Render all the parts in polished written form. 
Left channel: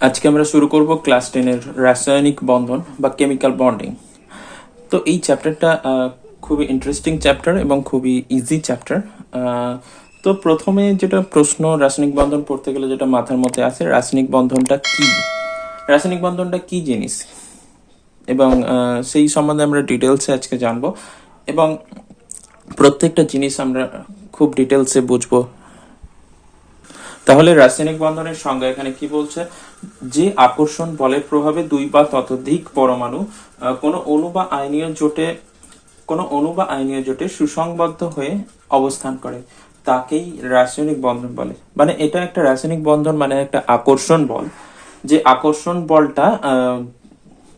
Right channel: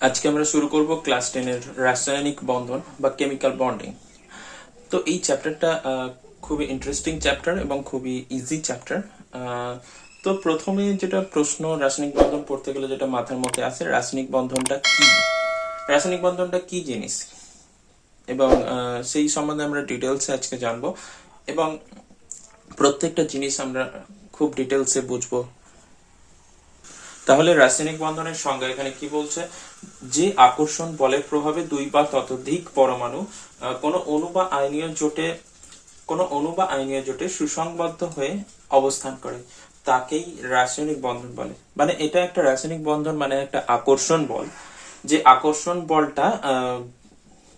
আজকে আমরা শুরু করব ক্লাস 10 এর রাসায়নিক বন্ধন বা কেমিক্যাল বন্ডিং। তো এই চ্যাপ্টারটা খুবই ইন্টারেস্টিং চ্যাপ্টার এবং খুবই ইজি চ্যাপ্টার। তো প্রথমে যেটা প্রশ্ন, রাসায়নিক বন্ধন পড়তে গেলে যেটা মাথার মধ্যে আসে, রাসায়নিক বন্ধনটা কি, রাসায়নিক বন্ধনটা কি জিনিস, এবং সেই সম্বন্ধে আমরা ডিটেলসে আজকে জানবো এবং প্রত্যেকটা জিনিস আমরা খুব ডিটেলসে বুঝবো। তাহলে রাসায়নিক বন্ধনের সংজ্ঞা এখানে কি বলছে, যে আকর্ষণ বলের প্রভাবে দুই বা ততোধিক পরমাণু কোনো অণু বা আয়নীয় জোটে সুসংবদ্ধ হয়ে অবস্থান করে তাকেই রাসায়নিক বন্ধন বলে। মানে এটা একটা রাসায়নিক বন্ধন, মানে একটা আকর্ষণ বল। যে আকর্ষণ বলটা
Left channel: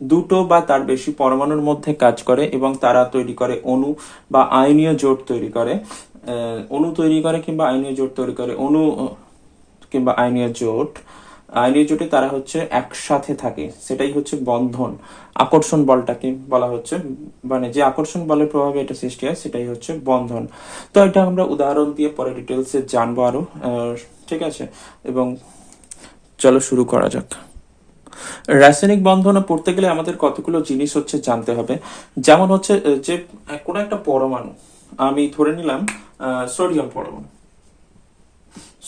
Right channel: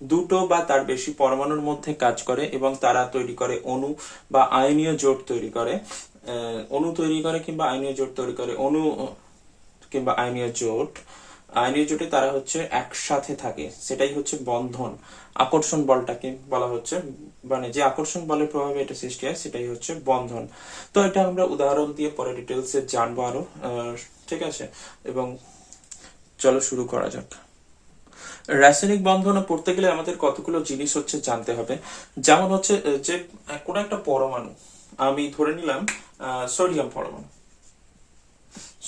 দুটো বা তার বেশি পরমাণুর মধ্যে কাজ করে এবং তারা তৈরি করে অণু বা আয়নীয় জোট তৈরি করে। অণু তৈরি করে কিংবা আয়নীয় জোট তৈরি করে। অণু কিংবা আয়নীয় জোটে তারা হচ্ছে একসাথে থাকে, সেটাই হচ্ছে বন্ধন। আকর্ষণ বলটাকে বলা হচ্ছে, মানে যে আকর্ষণ বলের প্রভাবে এটা সৃষ্টি হয় সেটাই হচ্ছে বন্ধন। তো এটা আমরা উদাহরণ দিয়ে পরে ডিটেলসে জানবো আরো। ঠিক আছে, এবং চলো শুরু করা যাক। রাসায়নিক বন্ধন পড়তে গেলে আমাদের কতগুলো জিনিস হচ্ছে জানতে হবে। যেমন হচ্ছে যে কোনো একটা পরমাণু, আমি ধরে নিলাম সোডিয়াম পরমাণু।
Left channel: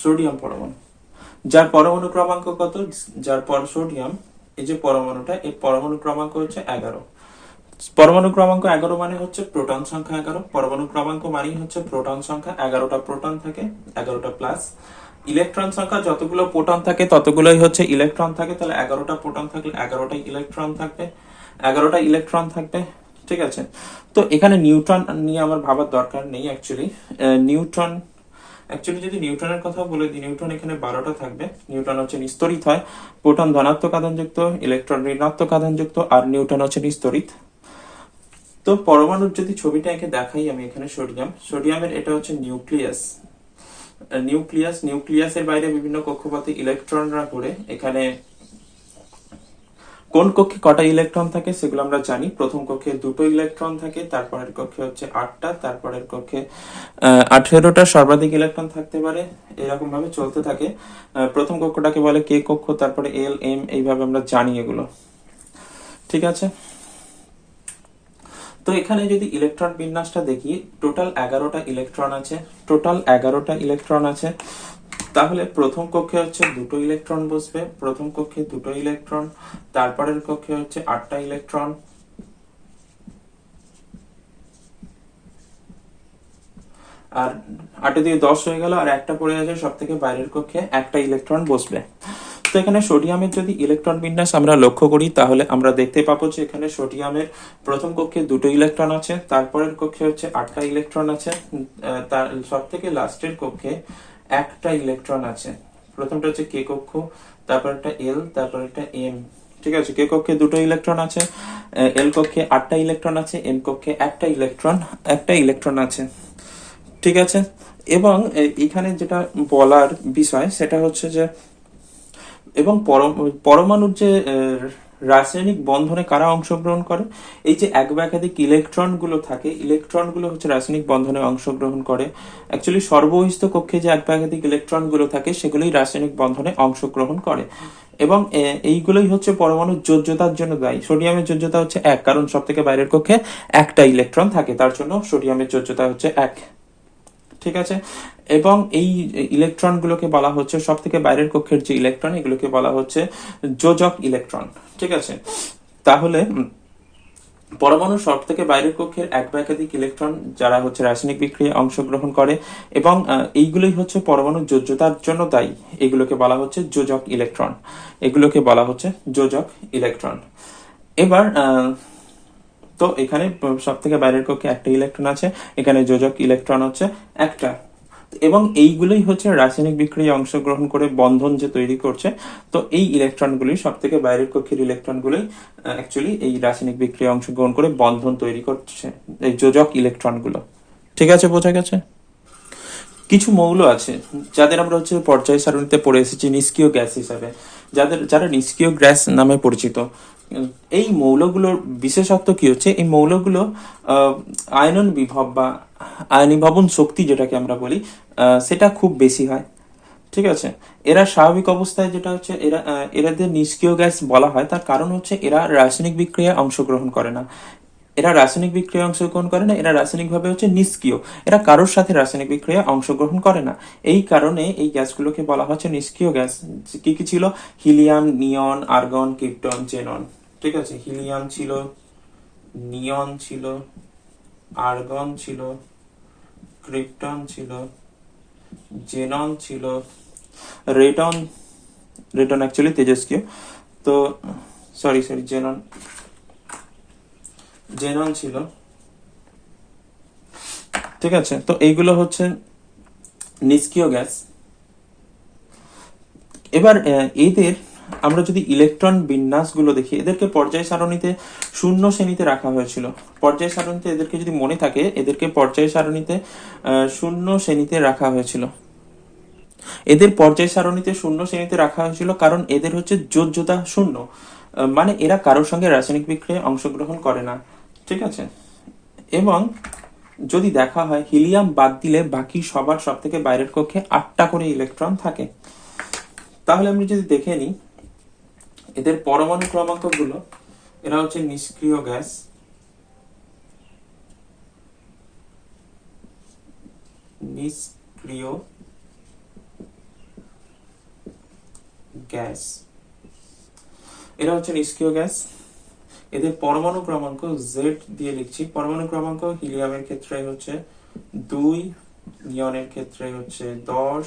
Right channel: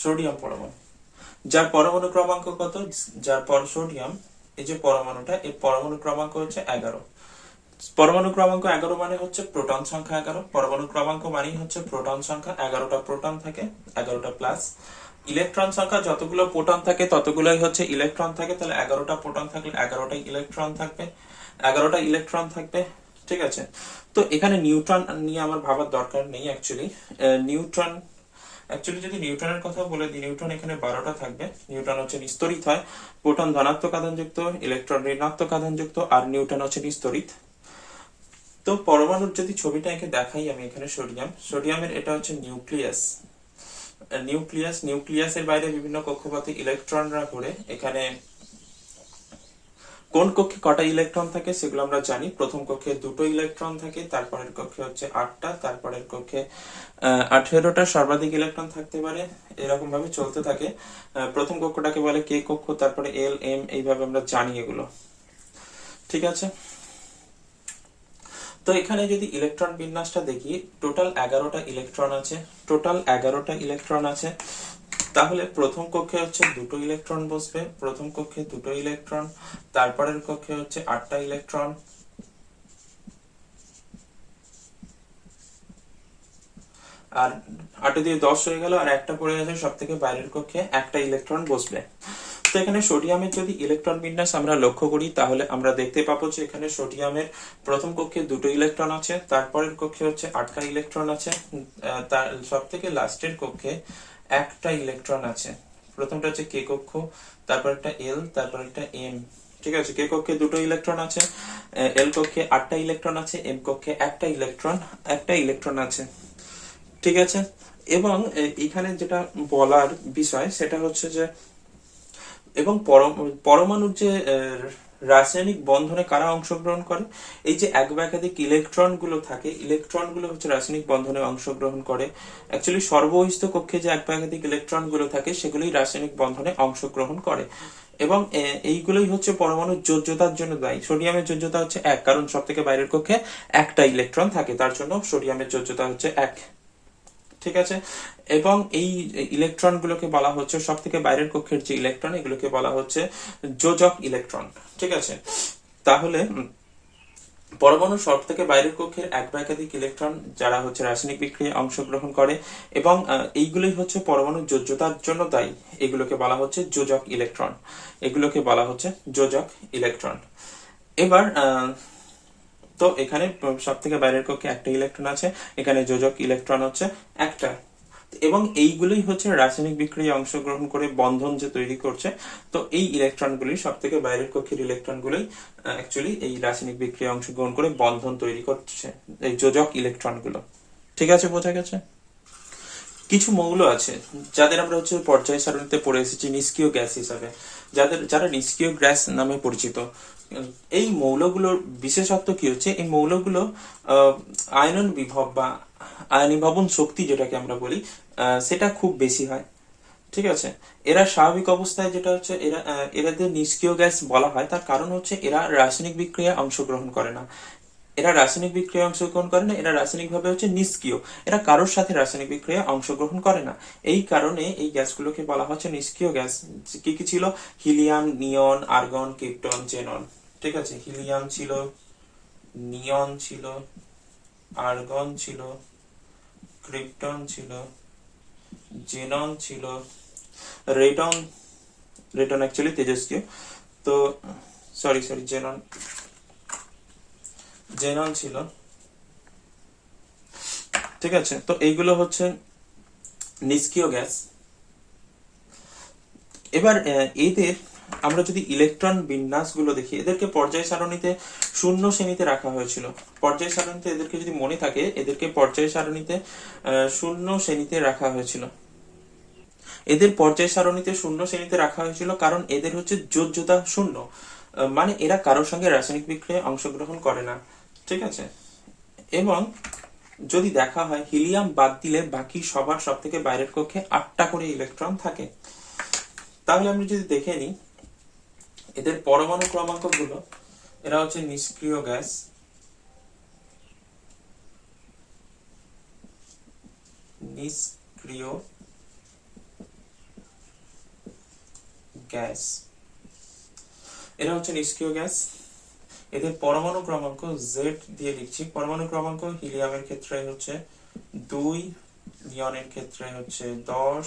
সোডিয়াম পরমাণু যার পরমাণু ক্রমাঙ্ক কত, যার পর সোডিয়াম, এই যে পরমাণুটা, এই পরমাণু ক্রমাঙ্ক হচ্ছে 11। পরমাণু ক্রমাঙ্ক 11 মানে হচ্ছে প্রোটন সংখ্যা 11। পরমাণু ক্রমাঙ্ক মানেই হচ্ছে প্রোটন সংখ্যা, 11টা প্রোটন থাকে, 11টা প্লাস ইলেকট্রন সংখ্যা। যতগুলো প্রোটন থাকে ততগুলোই হচ্ছে ইলেকট্রন থাকে, তাহলে 11টা প্রোটন থাকলে 11টাই ইলেকট্রন থাকবে, 11টা ইলেকট্রন থাকবে। ঠিক আছে, তো এখানে নিউট্রন নিয়ে আমার ভাবার দরকার নেই অ্যাকচুয়ালি। নিউট্রন যদি নিউটনের কথা বলে দিই, নিউটন এখানে 12টা থাকবে। নিউটন হচ্ছে নিস্তড়িত হয়, প্রোটন ধনাত্মক আধানযুক্ত, ইলেকট্রন ঋণাত্মক আধানযুক্ত, আর নিউটন হচ্ছে নিস্তড়িত। তো পরমাণুর যদি ছবিটা এঁকে দেখাই আমি, এখানে সোডিয়ামের এটা হচ্ছে নিউক্লিয়াসের বাইরে বিভিন্ন কক্ষপথে ইলেকট্রনরা ঘুরে। এখানে কোন কক্ষে কটা ইলেকট্রন থাকে সেগুলো আমরা জানি। প্রথম কক্ষে 2টো ইলেকট্রন থাকে, তারপরের কক্ষে হচ্ছে 8টা, তারপরের কক্ষে 18টা, সর্বাধিক ইলেকট্রন থাকতে পারে। এরকম ভাবে চলতে থাকে। প্রথম কক্ষটাকে বলে কে কক্ষ, তারপরে এল, এম, এইভাবে আমরা জানি এগুলো। ঠিক আছে, তো এখানে যদি ইলেকট্রন বিন্যাসটা দেখি, টোটাল 11টা ইলেকট্রন আছে। তাহলে প্রথম কক্ষে হচ্ছে 2টো ইলেকট্রন বসবে, প্রথম কক্ষে 2টো ইলেকট্রন, তারপরের কক্ষে হচ্ছে 8টা ইলেকট্রন, আর 8 দিয়ে 10 হয়ে গেল, আর একটা পড়ে আছে সব থেকে বাইরের কক্ষে, একটা ইলেকট্রন বসবে। তো এখানে সোডিয়ামের যদি ইলেকট্রন বিন্যাস আমরা লক্ষ্য করি, তাহলে আমরা দেখতে পাবো যে এখানে সোডিয়ামের প্রথম কক্ষে 2টো ইলেকট্রন আছে, তারপরের কক্ষে হচ্ছে 8টা ইলেকট্রন আছে, তার সব থেকে লাস্টের কক্ষে একটা ইলেকট্রন আছে। প্রথমটা হচ্ছে কে কক্ষ, তারপর একটা এল, তারপর একটা এম। ঠিক আছে, কে কক্ষে 2টো ইলেকট্রন আছে, এল কক্ষে 8টা ইলেকট্রন আছে, এম কক্ষে একটা ইলেকট্রন আছে। ঠিক আছে, এবং এখানে যেটা বলার বিষয় সেটা হচ্ছে যে, এবং পরমাণুর যে রাসায়নিক বন্ধনে কারা অংশগ্রহণ করে, এই যে এক বা একাধিক ইলেকট্রন গুলো থাকে, ইলেকট্রন গুলো হচ্ছে রাসায়নিক বন্ধনে অংশগ্রহণ করে। অ্যাকচুয়ালি সর্বহিত কক্ষে যে এক বা একাধিক ইলেকট্রন গুলো থাকে সেগুলোই রাসায়নিক বন্ধনে অংশগ্রহণ করে, এবং এইগুলোই হচ্ছে পরমাণুর যোজ্যতার জন্য দায়ী। সোডিয়ামের যোজ্যতা হচ্ছে 1, কারণ সব থেকে বাইরের কক্ষে একটা ইলেকট্রন থাকে, তার জন্য সোডিয়ামের যোজ্যতা হচ্ছে 1। ঠিক আছে, এবং এই ইলেকট্রন গুলোকে বলা হচ্ছে, সব থেকে বাইরের কক্ষের যে ইলেকট্রন, এগুলোকে বলা হচ্ছে যোজক ইলেকট্রন। ঠিক আছে, তাহলে পরমাণু সব থেকে বাইরের কক্ষের এক বা একাধিক ইলেকট্রন যারা হচ্ছে রাসায়নিক বিক্রিয়ায় অংশগ্রহণ করে, এবং এইগুলোই হচ্ছে পরমাণুর যোজ্যতার জন্য দায়ী, এগুলোকে বলা হচ্ছে যোজক ইলেকট্রন। এবার তো এখানে সব থেকে বাইরের কক্ষে একটা ইলেকট্রন আছে, এখানে যোজক ইলেকট্রন হচ্ছে একটা, এবং এইগুলোই হচ্ছে রাসায়নিক বিক্রিয়ায় অংশগ্রহণ করে বন্ধন যে তৈরি করছে। তো এই ইলেকট্রনগুলি, সব থেকে বাইরের কক্ষের ইলেকট্রনগুলোই অ্যাকচুয়ালি এই রাসায়নিক বিক্রিয়ায় অংশগ্রহণ করে বন্ধন তৈরি করছে, এই যোজক ইলেকট্রনগুলো। ঠিক আছে, বোঝা গেছে? কিছু মৌল আছে যাদের আমরা হচ্ছে পর্যায় সারণীতে পড়ে এসেছি নিষ্ক্রিয় গ্যাস হিসাবে, যারা নিষ্ক্রিয় গ্যাস নামে পরিচিত। এই মৌলগুলোর বিশেষত্ব কি হচ্ছে, এই মৌলগুলো আয়নন বিভব বা আয়নীভবন শক্তি যেটাকে আমরা বলি, সেটা খুব বেশি হয়। ঠিক আছে। এরা স্বাভাবিক অবস্থায় যেটা হচ্ছে এরাদের নিষ্ক্রিয় গ্যাস বলা হয়, তার কারণ হচ্ছে এরা রাসায়নিক বিক্রিয়ায় অংশগ্রহণ করে না। এরা রাসায়নিক বিক্রিয়ায় অংশগ্রহণ করে না, এরা রাসায়নিকভাবে হচ্ছে নিষ্ক্রিয়। এরা কারোর সাথে রাসায়নিক বিক্রিয়ায় অংশগ্রহণ করে না। এই কারণে এই গ্যাসগুলোকে বলা হচ্ছে নিষ্ক্রিয় গ্যাস। কি কি ছিল? হিলিয়াম, নিয়ন, আর্গন, ক্রিপ্টন, জেনন। ঠিক আছে, হিলিয়াম ছিল, নিয়ন ছিল, আর্গন ছিল, ক্রিপ্টন ছিল, জেনন ছিল, রেটন। Raytheon actually তেজস্ক্রিয়। তো সরি সরি, জেনন, জেনন ছিল। ঠিক আছে, তো এইগুলো হচ্ছে নিষ্ক্রিয় গ্যাস। এবার এদের আমরা যদি ইলেকট্রন বিন্যাসগুলো দেখি, এদেরকে পর্যায় সারণীতে শূন্য শ্রেণীতে রাখা হয়েছিল। পর্যায় সারণীতে এদেরকে যদি মনে থাকে, এদেরকে পর্যায় সারণীতে শূন্য শ্রেণীতে রাখা হয়েছিল। এদের পর্যায় সারণীতে শূন্য শ্রেণীতে রাখা হয়েছিল কারণ এদের হচ্ছে যোজ্যতা শূন্য, মানে এরা কারোর সঙ্গে রাসায়নিক বিক্রিয়ায় অংশগ্রহণ করে না। ঠিক আছে, এবং যদি দেখা হয় হিলিয়াম বাদ দিলে বাকি সবার সব থেকে বাইরের কক্ষে 8টা করে ইলেকট্রন থাকে। তাহলে আমি যদি দেখে নিই এদের পরমাণু ক্রমাঙ্ক গুলো, এরা হচ্ছে নিষ্ক্রিয় গ্যাস। নিষ্ক্রিয় গ্যাস, এরা হচ্ছে নিষ্ক্রিয় গ্যাস। এদের পরমাণু ক্রমাঙ্ক জেড দিয়ে লিখছি। পরমাণু ক্রমাঙ্ক হিলিয়ামের ক্ষেত্রে হচ্ছে 2, নিয়নের ক্ষেত্রে হচ্ছে 10,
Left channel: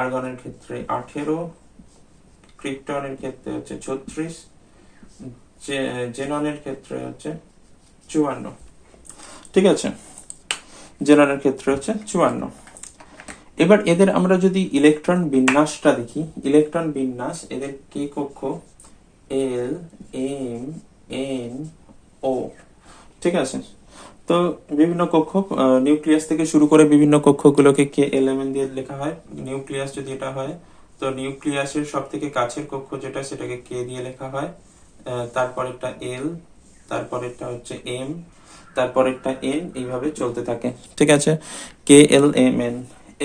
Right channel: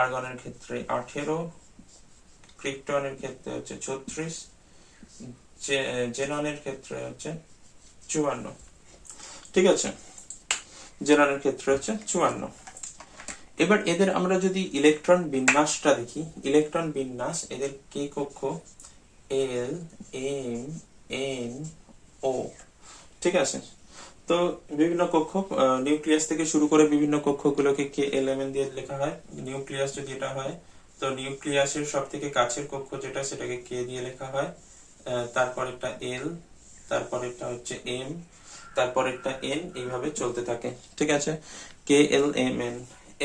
আর্গনের ক্ষেত্রে 18, ক্রিপ্টনের ক্ষেত্রে হচ্ছে 36, জেননের ক্ষেত্রে হচ্ছে 54। ঠিক আছে, জেননের ক্ষেত্রে হচ্ছে 54। এবার এদের আমরা যদি ইলেকট্রন বিন্যাসটা দেখি, ইলেকট্রন বিন্যাস এদের কে কক্ষ এল, এম, এন, ও। ঠিক আছে, তো বিভিন্ন কক্ষ, নিউক্লিয়াস থেকে শুরু করে বিভিন্ন কক্ষগুলোকে কে এল এম এন দিয়ে লেখা হয়। নিউক্লিয়াস যদি এটা হয়, তো নিউক্লিয়াসের সব থেকে কাছের কক্ষ যেটা, সেটাকে কে দিয়ে লেখা হয়। তারপর একটা এল, তারপর একটা হচ্ছে এম, তারপর একটা এন, এইভাবে চলতে থাকে। ঠিক আছে, কে এল এম এন।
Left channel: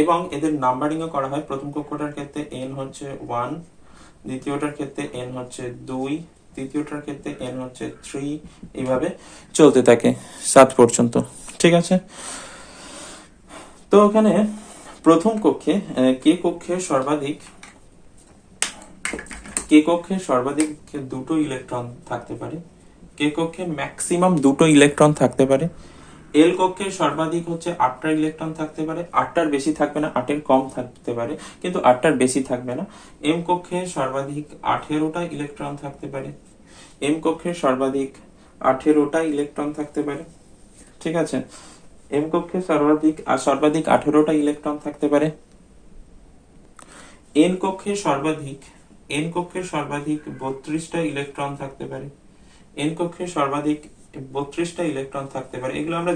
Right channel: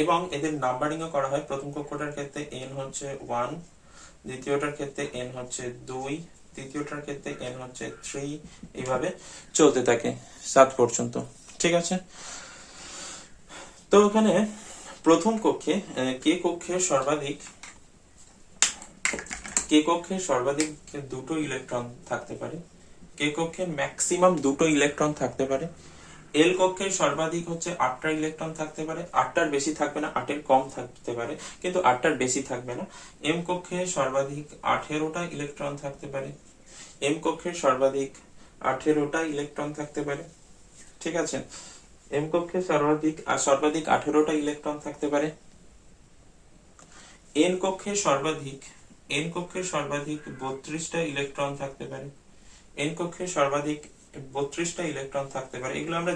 এবং এদের নাম্বারিংও করা হয়। প্রথম কক্ষটার ক্ষেত্রে এন হচ্ছে 1, দ্বিতীয়টার ক্ষেত্রে এন হচ্ছে 2, তৃতীয়টার ক্ষেত্রে এন হচ্ছে 3, এইভাবে চলতে থাকে 7 পর্যন্ত। ঠিক আছে, তো ওখানে প্রথম কক্ষে কে কক্ষে সর্বাধিক 2টো ইলেকট্রন থাকতে পারে। কে কক্ষে ম্যাক্সিমাম 2টো ইলেকট্রন থাকতে পারে। এল কক্ষে সর্বাধিক হচ্ছে 8টা ইলেকট্রন থাকতে পারে। 8টার বেশি থাকবে না, 8এর কম থাকতে পারে, কিন্তু 8টার বেশি থাকবে না। এম কক্ষে সর্বাধিক 18টা ইলেকট্রন থাকতে পারে। এম কক্ষে সর্বাধিক 18টা ইলেকট্রন থাকতে পারে। ঠিক আছে, এম কক্ষে সর্বাধিক 18টা ইলেকট্রন থাকতে পারে। এন কক্ষে সর্বাধিক 32টা ইলেকট্রন থাকতে পারে। এন কক্ষে সর্বাধিক 32টা ইলেকট্রন থাকতে পারে। এগুলো আমরা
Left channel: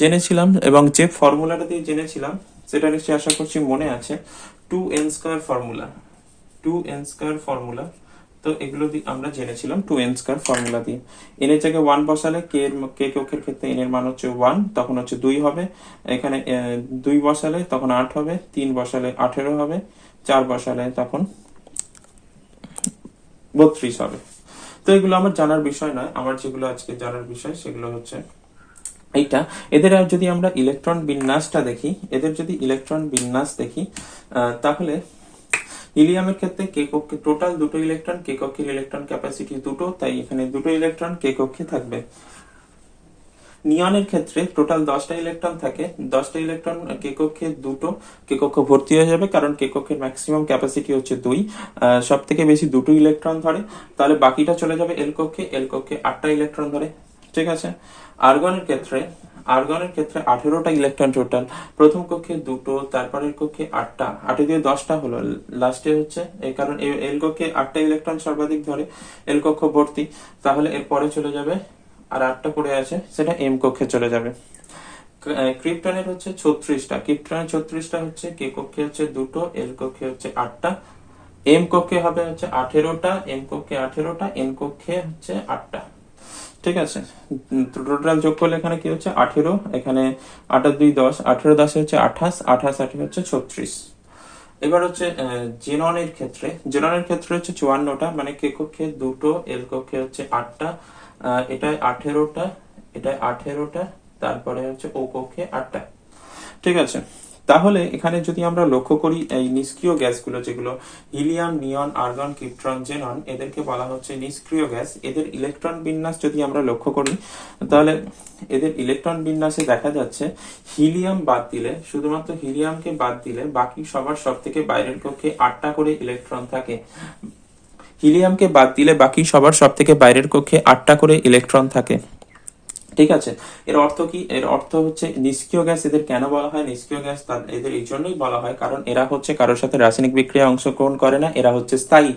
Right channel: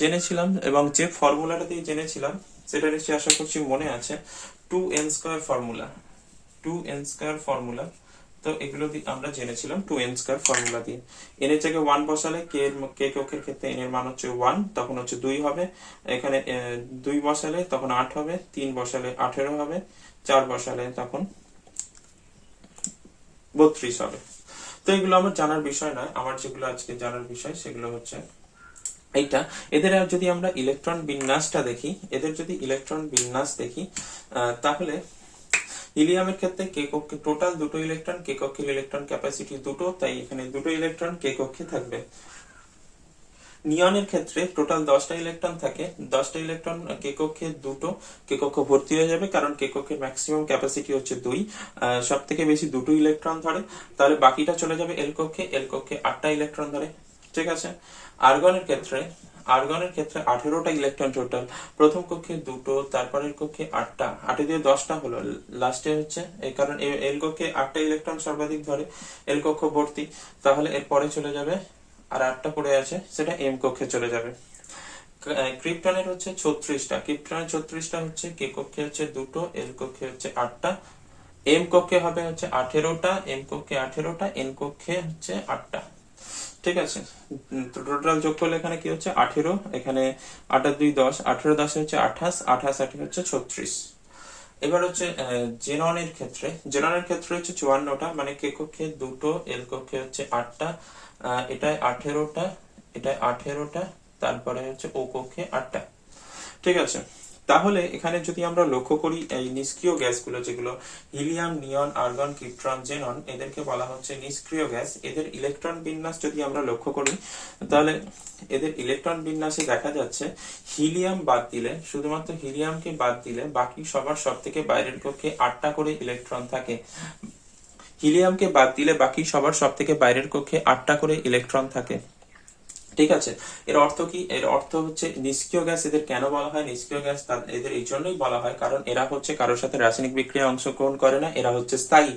জেনেছিলাম এবং যে ফর্মুলাটা দিয়ে জেনেছিলাম সেটা নিশ্চয়ই আশা করছি মনে আছে। 2n² formula, 2n² formula. তো এগুলো আমরা জেনেছিলাম 2n² ফর্মুলা দিয়ে। এন এর জায়গায় 1 বসালে কে কক্ষের ক্ষেত্রে এন এর মান হচ্ছে 1, তখন হচ্ছে 2 হবে। এখানে 2 বসালে তখন 8 হবে, 3 বসালে 18 হবে, 4 বসালে তখন 32 হবে। তো এগুলো আমার জানার বিষয় নয়, আমার যেগুলো আজকে জানার বিষয় সেগুলো হচ্ছে এইটা। এদের যদি আমরা ইলেকট্রন বিন্যাসটা দেখি, তাহলে হিলিয়ামের ক্ষেত্রে কে কক্ষে টোটাল 2টো ইলেকট্রন, কে কক্ষের ইলেকট্রন ক্যাপাসিটি 2টো, তাই এখানে 2টো ইলেকট্রন কে কক্ষে থাকবে। নিয়নের ক্ষেত্রে টোটাল 10টা ইলেকট্রন থাকে, 10টা ইলেকট্রন কে কক্ষে 2টো, কে কক্ষ ভর্তি হয়ে যাবে কারণ কে কক্ষের ম্যাক্সিমাম ক্যাপাসিটি হচ্ছে 2, সব থেকে বেশি 2টো ইলেকট্রন ধরে। তাহলে বাকিটা চলে যাবে এল কক্ষে, 8টা ইলেকট্রন ধরে। ঠিক আছে, আর্গনের ক্ষেত্রে 18টা ইলেকট্রন টোটাল। প্রথম কক্ষে 2টো, তারপরের কক্ষে 8টা, 8 দিয়ে 10টা হলো, লাস্টে হচ্ছে এই কারণ এল কক্ষে 8টা ইলেকট্রন সর্বাধিক ধরে, এল কক্ষ ভর্তি। তাহলে এর পরে চলে যাবে আর 8টা পড়ে আছে, সেটা এম কক্ষে চলে যাবে। ক্রিপ্টনের হচ্ছে 36টা, হচ্ছে কে কক্ষে হচ্ছে 2টো, এল কক্ষে হচ্ছে 8টা, এম কক্ষে হবে হচ্ছে 18টা, এম কক্ষে 18টা, এন কক্ষে হচ্ছে 8টা। ঠিক আছে, টোটাল যোগ করলে এখানে কি হচ্ছে 18, এখানে 8 আর 2 10, 18 10 হচ্ছে 28, 28 8 হচ্ছে 36। এবার হচ্ছে জেননের ক্ষেত্রে হচ্ছে 54টা, মানে কে কক্ষে 2টো, এল কক্ষে হচ্ছে 8টা, এটায় 18টা, এটায় 18টা, তারপরে হচ্ছে ও কক্ষে 8টা। ঠিক আছে, তাহলে এখানে যদি আমরা লক্ষ্য করি এই নিষ্ক্রিয় গ্যাসগুলো যেগুলো হিলিয়াম, নিয়ন, আর্গন, ক্রিপ্টন, জেনন, এদেরকে বলা হচ্ছে নিষ্ক্রিয় গ্যাস। এদের ইলেকট্রন বিন্যাস যদি আমরা লক্ষ্য করি তাহলে এদের ইলেকট্রন বিন্যাসে দেখা যাচ্ছে হিলিয়াম বাদ দিলে, শুধুমাত্র হিলিয়ামকে বাদ দিলে বাকি সবার সব থেকে বাইরের কক্ষে 8টা করে ইলেকট্রন থাকে। হিলিয়ামকে বাদ দিলে বাকি সবার সব থেকে বাইরের কক্ষে 8টা করে ইলেকট্রন থাকে। ঠিক আছে, এর অর্থ কি? এর অর্থ হচ্ছে নিষ্ক্রিয় গ্যাস এদের কেন বলা হয় নিষ্ক্রিয় গ্যাস, এদের এই জন্যই বলা হয় কারণ এরা হচ্ছে কারোর সাথে রাসায়নিক বিক্রিয়ায় অংশগ্রহণ করে না, এরা হচ্ছে স্থায়ী।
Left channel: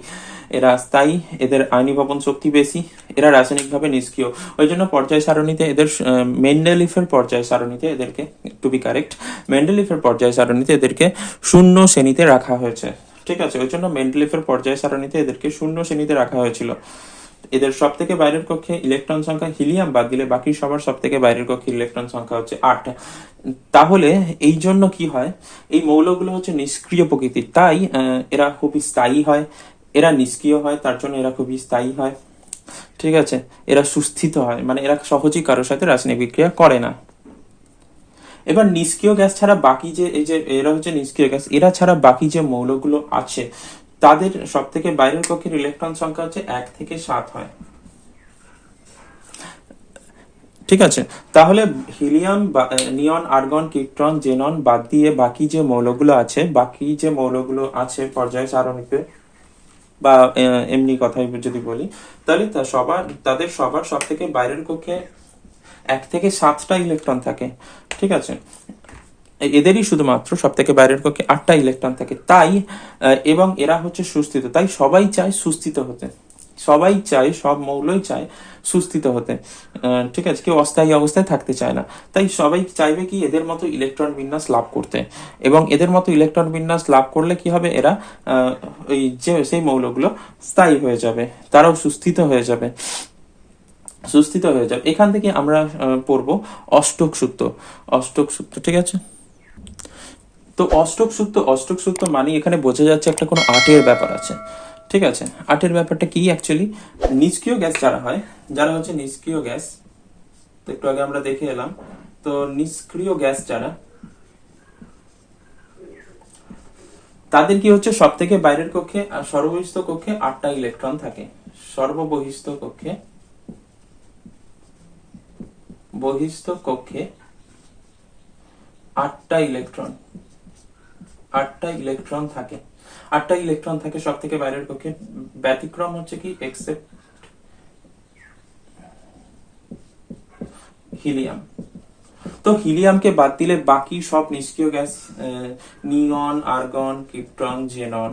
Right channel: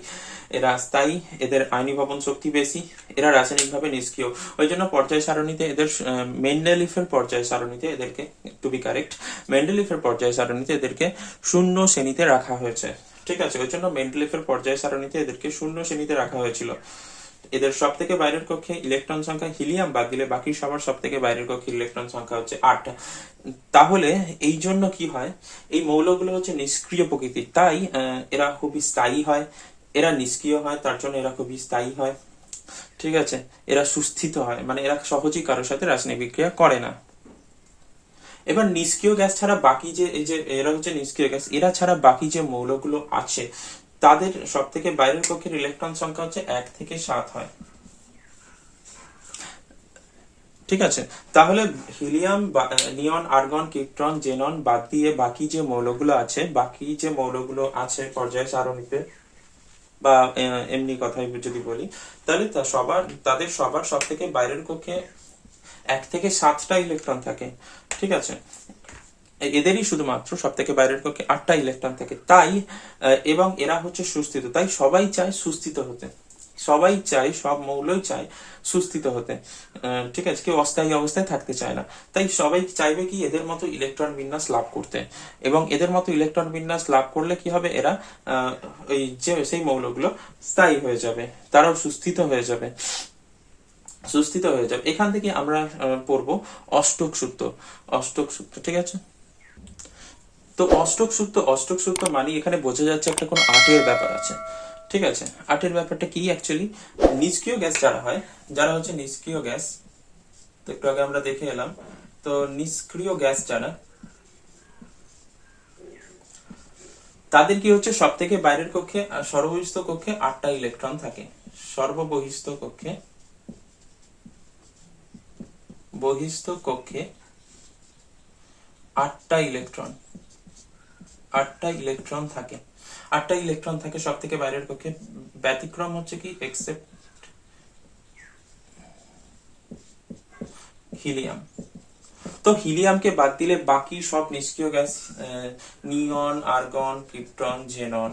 এদের আয়নীভবন শক্তি বেশি, এরা রাসায়নিকভাবে নিষ্ক্রিয়। ওই জন্য পর্যায় সারণীতে এদের মেন্ডেলিফের পর্যায় সারণীতে এদেরকে, টু বি কারেক্ট, মেন্ডেলিফের পর্যায় সারণীতে এদেরকে 0 শ্রেণীতে রাখা হয়েছে। ঠিক আছে, ওই জন্য মেন্ডেলিফের পর্যায় সারণীতে এদেরকে 0 শ্রেণীতে রাখা হয়েছিল। এদের সব থেকে বাইরের কক্ষে ইলেকট্রন সংখ্যা হিলিয়াম বাদ দিলে বাকি সবার সব থেকে বাইরের কক্ষে ইলেকট্রন সংখ্যা হচ্ছে 8। তাহলে এই জন্য কি হয়, এই মৌলগুলো হচ্ছে নিষ্ক্রিয় প্রকৃতির, তাই এরা খুবই স্থায়ী হয়। এরা নিষ্ক্রিয় হয় তার জন্য এরা খুবই স্থায়ী হয়। ঠিক আছে, এরা সুস্থিত হয়, মানে এরা সহজেই কারোর সাথে রাসায়নিক বিক্রিয়া করে না। এবার নিষ্ক্রিয় গ্যাস ছাড়া বাকি যে এই যে এরা হচ্ছে নিষ্ক্রিয় গ্যাস, এরা ছাড়া বাকি যে মৌলগুলো আছে তাদের সব থেকে বাইরের কক্ষের ইলেকট্রন সংখ্যা হচ্ছে 1 থেকে 7 হয়। ঠিক আছে, তাহলে হিলিয়াম, নিয়ন, আর্গন, ক্রিপ্টন, জেনন বাদ দিয়ে বাকি যে মৌলগুলো আছে পর্যায় সারণীতে, বা এমনি কথাই যদি বলি, তাহলে তাদের সবার সব থেকে বাইরের কক্ষে 1 থেকে 7টা ইলেকট্রন থাকে। ঠিক আছে, এদেরই শুধুমাত্র সব থেকে বাইরের কক্ষে 8টা ইলেকট্রন থাকে। তাই এবং এরা হচ্ছে সুস্থিত, তাই সবাই চায় সুস্থিত হতে, সবাই চায়, সব মৌলই চায় সুস্থিত হতে। ঠিক আছে, কেউ অস্থায়ী অবস্থায় থাকতে চায় না, তাই সবাই চাইবে কি এদের মতো ইলেকট্রন বিন্যাস লাভ করতে। এবং এদের মতো ইলেকট্রন বিন্যাস লাভ করলে কি হবে, এরা ওই যে সেই মৌলগুলো স্থায়ী হয়ে যাবে, তারাও সুস্থিত হয়ে যাবে। এখান থেকে আমরা পড়বো অষ্টক সূত্র। ঠিক আছে, তো অষ্টক সূত্র মানে এখানে বোঝা যাচ্ছে একটা কোনো আর্টের ব্যাপার আছে। ঠিক আছে, আর্টের ব্যাপারটা কি অ্যাকচুয়ালি, নিষ্ক্রিয় গ্যাস যারা হচ্ছে নিষ্ক্রিয় গ্যাস, তো একটু আগে আমরা দেখে এলাম, তো নিষ্ক্রিয় গ্যাস তাদের কি হচ্ছে সব থেকে বাইরের কক্ষে সর্ববহিস্থ কক্ষে 8টা ইলেকট্রন থাকে। বহিস্থ কক্ষে 8টা ইলেকট্রন থাকে। 8টা ইলেকট্রন থাকে সব থেকে বাইরের কক্ষে। ব্যতিক্রম হচ্ছে কি, এক্সেপ্ট হিলিয়াম। তো হিলিয়ামকে বাদ দিলে বাকি সব নিষ্ক্রিয় গ্যাস, নিয়ন, আর্গন, ক্রিপ্টন, জেনন,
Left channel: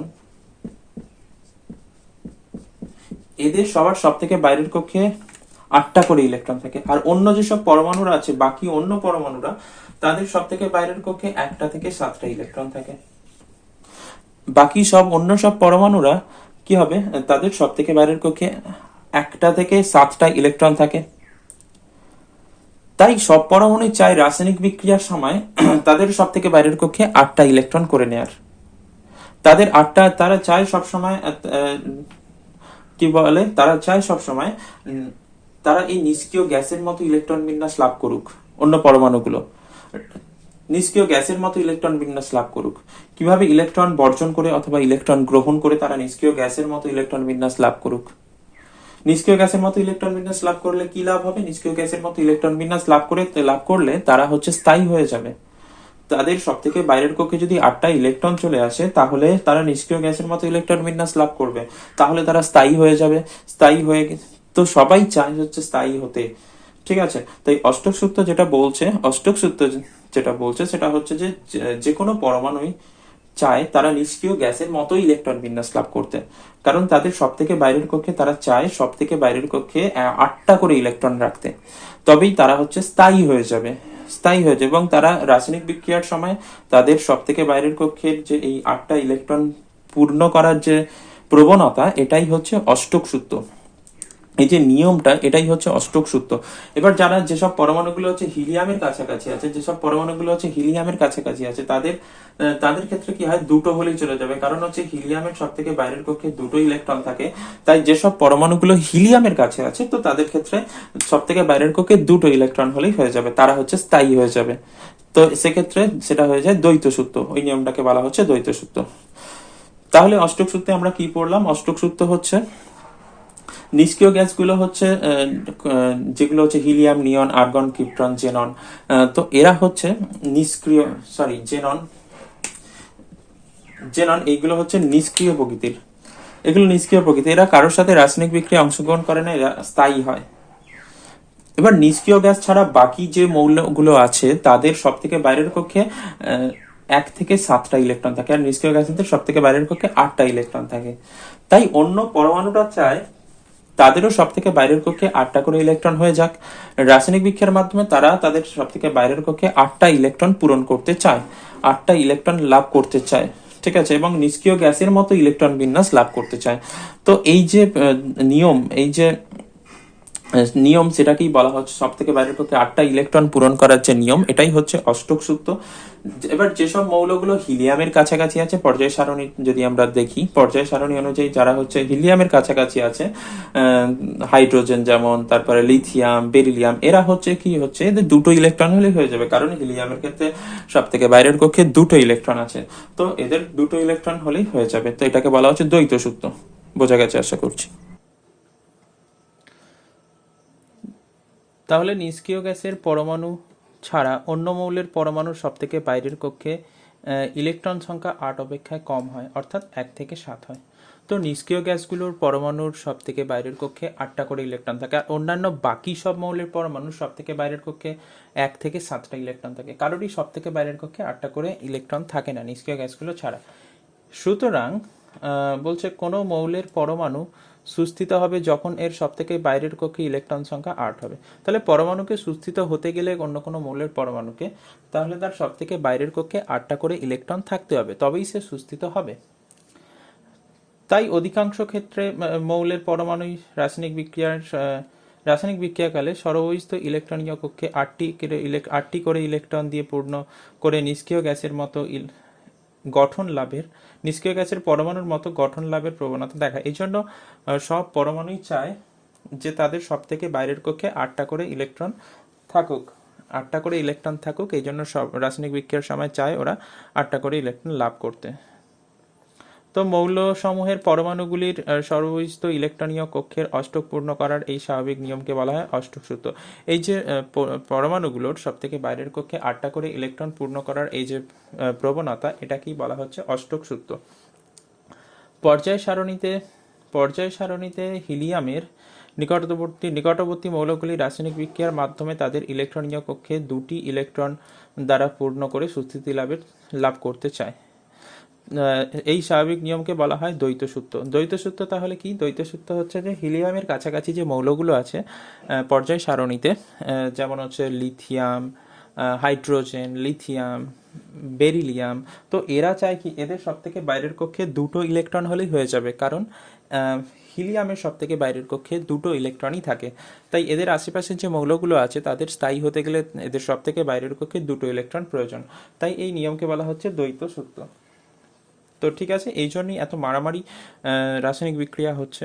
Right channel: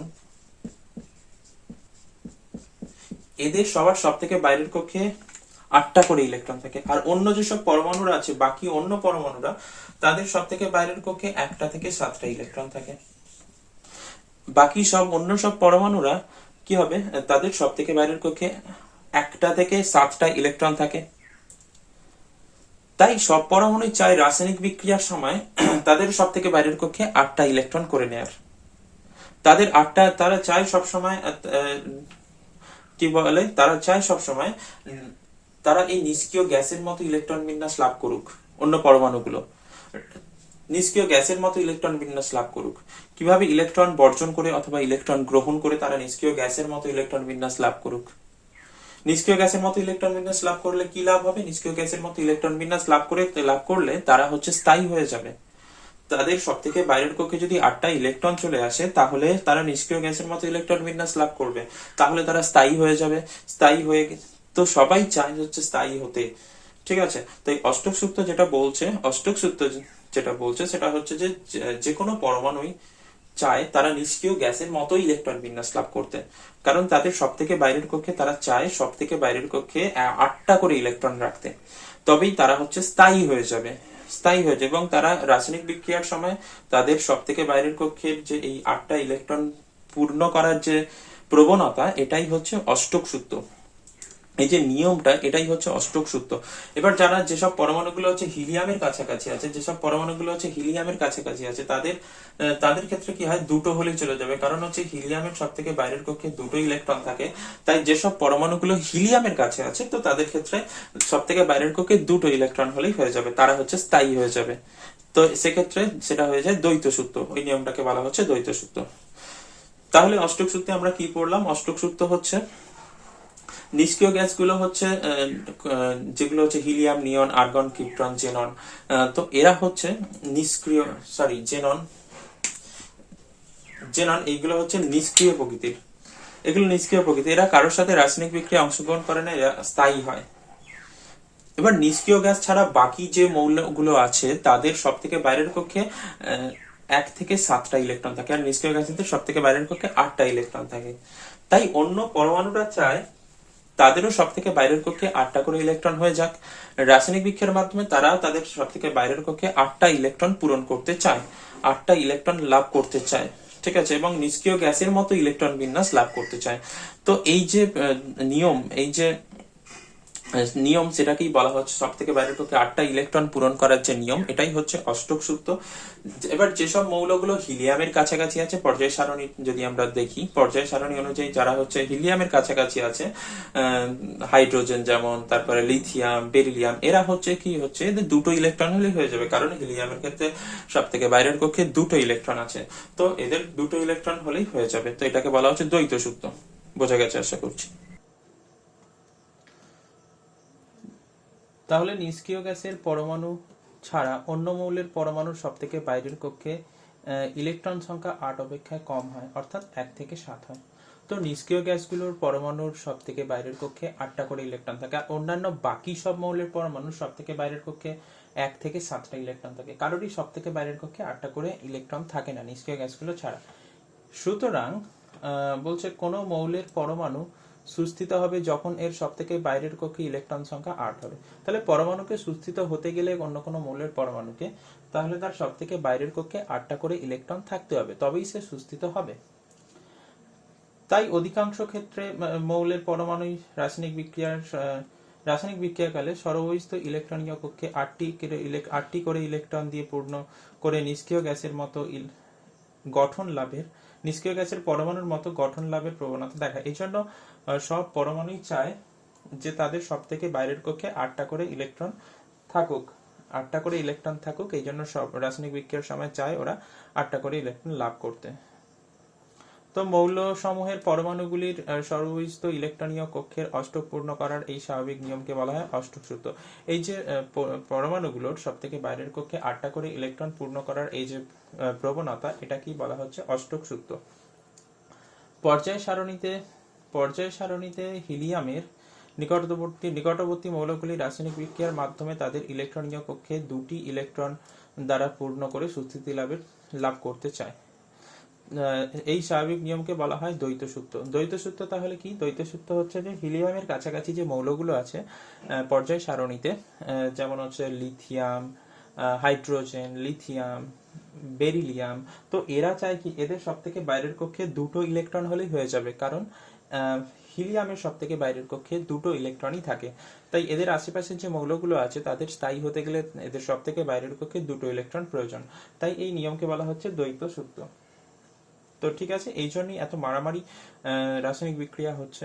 এদের সবার সব থেকে বাইরের কক্ষে 8টা করে ইলেকট্রন থাকে। আর অন্য যেসব পরমাণুরা আছে, বাকি অন্য পরমাণুরা, তাদের সব থেকে বাইরের কক্ষে 1টা থেকে 7টা ইলেকট্রন থাকে। বাকি অন্য সব পরমাণুরা কি হবে, তাদের সব থেকে বাইরের কক্ষে 1টা থেকে 7টা ইলেকট্রন থাকে। তাই সব পরমাণুই চায় রাসায়নিক বিক্রিয়ার সময় তাদের সব থেকে বাইরের কক্ষে 8টা ইলেকট্রন করে নেয়ার। তারা চায় সবসময়, কি বলে, তারা চায় সবসময় তারা এই নিষ্ক্রিয় গ্যাসের মতো ইলেকট্রন বিন্যাস লাভ করুক। অন্য পরমাণুগুলো নিষ্ক্রিয় গ্যাসের মতো ইলেকট্রন বিন্যাস লাভ করুক। কিভাবে? ইলেকট্রন বর্জন করে অথবা ইলেকট্রন গ্রহণ করে তারা নিষ্ক্রিয় গ্যাসের মতো ইলেকট্রন বিন্যাস লাভ করুক। নিষ্ক্রিয় গ্যাসের মতো ইলেকট্রন বিন্যাস লাভ করলে কি লাভ হবে? নিষ্ক্রিয় গ্যাসের মতো ইলেকট্রন বিন্যাস লাভ করলে তারা হচ্ছে স্থায়ী হয়ে যাবে। তাদের সব থেকে বাইরের কক্ষে যদি 8টা ইলেকট্রন চলে আসে, তাহলে তারা নিষ্ক্রিয় গ্যাসের মতো ইলেকট্রন বিন্যাস লাভ করবে, তাহলে তারা স্থায়ী হয়ে যাবে। স্থায়ী হয়ে তো সবাই চায় হচ্ছে স্থায়ী হতে। ঠিক আছে, তাই অষ্টক সূত্র যেটা বলছে সেটা হচ্ছে যে কোনো পরমাণুই চায় তারা নিষ্ক্রিয় গ্যাসের মতো ইলেকট্রন বিন্যাস লাভ করতে, কারণ তাদের সব থেকে বাইরের কক্ষে তারা চায় সব থেকে বাইরের কক্ষে 8টা করে ইলেকট্রন রাখতে। তবেই তারা হচ্ছে স্থায়ী হয়ে যাবে এবং তারা রাসায়নিক বিক্রিয়ার সময় তাদের সব থেকে বাইরের কক্ষের যে এই 8টা ইলেকট্রন পূর্ণ করার যে প্রবণতা, এটাই হচ্ছে অষ্টক সূত্র। এই যে নিয়মটা, এটাই হচ্ছে অষ্টক সূত্র। এবার যারা যেসব পরমাণুগুলো হচ্ছে হিলিয়ামের কাছাকাছি আছে, যেসব পরমাণুগুলো হচ্ছে হিলিয়ামের কাছাকাছি আছে, তাদের ক্ষেত্রে কি হয়, দুটো হলেই চলে যাবে। কারণ হচ্ছে হিলিয়ামের সব থেকে বাইরের কক্ষে দুটো ইলেকট্রন থাকে। তাই যেসব পরমাণুগুলো হিলিয়ামের কাছে আছে, তো তাদের ক্ষেত্রে সব থেকে বাইরের কক্ষে দুটো ইলেকট্রন হলেই হয়ে যাবে, তারা হচ্ছে স্থায়ী হয়ে যাবে। তো সেক্ষেত্রে সেটা হয়ে যায় দ্বৈত সূত্র। ওই নিয়মটাকে বলা হচ্ছে দ্বৈত সূত্র। তাহলে অষ্টক সূত্রে আমরা কি পড়লাম? অষ্টক সূত্র হচ্ছে নিষ্ক্রিয় গ্যাসগুলো হচ্ছে যেগুলো হচ্ছে হিলিয়াম, নিয়ন, আর্গন, ক্রিপ্টন, জেনন। তো এরা হচ্ছে নিষ্ক্রিয়, সরি জেনন, এইগুলো হচ্ছে নিষ্ক্রিয় প্রকৃতির। এগুলো নিষ্ক্রিয় প্রকৃতি, এরা কারোর সাথে রাসায়নিক বিক্রিয়া অংশগ্রহণ করে না, এরা স্থায়ী হয়। এবার নিষ্ক্রিয় গ্যাস ছাড়া বাকি যে মৌলগুলো আছে তাদের সব থেকে বাইরের কক্ষে 1 থেকে 7টা ইলেকট্রন থাকে, আর নিষ্ক্রিয় গ্যাসের সব থেকে বাইরের কক্ষে 8টা ইলেকট্রন থাকে। তাই অন্য পরমাণুটা চায় তাদেরও সব থেকে বাইরের কক্ষে 8টা করে ইলেকট্রন হয়ে যাক। রাসায়নিক বিক্রিয়ার মাধ্যমে তারা তাদের সব থেকে বাইরের কক্ষে 8টা ইলেকট্রন পূরণ করতে চায়, 8টা ইলেকট্রন লাভ করতে চায়, ঠিক আছে, এবং নিষ্ক্রিয় গ্যাসের মতো ইলেকট্রন বিন্যাস লাভ করতে চায়। তো এই যে নিয়ম, এই যে নিয়ম, সেটাকেই বলা হচ্ছে সব থেকে বাইরের পক্ষে 8টা ইলেকট্রন পূরণ করার যে নিয়ম, এটাই হচ্ছে অষ্টক সূত্র। এবার যেসব মৌলগুলো হিলিয়ামের কাছাকাছি আছে, পর্যায় সারণী যদি আমরা দেখি, পর্যায় সারণী অনুযায়ী যারা হচ্ছে হিলিয়ামের কাছাকাছি আছে, হাইড্রোজেন যেমন, তারপরে লিথিয়াম, বেরিলিয়াম, এরা হচ্ছে কি হচ্ছে, এদের দুটো ইলেকট্রন হলেই হয়ে যাবে, কারণ হিলিয়ামের ক্ষেত্রে সব থেকে বাইরের কক্ষে দুটো ইলেকট্রন আছে। তো এদের দুটো ইলেকট্রন হলেই হয়ে যাবে। তো এটাকে বলা হচ্ছে দ্বৈত সূত্র। বোঝা গেছে আশা করছি। তাহলে নিষ্ক্রিয় গ্যাসের পরমাণু ছাড়া অন্য মৌলের পরমাণুর সব থেকে বাইরের কক্ষে ইলেকট্রন সংখ্যা 8 অপেক্ষায় কম হয়, অর্থাৎ 1 থেকে 7 হয়। তো নিষ্ক্রিয় গ্যাসগুলোর পরমাণুর সব থেকে বাইরের কক্ষে 8টা করে ইলেকট্রন থাকে, আর অন্যান্য বাকি সব মৌলের পরমাণুর সব থেকে বাইরের কক্ষে 1 থেকে 7টা ইলেকট্রন থাকে। কারোরই সব থেকে বাইরের কক্ষে 8টা করে ইলেকট্রন থাকে না নিষ্ক্রিয় গ্যাসগুলো ছাড়া। সুতরাং বলছে কোনো মৌলের পরমাণু সুস্থিত হবে যখন এর সব থেকে বাইরের কক্ষে ইলেকট্রন সংখ্যা 8 হবে। তাহলে পরমাণুকে সুস্থিত হতে গেলে অন্য কোনো মৌলের পরমাণুকে, তাহলে তার সব থেকে বাইরের কক্ষে 8টা করে ইলেকট্রন থাকতে হবে, তবেই সে সুস্থিত হবে। তাই অধিকাংশ ক্ষেত্রে মৌলের পরমাণু রাসায়নিক বিক্রিয়াকালে সর্ববহিস্থ ইলেকট্রনীয় কক্ষে 8টি করে ইলেকট্রন দিয়ে পূর্ণ করে নিষ্ক্রিয় গ্যাসের মতো গঠন লাভের, নিষ্ক্রিয় গ্যাসের পরমাণুর মতো গঠন লাভের প্রবণতা দেখায়। এই জন্য সব পরমাণুই চায় যে তাদের সব থেকে বাইরের কক্ষে 8টা করে ইলেকট্রন থাকুক, 8টা করে ইলেকট্রন থাকুক। এই জন্য সব রাসায়নিক বিক্রিয়ার সময় চায় ওরা 8টা করে ইলেকট্রন লাভ করতে। তো মৌল সমূহের পরমাণুগুলির সর্ববহিস্থ ইলেকট্রনীয় কক্ষের অষ্টক পূর্ণ করার এই স্বাভাবিক নিয়মকে বলা হয় অষ্টক সূত্র। এই যে পরমাণুগুলোর সব থেকে বাইরের কক্ষে 8টা করে ইলেকট্রন পূর্ণ করার এই যে প্রবণতা, এটাকেই বলা হচ্ছে অষ্টক সূত্র। পর্যায় সারণীতে হিলিয়ামের নিকটবর্তী মৌলগুলি রাসায়নিক বিক্রিয়ার মাধ্যমে তাদের ইলেকট্রনীয় কক্ষে 2টি ইলেকট্রন দ্বারা পূর্ণ করে সুস্থিতি লাভ করতে চায়। এই স্বাভাবিক নিয়মকে বলা হয় দ্বৈত সূত্র। দ্বৈত সূত্র তাহলে কি? দ্বৈত সূত্র হচ্ছে যে হিলিয়ামের কাছাকাছি যে মৌলগুলো আছে পর্যায় সারণীতে, যেমন হচ্ছে লিথিয়াম, হাইড্রোজেন, লিথিয়াম, বেরিলিয়াম, তো এরা চায় কি, এদের সব থেকে বাইরের কক্ষে 2টো ইলেকট্রন হলেই হয়ে যাবে, কারণ হিলিয়ামের সব থেকে বাইরের কক্ষে 2টো ইলেকট্রনই থাকে। তাই এদের আশেপাশের যে মৌলগুলো আছে তাদের স্থায়ী হতে গেলে এদের সব থেকে বাইরের কক্ষে 2টো ইলেকট্রন প্রয়োজন। তাই এই নিয়মকে বলা হচ্ছে দ্বৈত সূত্র। তো ঠিক আছে, এই জন্যই এত মারামারি রাসায়নিক বিক্রিয়া হচ্ছে,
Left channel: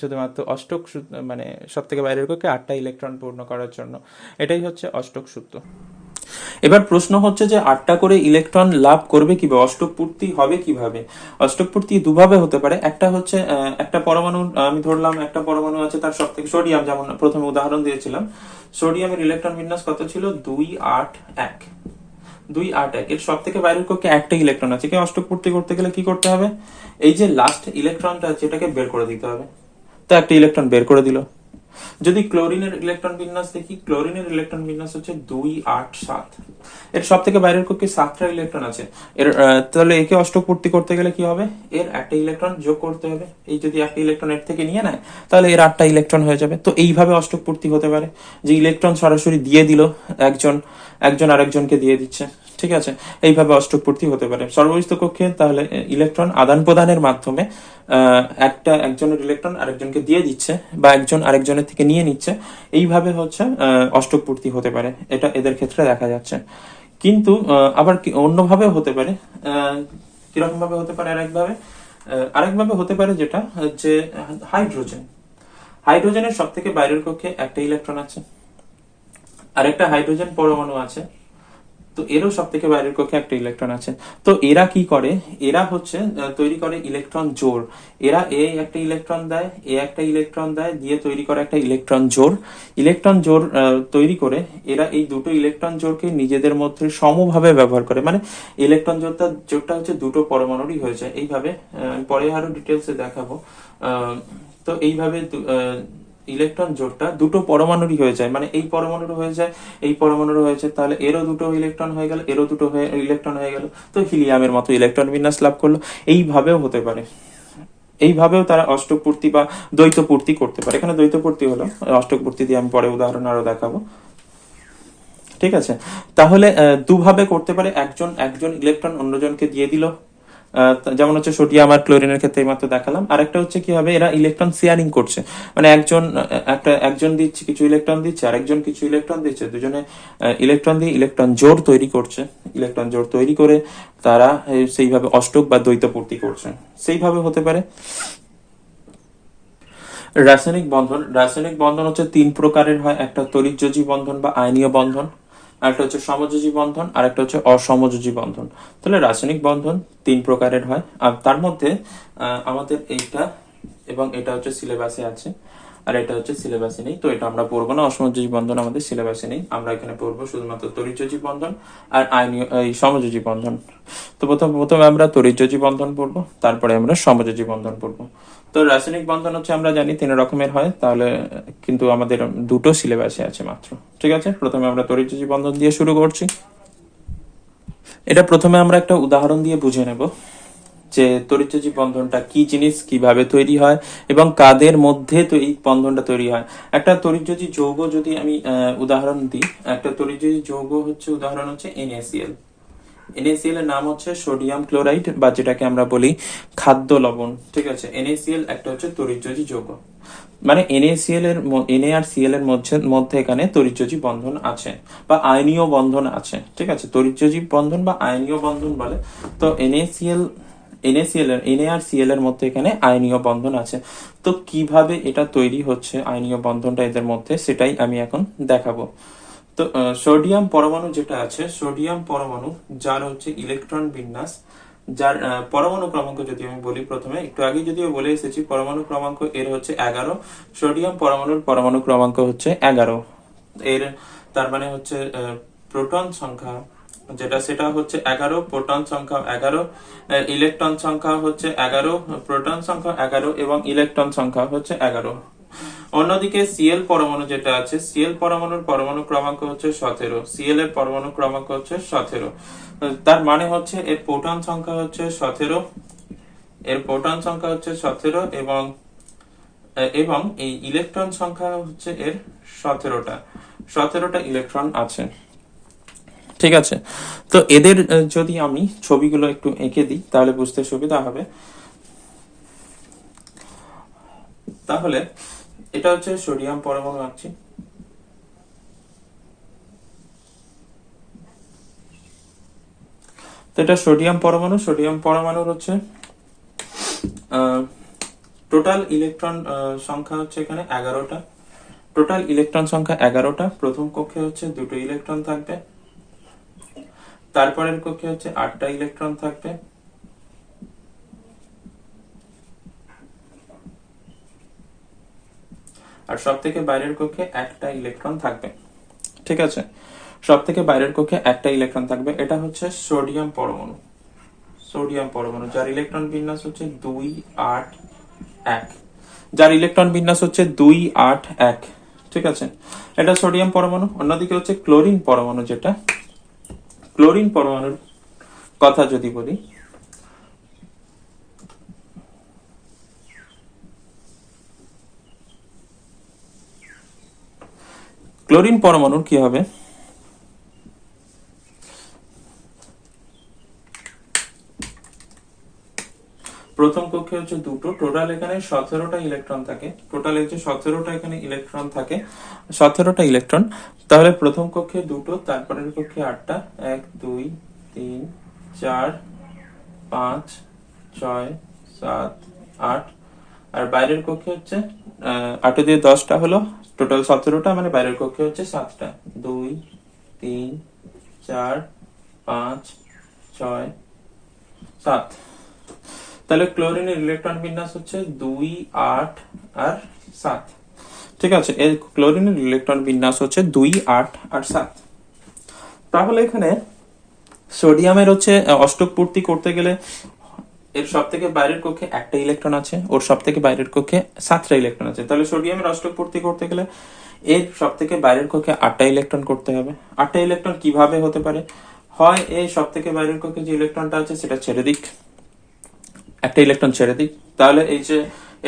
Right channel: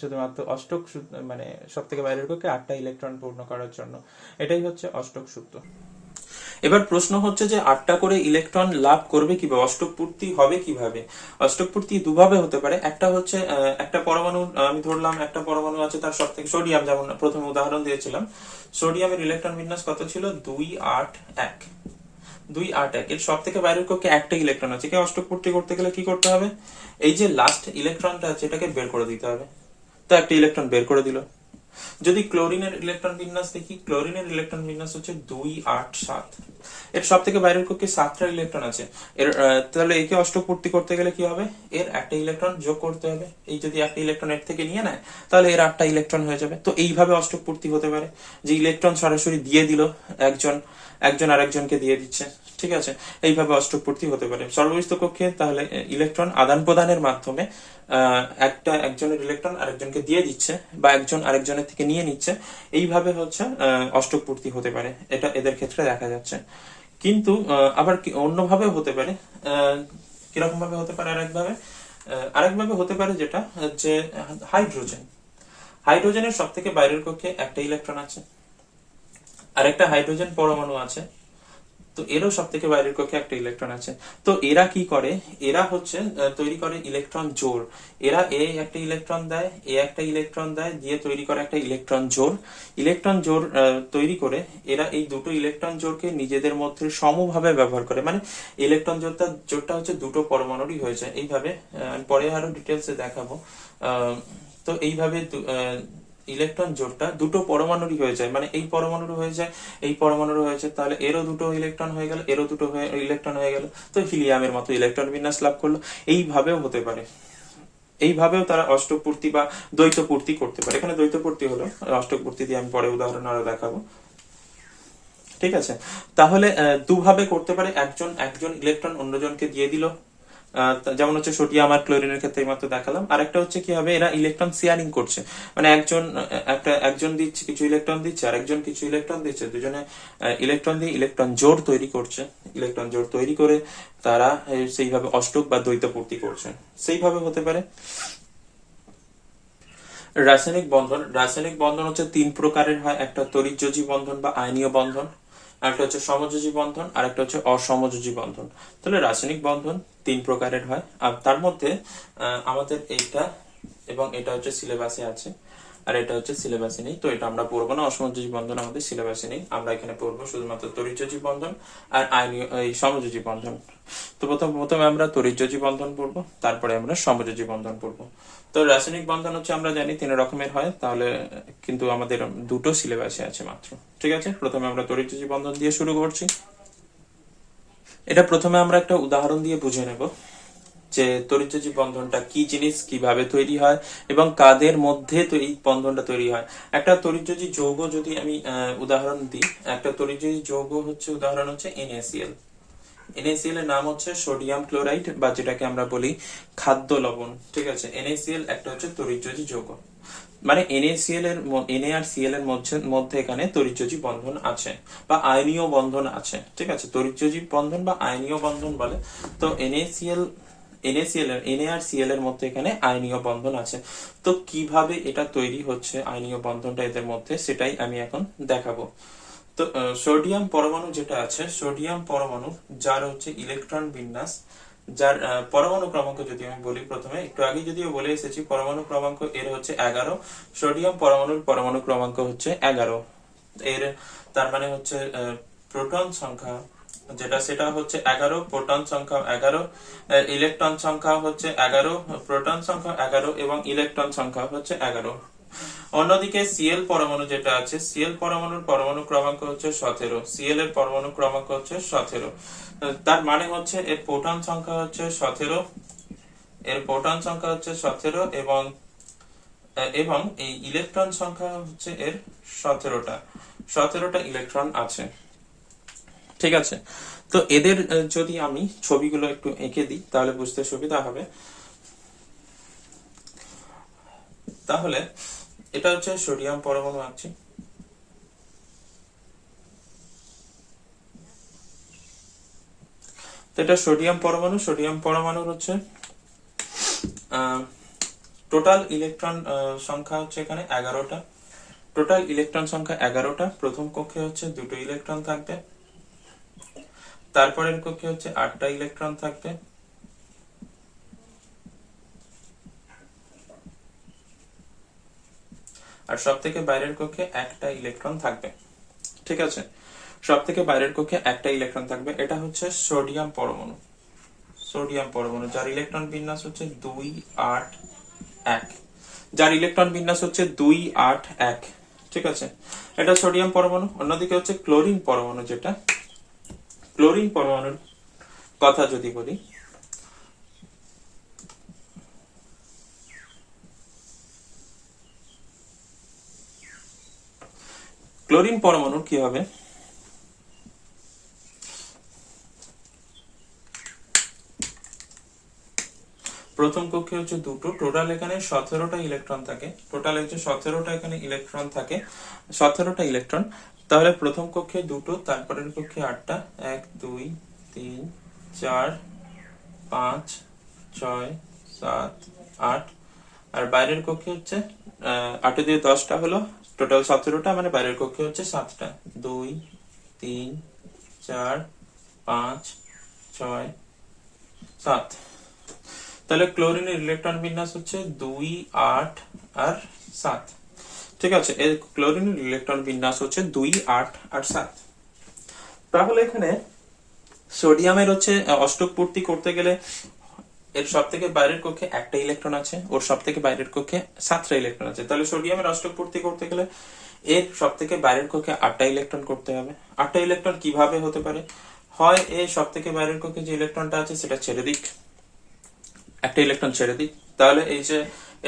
শুধুমাত্র অষ্টক মানে সব থেকে বাইরের কক্ষে 8টা ইলেকট্রন পূর্ণ করার জন্য। এটাই হচ্ছে অষ্টক সূত্র। এবার প্রশ্ন হচ্ছে যে 8টা করে ইলেকট্রন লাভ করবে কিভাবে, অষ্টক পূর্তি হবে কিভাবে? অষ্টক পূর্তি দুভাবে হতে পারে। একটা হচ্ছে একটা পরমাণু, আমি ধরলাম একটা পরমাণু আছে, তার সব থেকে সোডিয়াম, যেমন প্রথমে উদাহরণ দিয়েছিলাম, সোডিয়ামের ইলেকট্রন বিন্যাস কত ছিল? 281। 281 এর সব থেকে বাইরের কক্ষে 1টা ইলেকট্রন আছে। কি অষ্টক পূর্তি করতে গেলে কি করতে হবে? এই যে লাস্ট ইলেকট্রনটা আছে এটাকে বের করে দিতে হবে। তো একটা ইলেকট্রন বের করে দিল। যদি ক্লোরিনের ইলেকট্রন বিন্যাস দেখি, ক্লোরিনের ইলেকট্রন বিন্যাস হচ্ছে 287। এর সব থেকে বাইরের কক্ষে 7টা ইলেকট্রন আছে। এর তাহলে একে অষ্টক পূর্তি করতে গেলে কি হবে? এর একটা ইলেকট্রন যোগ করতে হবে। এই যদি একটা ইলেকট্রন এর থেকে নিয়ে নেয় তাহলে এর 8টা ইলেকট্রন হয়ে যাবে। তো এইভাবে অষ্টক পূর্তি হতে পারে, যে ইলেকট্রন সরাসরি দিয়ে দিল, একজন আরেকজনকে দিয়ে দিচ্ছে, ঠিক আছে, এইভাবে অষ্টক পূর্তি হতে পারে সর্বস্থ কক্ষে। তাহলে ইলেকট্রন আদান প্রদানের মাধ্যমে একজনের ইলেকট্রন আরেকজনকে দিয়ে দিচ্ছে বা একজন আরেকজনের থেকে নিয়ে নিচ্ছে, এইভাবে হচ্ছে অষ্টক পূর্তি হতে পারে, এটা এদের ক্ষেত্রে দেখা যাচ্ছে। কিন্তু আবার অন্যভাবে হতে পারে। কিরকম ভাবে হতে পারে? আরেকভাবে হতে পারে যেটা, যে হাইড্রোজেন, হাইড্রোজেনের সব থেকে বাইরের কক্ষে একটা ইলেকট্রন আছে, আর একটা হাইড্রোজেন পরমাণু আছে, তো এরও সব থেকে বাইরের কক্ষে একটা ইলেকট্রন আছে। তো এরা কি করে? এরা হচ্ছে তৈরি করে ইলেকট্রন জোড়। এরা একটা ইলেকট্রন দেয়, একটা ইলেকট্রন দেয়, দিয়ে তৈরি করে একটা ইলেকট্রন জোড়। ইলেকট্রন জোড় তৈরি করে এরা এই দুটো ইলেকট্রন জোড়কে নিজেদের মধ্যে সমভাবে ব্যবহার করে, মানে ইলেকট্রন জোড়টা হচ্ছে দুটো পরমাণুরই হয়ে যায় এইভাবে। পরে আরো ডিটেলসে দেখাবো। তো এইভাবে ইলেকট্রন জোড়টা দুটো পরমাণুরই হয়ে যায়, মানে এই পরমাণুর হয়ে যায়, এই পরমাণুর হয়েছে, তাহলে এরও দুটো ইলেকট্রন হয়ে গেল, এরও দুটো ইলেকট্রন হয়ে গেল, তো হিলিয়ামের মতো ইলেকট্রন বিন্যাস লাভ করলো। এইভাবেও হতে পারে, এইভাবেও তারা অষ্টক পূর্তি বা দ্বৈত পূর্তি করতে পারে। এখানে দ্বৈত পূর্তি হলো, অষ্টক পূর্তি দিয়ে আমি পরে উদাহরণ আরো দেখাবো। ঠিক আছে, তাহলে দুভাবে করতে পারে। একজন একজন ইলেকট্রন অন্যজনকে দিয়ে দিল, যেমন হচ্ছে সোডিয়াম আর ক্লোরিনের ক্ষেত্রে এইমাত্র দেখালাম। আরেকটা হচ্ছে কি হবে, এরা ইলেকট্রন শেয়ারিং করছে, মানে একজন দিচ্ছে, কিছু ইলেকট্রন দিচ্ছে, আরেকজন কিছু ইলেকট্রন দিচ্ছে, দুজনে ইলেকট্রন দিয়ে ইলেকট্রন জোড় তৈরি করছে। ইলেকট্রন জোড় তৈরি করে তারা সেইভাবে অষ্টক বা দ্বৈত পূর্তি করছে, সেইভাবে হতে পারে। রাসায়নিক বন্ধন হচ্ছে তিন প্রকারের হয়। একটা তড়িৎযোজী বন্ধন বা আয়নীয় বন্ধন, আরেকটা হচ্ছে সমযোজী বন্ধন, আর একটা হচ্ছে অসমযোজী বন্ধন। তাহলে রাসায়নিক বন্ধন তিন প্রকারের হয়, আর তার মধ্যে আমাদের এইটা এবং এটা হচ্ছে সিলেবাসে আছে, আর এটা হচ্ছে সিলেবাসে নেই, তো এটা আমরা পড়বো না। অসমযোজী বন্ধন আমাদের সিলেবাসে নেই, আমরা এখানে পড়বো শুধুমাত্র তড়িৎযোজী বন্ধন আর আয়নীয় এই সমযোজী বন্ধন। তো প্রথমে আমরা তড়িৎযোজী বন্ধন পড়বো, তারপরে আমরা সমযোজী বন্ধন পড়বো। তো রাসায়নিক বন্ধন হচ্ছে আমরা জানি তিন রকমের হয়, তাহলে কিন্তু আমাদের দুটো সিলেবাসে আছে মাত্র। ঠিক আছে, প্রথমে আমরা তড়িৎযোজী বন্ধন দিয়ে শুরু করছি। এটা প্রথমে আমরা একটা উদাহরণ দিয়ে বুঝে নেব যে তড়িৎযোজী বন্ধনটা কি জিনিস, কিভাবে তৈরি হয় এবং কাদের মধ্যে তো এই বন্ধনটা তৈরি হয়। একটা তড়িৎযোজী যৌগ যদি আমি উদাহরণ দিই, একটা তড়িৎযোজী যৌগ হচ্ছে উদাহরণ হচ্ছে NaCl। NaCl এর নাম হচ্ছে সোডিয়াম ক্লোরাইড, বা যেটাকে আমরা বলি খাদ্য লবণ। ঠিক আছে, NaCl একটা হচ্ছে তড়িৎযোজী যৌগ, মানে NaCl এর Na আর Cl এর মধ্যে এখানে তড়িৎযোজী বন্ধন আছে বা আয়নীয় বন্ধন আছে। ঠিক আছে, তড়িৎযোজী বন্ধন বা আয়নীয় বন্ধন বলে। তো Na আর Cl এর মধ্যে এখানে আয়নীয় বন্ধন আছে। তো কিভাবে এটা তৈরি হচ্ছে আয়নীয় বন্ধনটা এদের মধ্যে, সেটাই আমি এখন দেখাবো। তো সোডিয়াম পরমাণু যেটা আছে, সোডিয়াম পরমাণু যার হচ্ছে ইলেকট্রন বিন্যাস, যার পরমাণু ক্রমাঙ্ক যদি আমি বলি, প্রথমে একটু আগে যদিও বলে এসেছি পরমাণু ক্রমাঙ্ক এর হচ্ছে 11। সোডিয়াম পরমাণুর পরমাণু ক্রমাঙ্ক হচ্ছে 11। এর তার মানে হচ্ছে প্রোটন সংখ্যা যেটা, সেটা হচ্ছে 11, প্রোটন সংখ্যা 11, ইলেকট্রন সংখ্যা হচ্ছে 11, প্রোটন সংখ্যা 11 এবং ইলেকট্রন সংখ্যা হচ্ছে 11। অন্যদিকে Cl পরমাণু যেটা আছে, Cl পরমাণুর পরমাণু ক্রমাঙ্ক হচ্ছে 17। Cl এর পরমাণু ক্রমাঙ্ক হচ্ছে 17, তার মানে হচ্ছে এর প্রোটন সংখ্যা হচ্ছে 17, এর প্রোটন সংখ্যা হচ্ছে 17 এবং এবং এই ইলেকট্রন সংখ্যা হচ্ছে এর 17টা ইলেকট্রন আছে। ঠিক আছে, তো এদের যদি আমি ছবিগুলো একটু এঁকে দিই তাহলে বুঝতে সুবিধা হবে। তাহলে এটা হচ্ছে সোডিয়াম পরমাণু আঁকছি। তো এটা সোডিয়াম পরমাণু, সোডিয়াম পরমাণুর হচ্ছে টোটাল ইলেকট্রন সংখ্যা হচ্ছে এখানে 11টা। টোটাল ইলেকট্রন সংখ্যা 11টা। প্রথম কক্ষে হচ্ছে দুটো ইলেকট্রন থাকবে, তারপরের কক্ষে হচ্ছে 8টা ইলেকট্রন থাকবে, আর সব থেকে বাইরের কক্ষে একটা ইলেকট্রন থাকবে। ঠিক আছে, সব থেকে বাইরের কক্ষে একটা ইলেকট্রন থাকবে। এটা হচ্ছে সোডিয়াম পরমাণু। সোডিয়াম পরমাণু যার ইলেকট্রন বিন্যাস হচ্ছে 2 8 1, যার ইলেকট্রন বিন্যাস হচ্ছে 2 8 1। ঠিক আছে, এটা সোডিয়াম পরমাণু। অন্যদিকে হচ্ছে ক্লোরিন পরমাণু, যেটা ক্লোরিন পরমাণুর কথা যদি বলি, ক্লোরিন পরমাণুর কি হবে, প্রথম কক্ষে হচ্ছে দুটো, টোটাল এখানে 17টা ইলেকট্রন থাকে, টোটাল হচ্ছে 17টা এখানে ইলেকট্রন থাকে, 17টা ইলেকট্রন। তাহলে প্রথম কক্ষে দুটো, তারপরের কক্ষে 8টা, 1 2 3 4 5 6 7 8। আর বাইরের কক্ষে হচ্ছে 8 দিয়ে 10টা হলো, টোটাল 17টা, মানে বাইরের কক্ষে হচ্ছে 7টা, 2 3 4 5 6 7। তাহলে ক্লোরিনের ইলেকট্রন বিন্যাস হচ্ছে 2 8 আর 7। ঠিক আছে, এই ক্লোরিনের ইলেকট্রন বিন্যাস হচ্ছে 2 8 আর 7। তাহলে এখানে সোডিয়ামের হচ্ছে অষ্টক পূর্তি করতে গেলে এর সব থেকে বাইরের কক্ষে একটা ইলেকট্রন আছে, ওর সব থেকে বাইরের কক্ষে 7টা ইলেকট্রন আছে। তাহলে সোডিয়ামের অষ্টক পূর্তি করতে গেলে এর সব থেকে বাইরের কক্ষে 8টা ইলেকট্রন করতে হবে। 8টা ইলেকট্রন কিভাবে হতে পারে? হয় এর সব থেকে বাইরের কক্ষে যে ইলেকট্রনটা আছে সেটা ছেড়ে দিক, একটা ইলেকট্রন ছেড়ে দিক, তাহলে এই যে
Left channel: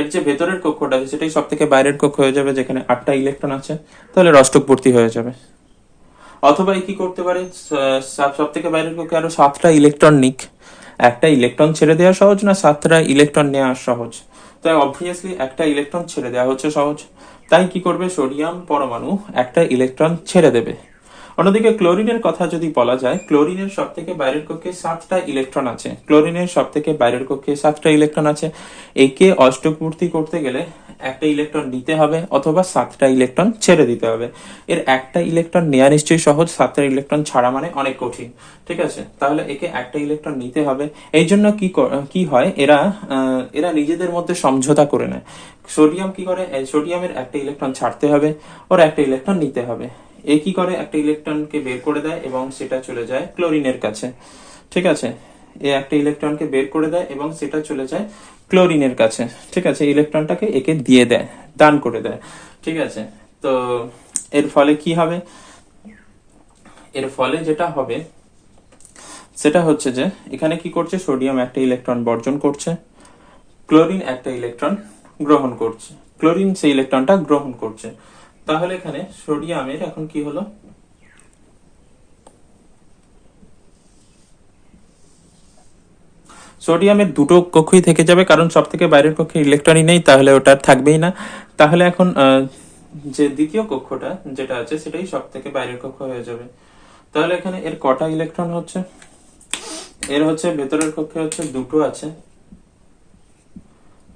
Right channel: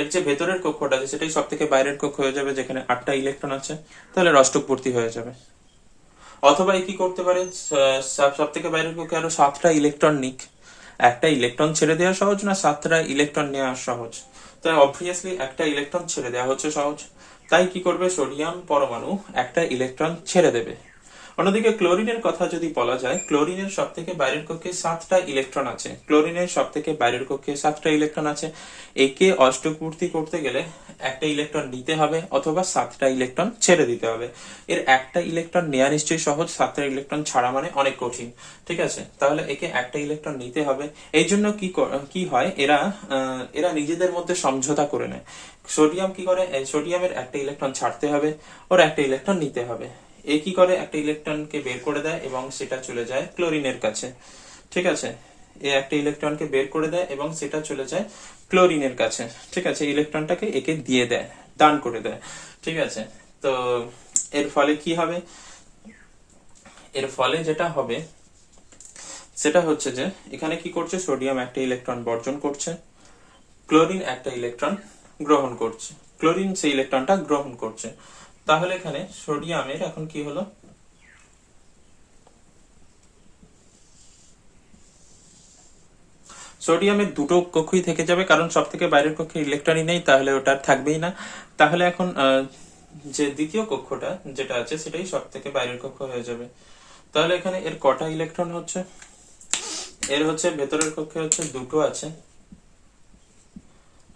এর যে ভেতরের কক্ষটা আছে সেটাই সব থেকে বাইরের কক্ষ হয়ে যাবে, যেখানে 8টা ইলেকট্রন আছে, তাহলে অষ্টক পূর্তি হয়ে যাবে। অথবা কি করতে পারে, সব থেকে বাইরের কক্ষে আরো 7টা ইলেকট্রন নিক। একটা ইলেকট্রন ছেড়ে দেওয়া সহজ না 7টা ইলেকট্রন নেওয়া সহজ? তাই অবভিয়াসলি একটা ইলেকট্রন ছেড়ে দেওয়া হচ্ছে সহজ। তাই কি করবে, সোডিয়াম পরমাণু একটা ইলেকট্রন ছেড়ে দেবে। অন্যদিকে ক্লোরিনের কথা যদি বলা যায়, ক্লোরিনের সব থেকে বাইরের কক্ষে 7টা ইলেকট্রন আছে, ক্লোরিনের সব থেকে বাইরের কক্ষে 7টা ইলেকট্রন আছে। একে অষ্টক পূর্তি করতে গেলে একটা ইলেকট্রন নিতে হবে অথবা 7টা ইলেকট্রন ছেড়ে দিতে হবে। এর একটা ইলেকট্রন নেওয়া নিশ্চয়ই সহজ, 7টা ইলেকট্রন ছাড়া মানে অনেক কঠিন। ঠিক আছে, তাহলে একে একটা ইলেকট্রন নিতে হবে। এই জন্য কি হয়, এরা নিজেদের মধ্যে সমঝোতা করে নেয়। সোডিয়াম কি করে, সোডিয়ামের একটা ইলেকট্রন ছাড়তে হবে, ওর একটা ইলেকট্রন নিতে হবে। এ কি করে, একটা ইলেকট্রনকে বের করে দেয় এবং সেটা চলে যায় ক্লোরিনের কাছে। ঠিক আছে, এ একটা ইলেকট্রনকে বের করে দেয় এবং সেটা চলে যায় ক্লোরিনের কাছে। ঠিক আছে, ইলেকট্রনটাকে একে দিয়ে দেয়, দান করে দেয়। ঠিক আছে, তো এর ফলে কি হবে, এর ফলে যেটা হবে সেটা হচ্ছে যে এখানে কি করছে, সোডিয়াম একটা ইলেকট্রন বর্জন করছে, ক্লোরিন একটা ইলেকট্রন গ্রহণ করছে, ক্লোরিন সেই ইলেকট্রনটা গ্রহণ করছে। তাহলে এখানে সোডিয়ামের এখন কি হলো, সোডিয়ামের দুটো কক্ষই থেকে যাবে, কারণ সব থেকে বাইরের কক্ষে ইলেকট্রনই নেই, তাহলে ওটা থাকবেই না। তাহলে এখন যে দ্বিতীয় কক্ষটা যেটা আছে সেটাই সব থেকে বাইরের কক্ষ হয়ে যাবে। তাহলে এখানে এর কটা ইলেকট্রন হচ্ছে, এর হচ্ছে ভেতরের কক্ষে হচ্ছে দুটো আছে,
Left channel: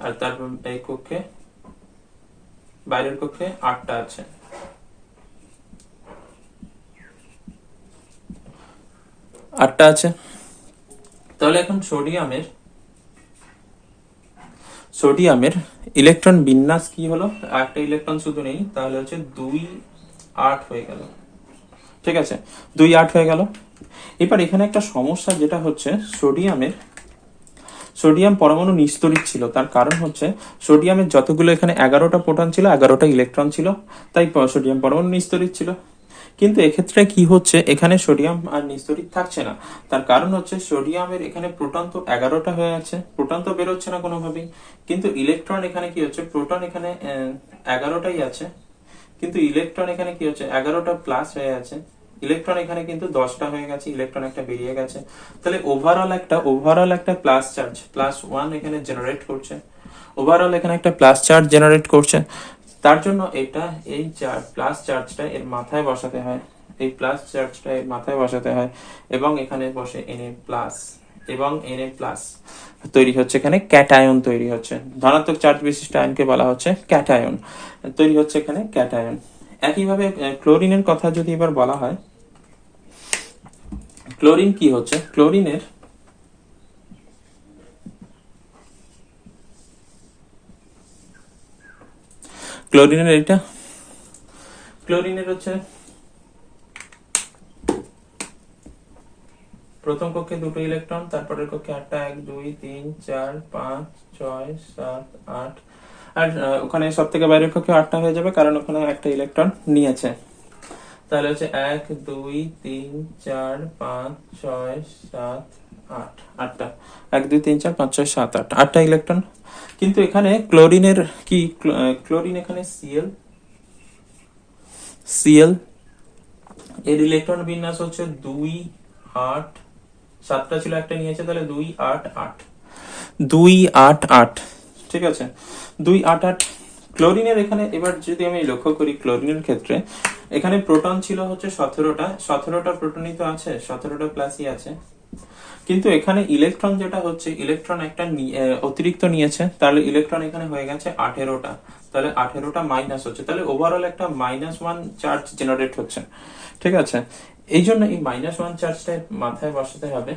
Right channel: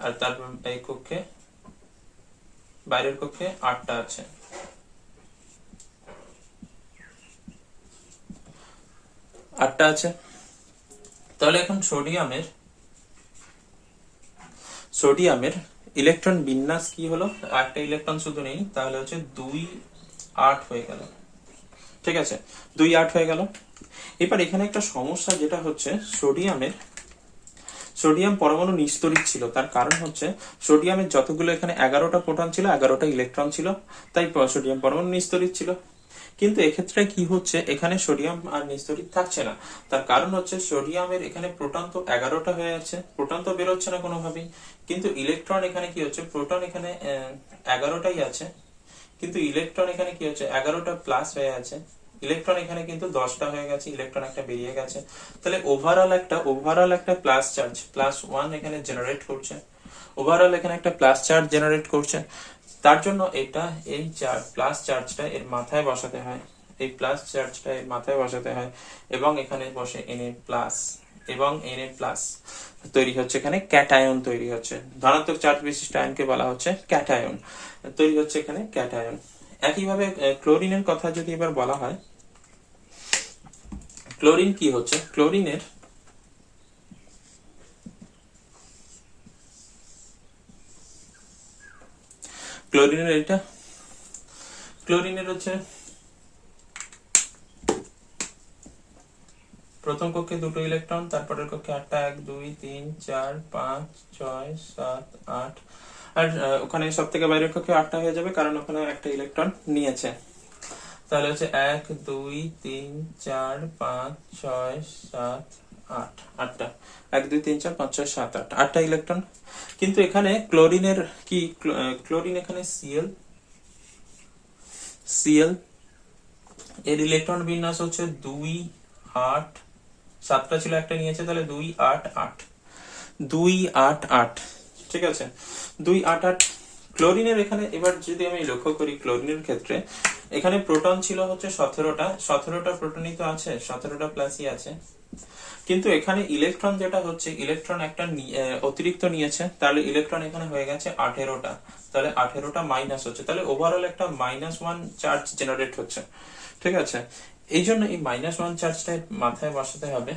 আর তারপর এই কক্ষে বাইরের কক্ষে 8টা আছে। আটটা আছে। তাহলে এখন সোডিয়ামের ইলেকট্রন বিন্যাস কি হলো, একটা ইলেকট্রন শুধু নেই, তাহলে হচ্ছে 2 8 হয়ে গেল। ঠিক আছে, 2 8 হয়ে গেল। এবার এখানে একটা সমস্যা যেটা হচ্ছে, সোডিয়াম পরমাণু নিস্তড়িত ছিল। তার কারণ হচ্ছে সোডিয়ামের যতগুলো এখানে 11টা প্রোটন ছিল, 11টা ইলেকট্রন ছিল, তাই সোডিয়াম পরমাণু নিস্তড়িত ছিল। কিন্তু এক্ষেত্রে কি হচ্ছে, এখানে সোডিয়াম আর নিস্তড়িত থাকছে না। তার কারণ হচ্ছে সোডিয়ামের এখানে প্রোটন তো 11টা হয়ে আছে, প্রোটন তো বেরোচ্ছে না কোনোভাবেই, কিন্তু ইলেকট্রন এখানে কি হচ্ছে, প্রোটন এখানে 11টাই আছে, কিন্তু ইলেকট্রন এখানে কি হচ্ছে, 11টা প্লাস হয়ে আছে, ইলেকট্রন এখানে কিন্তু 10টা হয়ে গেছে, ইলেকট্রন একটা বেরিয়ে গেছে। তাহলে ওভারঅল একটা প্লাস চার্জ +1 এখানে জেনারেট করছে, ওভারঅল এখানে একটা প্লাস চার্জ জেনারেট করছে। তার জন্য এই প্লাস চার্জটা এর মাথায় বসাতে হয়, এই প্লাস চার্জটা এর মাথায় বসাতে হয়, এবং এখানে বসে Na+ এবং Na+ তৈরি হচ্ছে, এখানে ক্যাটায়ন তৈরি হচ্ছে, ধনাত্মক চার্জ বিশিষ্ট আয়নকে বলা হচ্ছে ক্যাটায়ন, তৈরি হচ্ছে এখানে ক্যাটায়ন। একইভাবে ক্লোরিনের কথা যদি এবার বলা হয়, ক্লোরিন কি হচ্ছে, ক্লোরিনের হচ্ছে প্রথম কক্ষে দুটো ইলেকট্রন, তারপরের কক্ষে 8টা, 1 2 3 4 5 6 7 8। আর ওখানে সব থেকে বাইরের কক্ষে 8টা হয়ে যাবে, কারণ ওখানে একটা ইলেকট্রন নিয়েছে। তাহলে হচ্ছে 1 2 3 4 5 6 7 8, 8টা, 1 2 3 4 5 6 7 8, 8টা ইলেকট্রন। কিন্তু এখানে ক্লোরিনের কি, ক্লোরিন এখানে সিএল, এর ইলেকট্রন বিন্যাস হচ্ছে 2 8, 7টা ছিল একটা নিয়েছে, তাহলে 2 8 8। 288, ঠিক আছে, 288। ক্লোরিনের এখানে এবার যদি আমি লক্ষ্য করি, ক্লোরিনের ক্ষেত্রে এখানে প্রোটন ছিল হচ্ছে 17টা প্রোটনই তো আছে, 17টা প্লাসই আছে, কিন্তু এখানে ইলেকট্রন যেটা হচ্ছে, ইলেকট্রন একটা অতিরিক্ত নিয়েছে, তাহলে ইলেকট্রন এখানে হয়ে গেছে 18টা, তাহলে 18টা মাইনাস হচ্ছে, তাহলে ওভারঅল একটা -1 চার্জ জেনারেট হচ্ছে, ঠিক আছে। এই জন্য এই -1 চার্জটা মাথায় বসাতে হবে,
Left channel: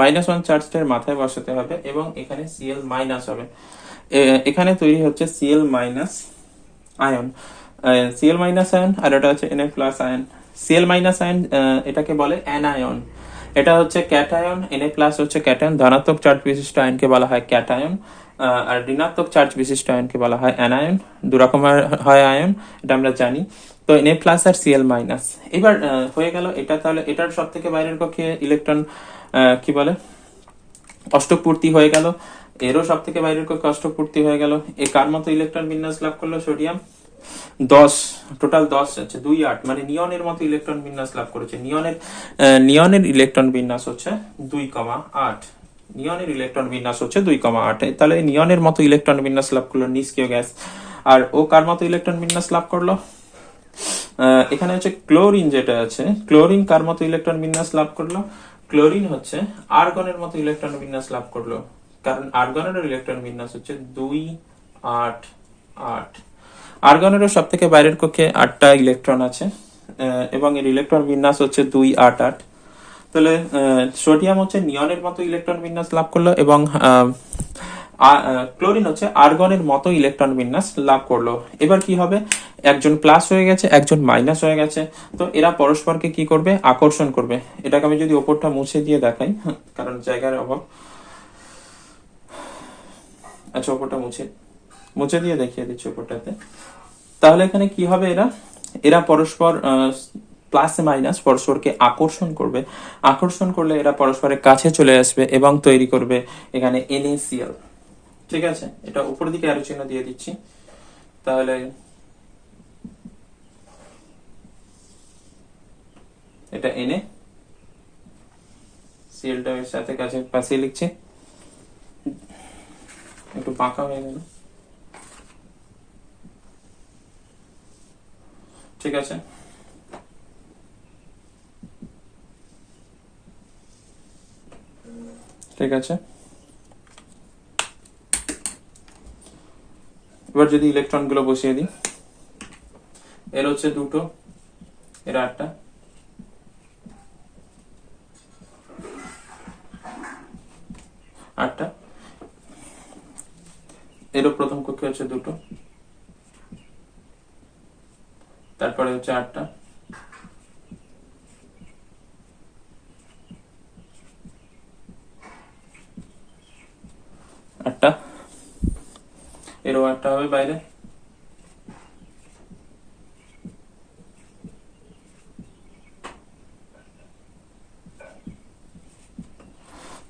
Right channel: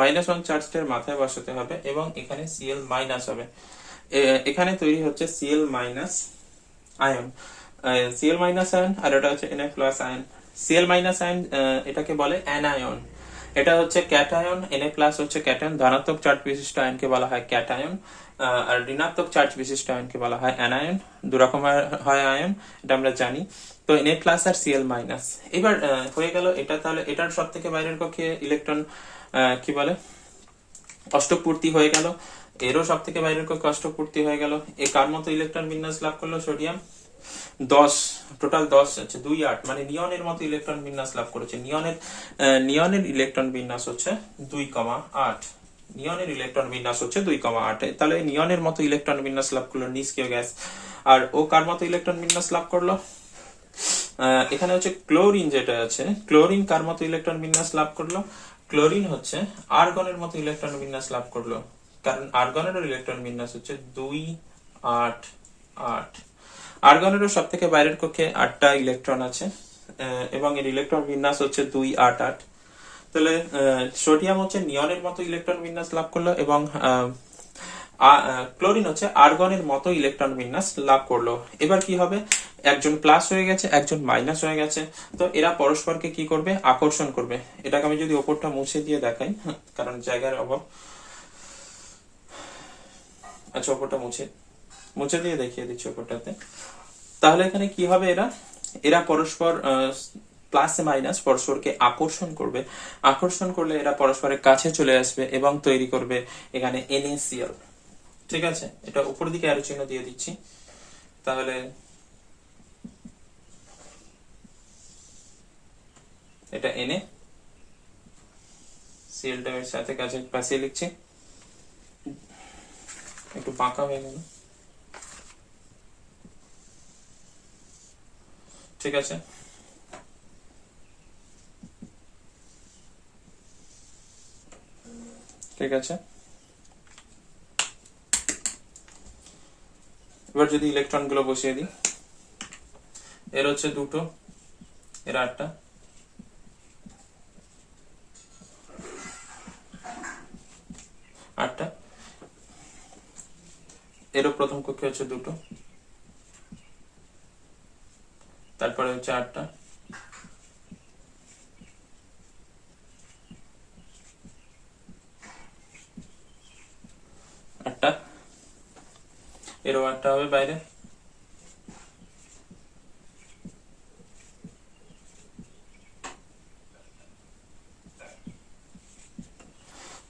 -1 চার্জটার মাথায় বসাতে হবে, এবং এখানে Cl মাইনাস হবে। এখানে তৈরি হচ্ছে Cl minus ion, Cl minus ion, আর এটা হচ্ছে Na plus ion. Cl minus ion এটাকে বলে অ্যানায়ন, এটা হচ্ছে ক্যাটায়ন, Na প্লাস হচ্ছে ক্যাটায়ন, ধনাত্মক চার্জ বিশিষ্ট আয়নকে বলা হয় ক্যাটায়ন, আর ঋণাত্মক চার্জ বিশিষ্ট আয়নকে বলা হয় অ্যানায়ন। দু রকমের হয় আয়ন, এটা আমরা জানি। তো Na প্লাস আর Cl মাইনাস, এবার হয়ে গেল এটা। তাহলে এটার সব থেকে বাইরের কক্ষে ইলেকট্রন কি বলে, অষ্টক পূর্তি হয়ে গেল, এরও সব থেকে বাইরের কক্ষে অষ্টক পূর্তি হয়ে গেল। এই কার মতো ইলেকট্রন বিন্যাস লাভ করলো? সোডিয়াম 10, টোটাল 10 আছে, 28, মানে নিয়নের মতো ইলেকট্রন বিন্যাস লাভ করেছে। নিয়নের ইলেকট্রন বিন্যাস হচ্ছে 2,8, নিয়নের ইলেকট্রন বিন্যাস হচ্ছে 2,8। তাহলে নিয়নের মতো ইলেকট্রন বিন্যাস লাভ করলো নিষ্ক্রিয় গ্যাস। আর ও কার মতো ইলেকট্রন বিন্যাস লাভ করলো? এখানে হচ্ছে ক্লোরিন যেটা আছে, ক্লোরিন কার মতো ইলেকট্রন বিন্যাস লাভ করলো? ক্লোরিন হচ্ছে আর্গনের মতো ইলেকট্রন বিন্যাস লাভ করলো, কারণ আর্গনের ইলেকট্রন বিন্যাস হচ্ছে 288। আর্গনেরও সব থেকে বাইরের কক্ষে 8টা ইলেকট্রন আছে, এবং এর ইলেকট্রন বিন্যাস হচ্ছে 288। তাহলে সোডিয়াম হচ্ছে নিয়নের মতো ইলেকট্রন বিন্যাস লাভ করলো, এবং ক্লোরিন হচ্ছে আর্গনের মতো ইলেকট্রন বিন্যাস লাভ করলো। এবার কি হবে? একজন প্লাস হয়ে গেছে, একজন মাইনাস হয়ে গেছে, তো এরা পরস্পরকে কি করবে? আকর্ষণ করবে। এটাকে আমি যদি ওপরটা মুছে দিয়ে দেখাই, কারণ জায়গার অভাব, আচ্ছা ওপরটা মুছে দিয়ে দেখিয়ে দিচ্ছি ওপরটাতে। তাহলে এখানে কি হবে? এরা পরস্পর প্লাস মাইনাস পরস্পরকে আকর্ষণ করবে, আকর্ষণ করলে এরা পরস্পরের কাছে চলে আসবে এবং তৈরি করবে এখানে NaCl, ঠিক আছে। এটা উপরের দিকে অ্যারো চিহ্ন দিয়ে দিচ্ছি, তাহলে এটা Na, Clটা এর সাথে কাছে পাশে লিখছি, একটু বাঁকা হয়ে গেল, ঠিক আছে। ঠিক আছে, এবার যদি ইলেকট্রন গুলো বসিয়ে দিই, এর হচ্ছে 2টো, এর 8টা, এরও প্রথম কক্ষে হচ্ছে 2টো, তারপরে হচ্ছে 8টা, এরও 8টা হবে বাইরে,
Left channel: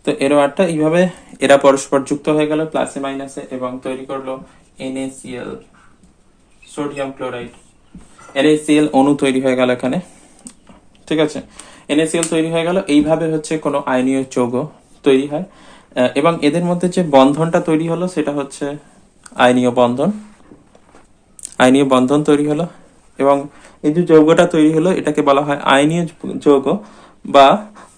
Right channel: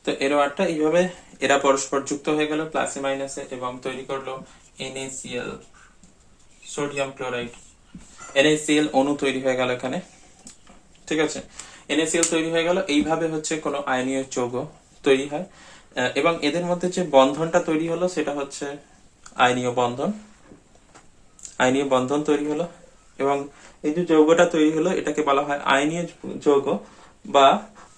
তো এরও 8টা। এইভাবে এরা পরস্পর যুক্ত হয়ে গেল প্লাসে মাইনাসে, এবং তৈরি করলো NaCl, সোডিয়াম ক্লোরাইড। NaCl অণু তৈরি হয়ে গেল এখানে, ঠিক আছে। NaCl তৈরি হয়ে গেল। এইভাবে হচ্ছে কোনো আয়নীয় যৌগ তৈরি হয়, এবং এদের মধ্যে যে বন্ধনটা তৈরি হলো সেটা হচ্ছে আয়নীয় বন্ধন, আয়নীয় বন্ধন তৈরি হলো। এবং এই যে যৌগটা তৈরি হলো এটাকে বলা হয় আয়নীয় যৌগ বা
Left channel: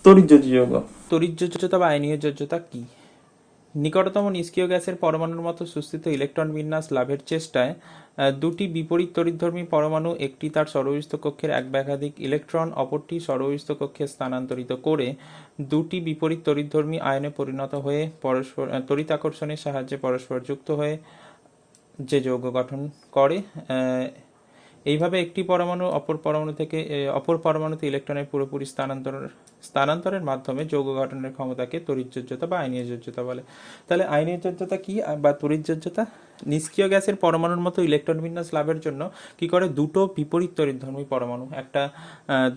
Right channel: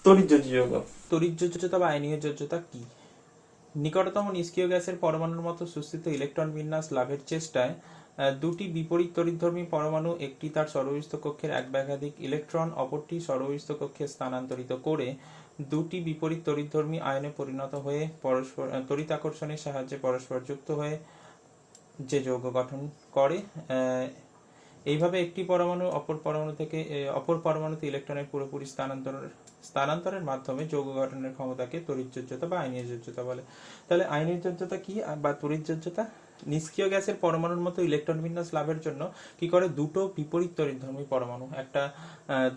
তড়িৎযোজ্য যৌগ। তড়িৎযোজ্যতা বা আয়নীয় যোজ্যতা কি? নিকটতম নিষ্ক্রিয় গ্যাসের পরমাণুর মতো সুস্থিত ইলেকট্রন বিন্যাস লাভের চেষ্টায় দুটি বিপরীত তড়িৎধর্মী পরমাণু, একটি তার সরবস্থ কক্ষের এক বা একাধিক ইলেকট্রন অপরটি সরবস্থ কক্ষে স্থানান্তরিত করে দুটি বিপরীত তড়িৎধর্মী আয়নে পরিণত হয়ে পরস্পর তড়িৎ আকর্ষণের সাহায্যে পরস্পর যুক্ত হয়ে যে যৌগ গঠন করে। এইভাবে একটি পরমাণু অপর পরমাণুতে ইলেকট্রনের পুরোপুরি স্থানান্তরের মাধ্যমে যৌগ গঠনের ক্ষমতাকে তড়িৎযোজ্যতা বা আয়নীয় যোজ্যতা বলে। তাহলে আয়নীয় যোজ্যতা কি বা তড়িৎযোজ্যতা? নিষ্ক্রিয় গ্যাসের পরমাণুর মতো ইলেকট্রন বিন্যাস লাভের জন্য কি করে? দুটো বিপরীত তড়িৎধর্মী পরমাণু,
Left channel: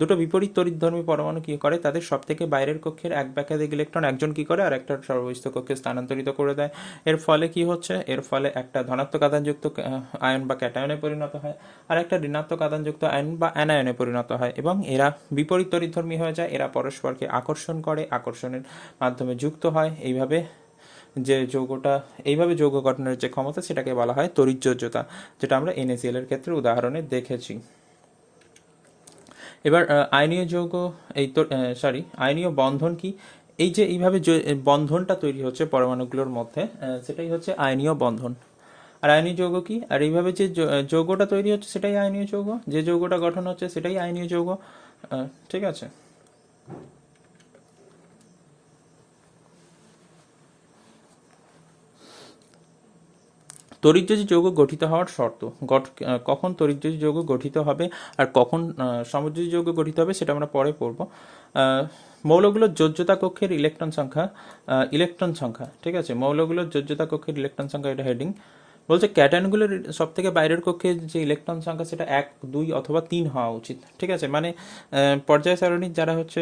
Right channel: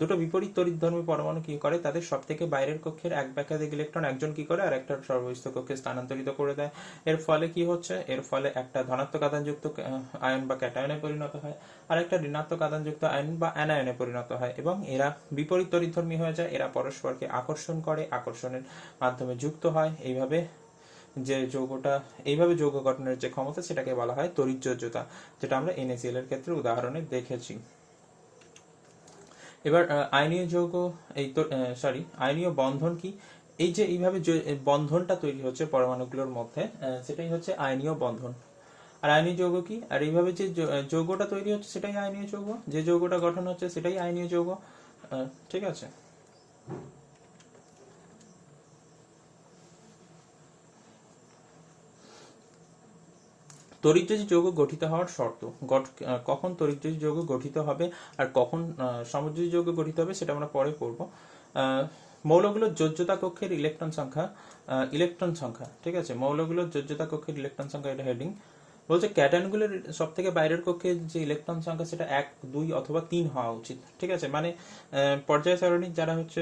দুটো বিপরীত তড়িৎধর্মী পরমাণু কি করে? তাদের সব থেকে বাইরের কক্ষের এক বা একাধিক ইলেকট্রন একজন কি করে আর একটা সর্বস্থ কক্ষে স্থানান্তরিত করে দেয়। এর ফলে কি হচ্ছে? এর ফলে একটা ধনাত্মক আধানযুক্ত আয়ন বা ক্যাটায়নে পরিণত হয়, আর একটা ঋণাত্মক আধানযুক্ত আয়ন বা অ্যানায়নে পরিণত হয়, এবং এরা বিপরীত তড়িৎধর্মী হয়ে যায়। এরা পরস্পরকে আকর্ষণ করে, আকর্ষণের মাধ্যমে যুক্ত হয়। এইভাবে যে যৌগটা এইভাবে যৌগ গঠনের যে ক্ষমতা সেটাকে বলা হয় তড়িৎযোজ্যতা, যেটা আমরা NaCl এর ক্ষেত্রে উদাহরণে দেখেছি। এবার আয়নীয় যৌগ এই তো আয়নীয় বন্ধন কি? এই যে এইভাবে বন্ধনটা তৈরি হচ্ছে পরমাণুগুলোর মধ্যে, সেটাই হচ্ছে আয়নীয় বন্ধন। আর আয়নীয় যৌগ কি? আর এইভাবে যে যৌগটা তৈরি হচ্ছে সেটাই আয়নীয় যৌগ, যে যৌগটা গঠন হচ্ছে সেটাই আয়নীয় যৌগ। ঠিক আছে। তড়িৎযোজী যৌগ গঠিত হওয়ার শর্ত, কখন তড়িৎযোজী যৌগ গঠিত হবে আর কখন সমযোজী যৌগ গঠিত হবে সেটা আমরা পরে পড়ব। মৌলগুলোর যোজ্যতা কক্ষের ইলেকট্রন সংখ্যা, ঠিক আছে, মৌলগুলোর যোজ্যতা কক্ষের ইলেকট্রন সংখ্যা, এটা হেডিং। বলছে ক্যাটায়নগুলোর সব থেকে বাইরের কক্ষে যে ইলেকট্রন সংখ্যা সেটা 1, 2 অথবা 3 হওয়া উচিত। ঠিক আছে, মানে পর্যায় সারণীর যারা হচ্ছে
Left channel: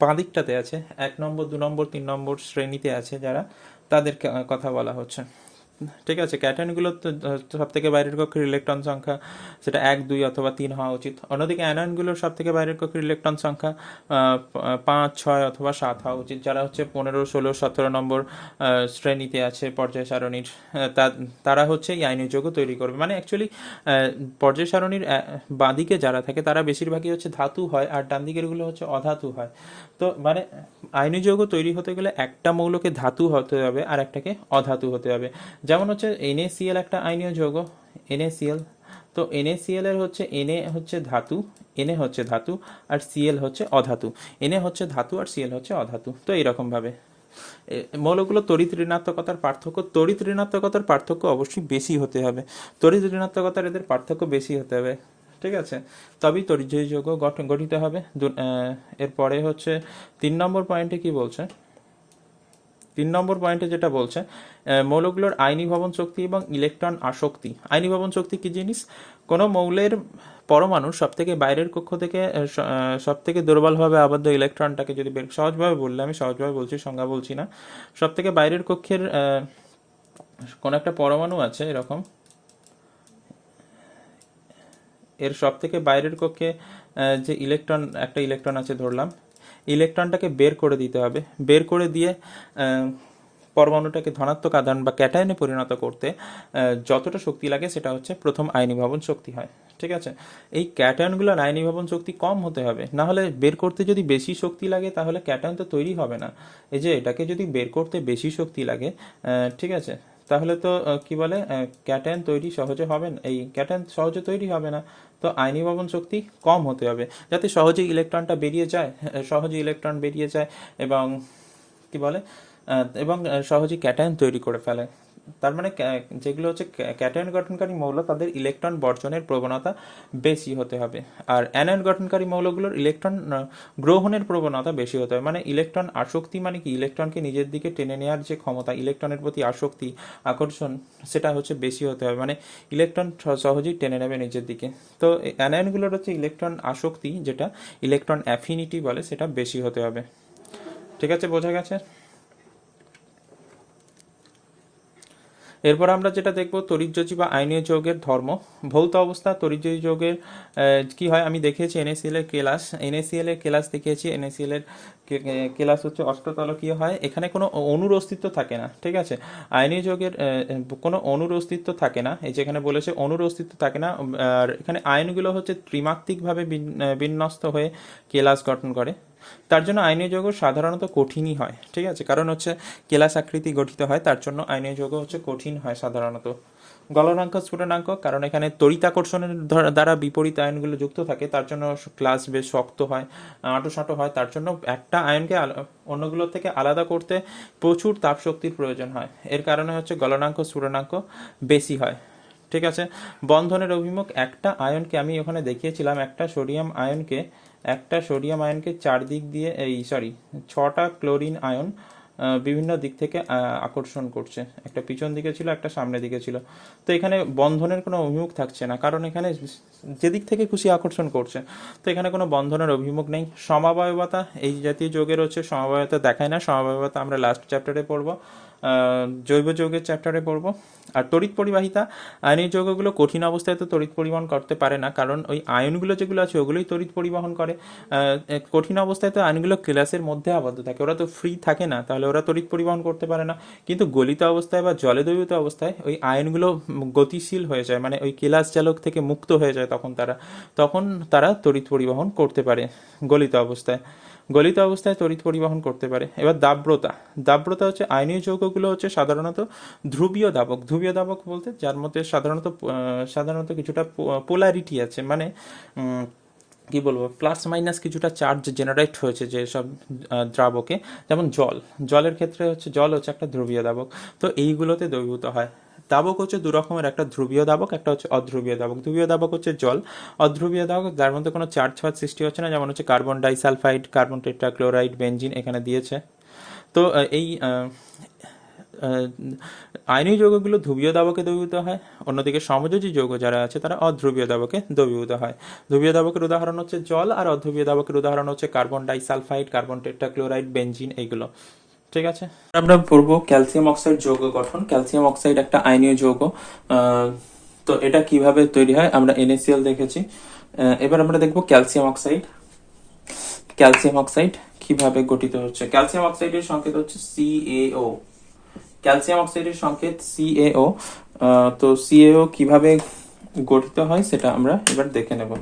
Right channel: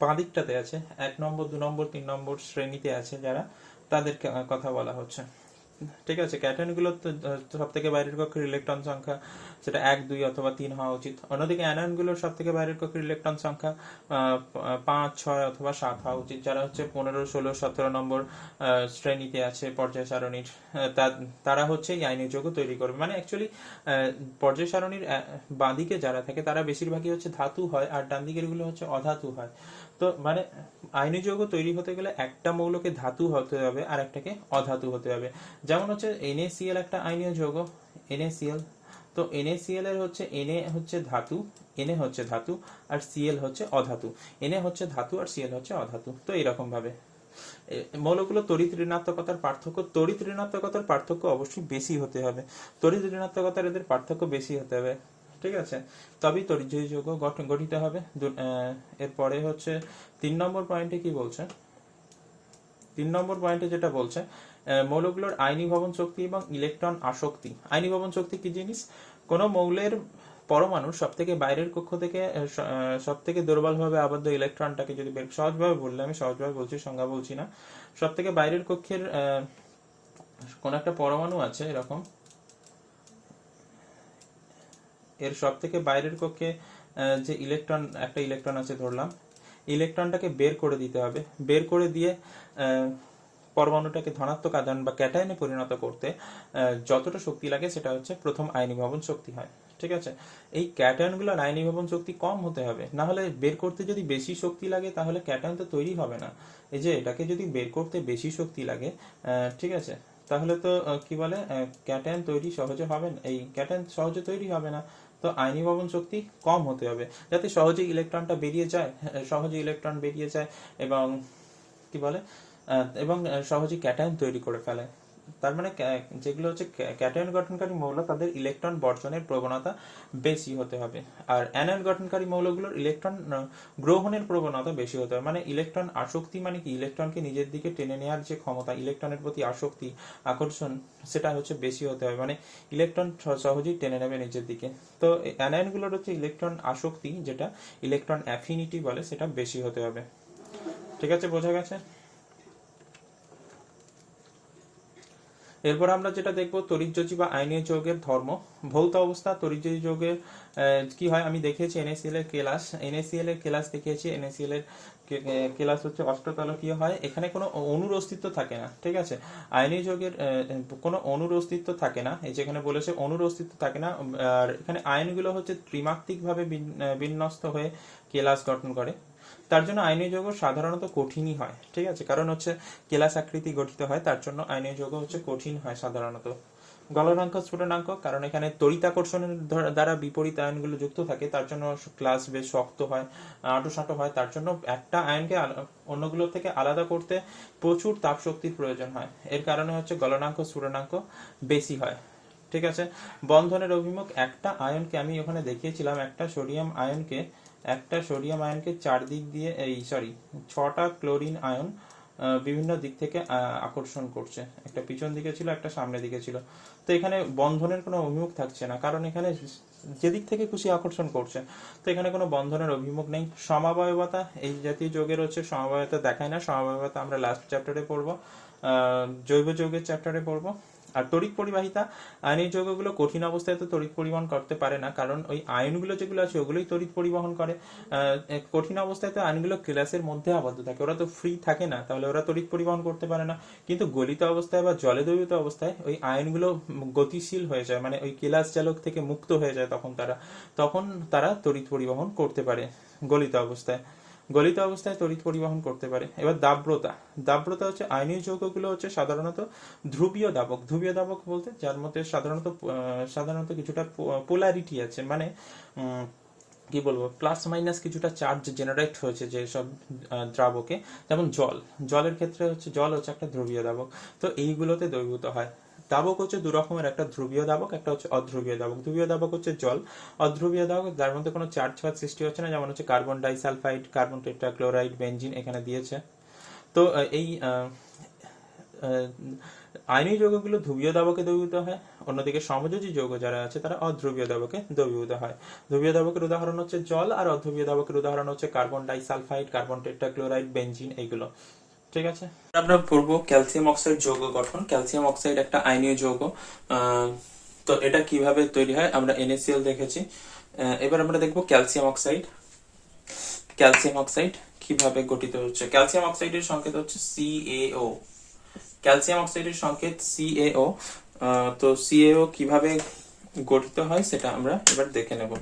বাঁ দিকটাতে আছে, 1 নম্বর, 2 নম্বর, 3 নম্বর শ্রেণীতে আছে যারা, তাদের কথা বলা হচ্ছে। ঠিক আছে, ক্যাটায়নগুলো সব থেকে বাইরের কক্ষের ইলেকট্রন সংখ্যা সেটা 1, 2 অথবা 3 হওয়া উচিত। অন্যদিকে অ্যানায়নগুলোর সব থেকে বাইরের কক্ষের ইলেকট্রন সংখ্যা 5, 6 অথবা 7 হওয়া উচিত। যারা হচ্ছে 15, 16, 17 নম্বর শ্রেণীতে আছে পর্যায় সারণীর, তারা হচ্ছে এই আয়নীয় যৌগ তৈরি করবে। মানে অ্যাকচুয়ালি পর্যায় সারণীর বাঁদিকে যারা থাকে তারা বেশিরভাগই হচ্ছে ধাতু হয়, আর ডান দিকের গুলো হচ্ছে অধাতু হয়। তো মানে আয়নীয় যৌগ তৈরি হতে গেলে একটা মৌলকে ধাতু হতে হবে আর একটাকে অধাতু হতে হবে। যেমন হচ্ছে NaCl একটা আয়নীয় যৌগ, NaCl। তো NaCl এর হচ্ছে Na হচ্ছে ধাতু, Na হচ্ছে ধাতু, আর Cl হচ্ছে অধাতু। Na হচ্ছে ধাতু আর Cl হচ্ছে অধাতু। তো এইরকম ভাবে মৌলগুলো তড়িৎ ঋণাত্মকতার পার্থক্য অবশ্যই বেশি হতে হবে। তড়িৎ ঋণাত্মকতার এদের পার্থক্য বেশি হতে হবে। ঠিক আছে, তবেই তড়িৎযোজী যৌগ গঠিত হবে। এরপরে হচ্ছে 3 নম্বর পয়েন্টে কি বলছে? 3 নম্বর পয়েন্টে যেটা বলছে, মৌলগুলোর আয়নীভবন শক্তি এবং ইলেকট্রন আসক্তি। আয়নীভবন শক্তি কি জিনিস? কোনো মৌলের পরমাণুর সব থেকে বাইরের কক্ষ থেকে সব থেকে দুর্বলভাবে আবদ্ধ ইলেকট্রনটাকে যদি সহজভাবে বললে, আমি সহজভাবে বলছি, সংজ্ঞা বলছি না, সব থেকে বাইরের কক্ষের কোন একটা পরমাণু আছে এরকম, এর সব থেকে বাইরের কক্ষে যে একটা ইলেকট্রন আছে ধরলাম, ইলেকট্রনটাকে বের করে দিতে হবে। বের করে দিয়ে পরমাণুটাকে ধনাত্মক আধান বা ক্যাটায়নে পরিণত করতে যতটা শক্তি লাগে সেটা হচ্ছে প্রথম আয়নীভবন শক্তি হয়। ঠিক আছে, এই ক্যাটায়নগুলোর আয়নীভবন শক্তি কম হতে হবে, না হলে বের করতে যদি বেশি শক্তি লাগে তাহলে ক্যাটায়ন তো তৈরি হবে না। এই যে এটাকে যদি বের করতে বেশি শক্তি লাগে, ঠিক আছে, তাহলে তো কি বলে, ক্যাটায়ন তৈরি সহজে হবে না, এই ক্যাটায়ন সহজে তৈরি হবে না। তো আয়নীভবন শক্তি কম হতে হবে যাতে সহজে ইলেকট্রন বেরিয়ে যায় এবং কি বলে, এবং সহজে ক্যাটায়ন তৈরি করে ফেলে। তার মানে যেগুলো হচ্ছে ক্যাটায়ন গঠনকারী মৌল তাদের ইলেকট্রন বর্জনের প্রবণতা বেশি হতে হবে, আর অ্যানায়ন গঠনকারী মৌলগুলোর ইলেকট্রন গ্রহণের প্রবণতা বেশি হতে হবে। মানে ইলেকট্রন আসক্তি মানে কি, ইলেকট্রনকে নিজের দিকে টেনে নেওয়ার যে ক্ষমতা, ইলেকট্রনের প্রতি আসক্তি, আকর্ষণ, সেটা হচ্ছে বেশি হতে হবে। মানে ইলেকট্রন সহজেই টেনে নেবে নিজের দিকে। তো অ্যানায়নগুলোর হচ্ছে ইলেকট্রন আসক্তি, যেটা ইলেকট্রন অ্যাফিনিটি বলে, সেটা বেশি হতে হবে। ঠিক আছে, বোঝা গেছে? এরপর আমরা যেটা দেখবো তড়িৎযোজী বা আয়নীয় যৌগের ধর্ম। ভৌত অবস্থা তড়িৎযোজী যৌগের কি হয় আমি দেখিয়েছি। NaCl এর কেলাস দেখিয়েছি। NaCl এর কেলাস হচ্ছে অষ্টতলকীয় হয়, এখানে কোনো অণুর অস্তিত্ব থাকে না। ঠিক আছে, আয়নীয় যৌগের কোনো অণুর অস্তিত্ব থাকে না, এই যেখানে বলেছে অণুর অস্তিত্ব থাকে না। আর এখানে আয়নগুলো হচ্ছে ত্রিমাত্রিকভাবে বিন্যস্ত হয়ে কেলাস গঠন করে। তার জন্য আয়নীয় যৌগ সাধারণত কঠিনই হয়। ঠিক আছে, কারণ হচ্ছে কেলাস আকৃতি গঠিত হয়, তার জন্য আয়নীয় যৌগ হচ্ছে কঠিন হয় সাধারণত। গলনাঙ্ক স্ফুটনাঙ্ক, কারণ এখানে তড়িতাকর্ষণের দ্বারা বিপরীত আয়নগুলো যুক্ত থাকে, তার জন্য ক্লাস বেশ শক্ত হয়, আঁটোসাঁটো হয়। তার জন্য একটা আয়নকে অন্যগুলোর থেকে আলাদা করতে প্রচুর তাপ শক্তির প্রয়োজন হয়, এর কারণে হচ্ছে গলনাঙ্ক স্ফুটনাঙ্ক বেশি হয়। ঠিক আছে, বন্ধনের অভিমুখ, একটা আয়নকে আমি ওখানে দেখিয়েছিলাম, একটা সোডিয়াম আয়নকে চারদিক দিয়ে 6টা ক্লোরিন আয়ন বিভিন্ন দিক থেকে আকর্ষণ করছে। একটা পিছন দিকে ছিল, একটা সামনের দিকে ছিল। তো এখানে বন্ধনের কোনো অভিমুখ থাকছে না, কারণ এখানে যেদিক থেকে খুশি আকর্ষণ করছে। তো এখানে কোনো বন্ধনের অভিমুখ নেই। সমাবয়বতা, এই জাতীয় যৌগের হচ্ছে সমাবয়বতা দেখায় না। সমাবয়বতা আমরা লাস্ট চ্যাপ্টারে পড়বো। জৈব যৌগের চ্যাপ্টারে পড়বো। আর তড়িৎ পরিবাহিতা, আয়নীয় যৌগগুলো কঠিন অবস্থায় তো তড়িৎ পরিবহন করতে পারে না, কারণ ওই আয়নগুলো যেগুলো আছে ওগুলোই তড়িৎ পরিবহন করে। কঠিন অবস্থায় তো আয়নগুলো ক্লাসের মধ্যে আবদ্ধ থাকে, ওরা তো ফ্রি থাকে না, তাহলে ওরা তড়িৎ পরিবহন করতে পারে না। কিন্তু গলিত অবস্থায় বা জলে দ্রবীভূত অবস্থায় ওই আয়নগুলো গতিশীল হয়ে যায়, মানে ওই কেলাস চালক থেকে মুক্ত হয়ে যায়, তখন তারা তড়িৎ পরিবহন করতে পারে গলিত অবস্থায়। গলিত অবস্থায় তড়িৎ পরিবহন করতে পারে। এবার দাব্রতা, দাব্রতা হচ্ছে আয়নীয় যৌগগুলো হচ্ছে সাধারণত ধ্রুবীয় দাবক। ধ্রুবীয় দাবক বলতে যার মধ্যে সাধারণত কিছুটা পোলারিটি আছে, মানে কি বলবো, প্লাস মাইনাস কিছুটা চার্জ জেনারেট হয়েছে যেসব দ্রাবকে, যেমন জলের ক্ষেত্রে হচ্ছে জল হচ্ছে একটা ধ্রুবীয় দাবক। তো এইগুলোতে দ্রবীভূত হয়। দাবক হচ্ছে দু রকমের, একটা ধ্রুবীয় দাবক, একটা হচ্ছে অধ্রুবীয় দাবক। ধ্রুবীয় দাবক হচ্ছে জল, অধ্রুবীয় দাবক যার মধ্যে কোনো চার্জ ফার্জ সৃষ্টি হচ্ছে না, যেমন হচ্ছে carbon disulphide, carbon tetrachloride, benzene এখানে দিয়েছে। তো এই আয়নীয় যৌগগুলো ধ্রুবীয় দাবকে দ্রবীভূত হয়, অন্যদিকে সমযোজী যৌগ যারা আছে তারা অধ্রুবীয় দাবকে দ্রবীভূত হয়। ধ্রুবীয় দাবকের উদাহরণ হচ্ছে জল, আর অধ্রুবীয় দাবকের উদাহরণ হচ্ছে carbon disulphide, carbon tetrachloride, benzene এইগুলো। ঠিক আছে, আমরা পড়বো ক্যালসিয়াম অক্সাইড যৌগ গঠন। ক্যালসিয়াম অক্সাইড একটা আয়নীয় যৌগ। তো এটা কিভাবে তৈরি হয়, আমরা NaCl দেখেছি। এবার আমরা দেখবো ক্যালসিয়াম অক্সাইড। ক্যালসিয়াম অক্সাইড কিভাবে গঠিত হচ্ছে। ক্যালসিয়াম অক্সাইডের সংকেত হচ্ছে CaO। ক্যালসিয়াম অক্সাইডের সংকেত CaO। তো CaO কিভাবে গঠিত হয় সেটা আমরা এবার দেখে নেব।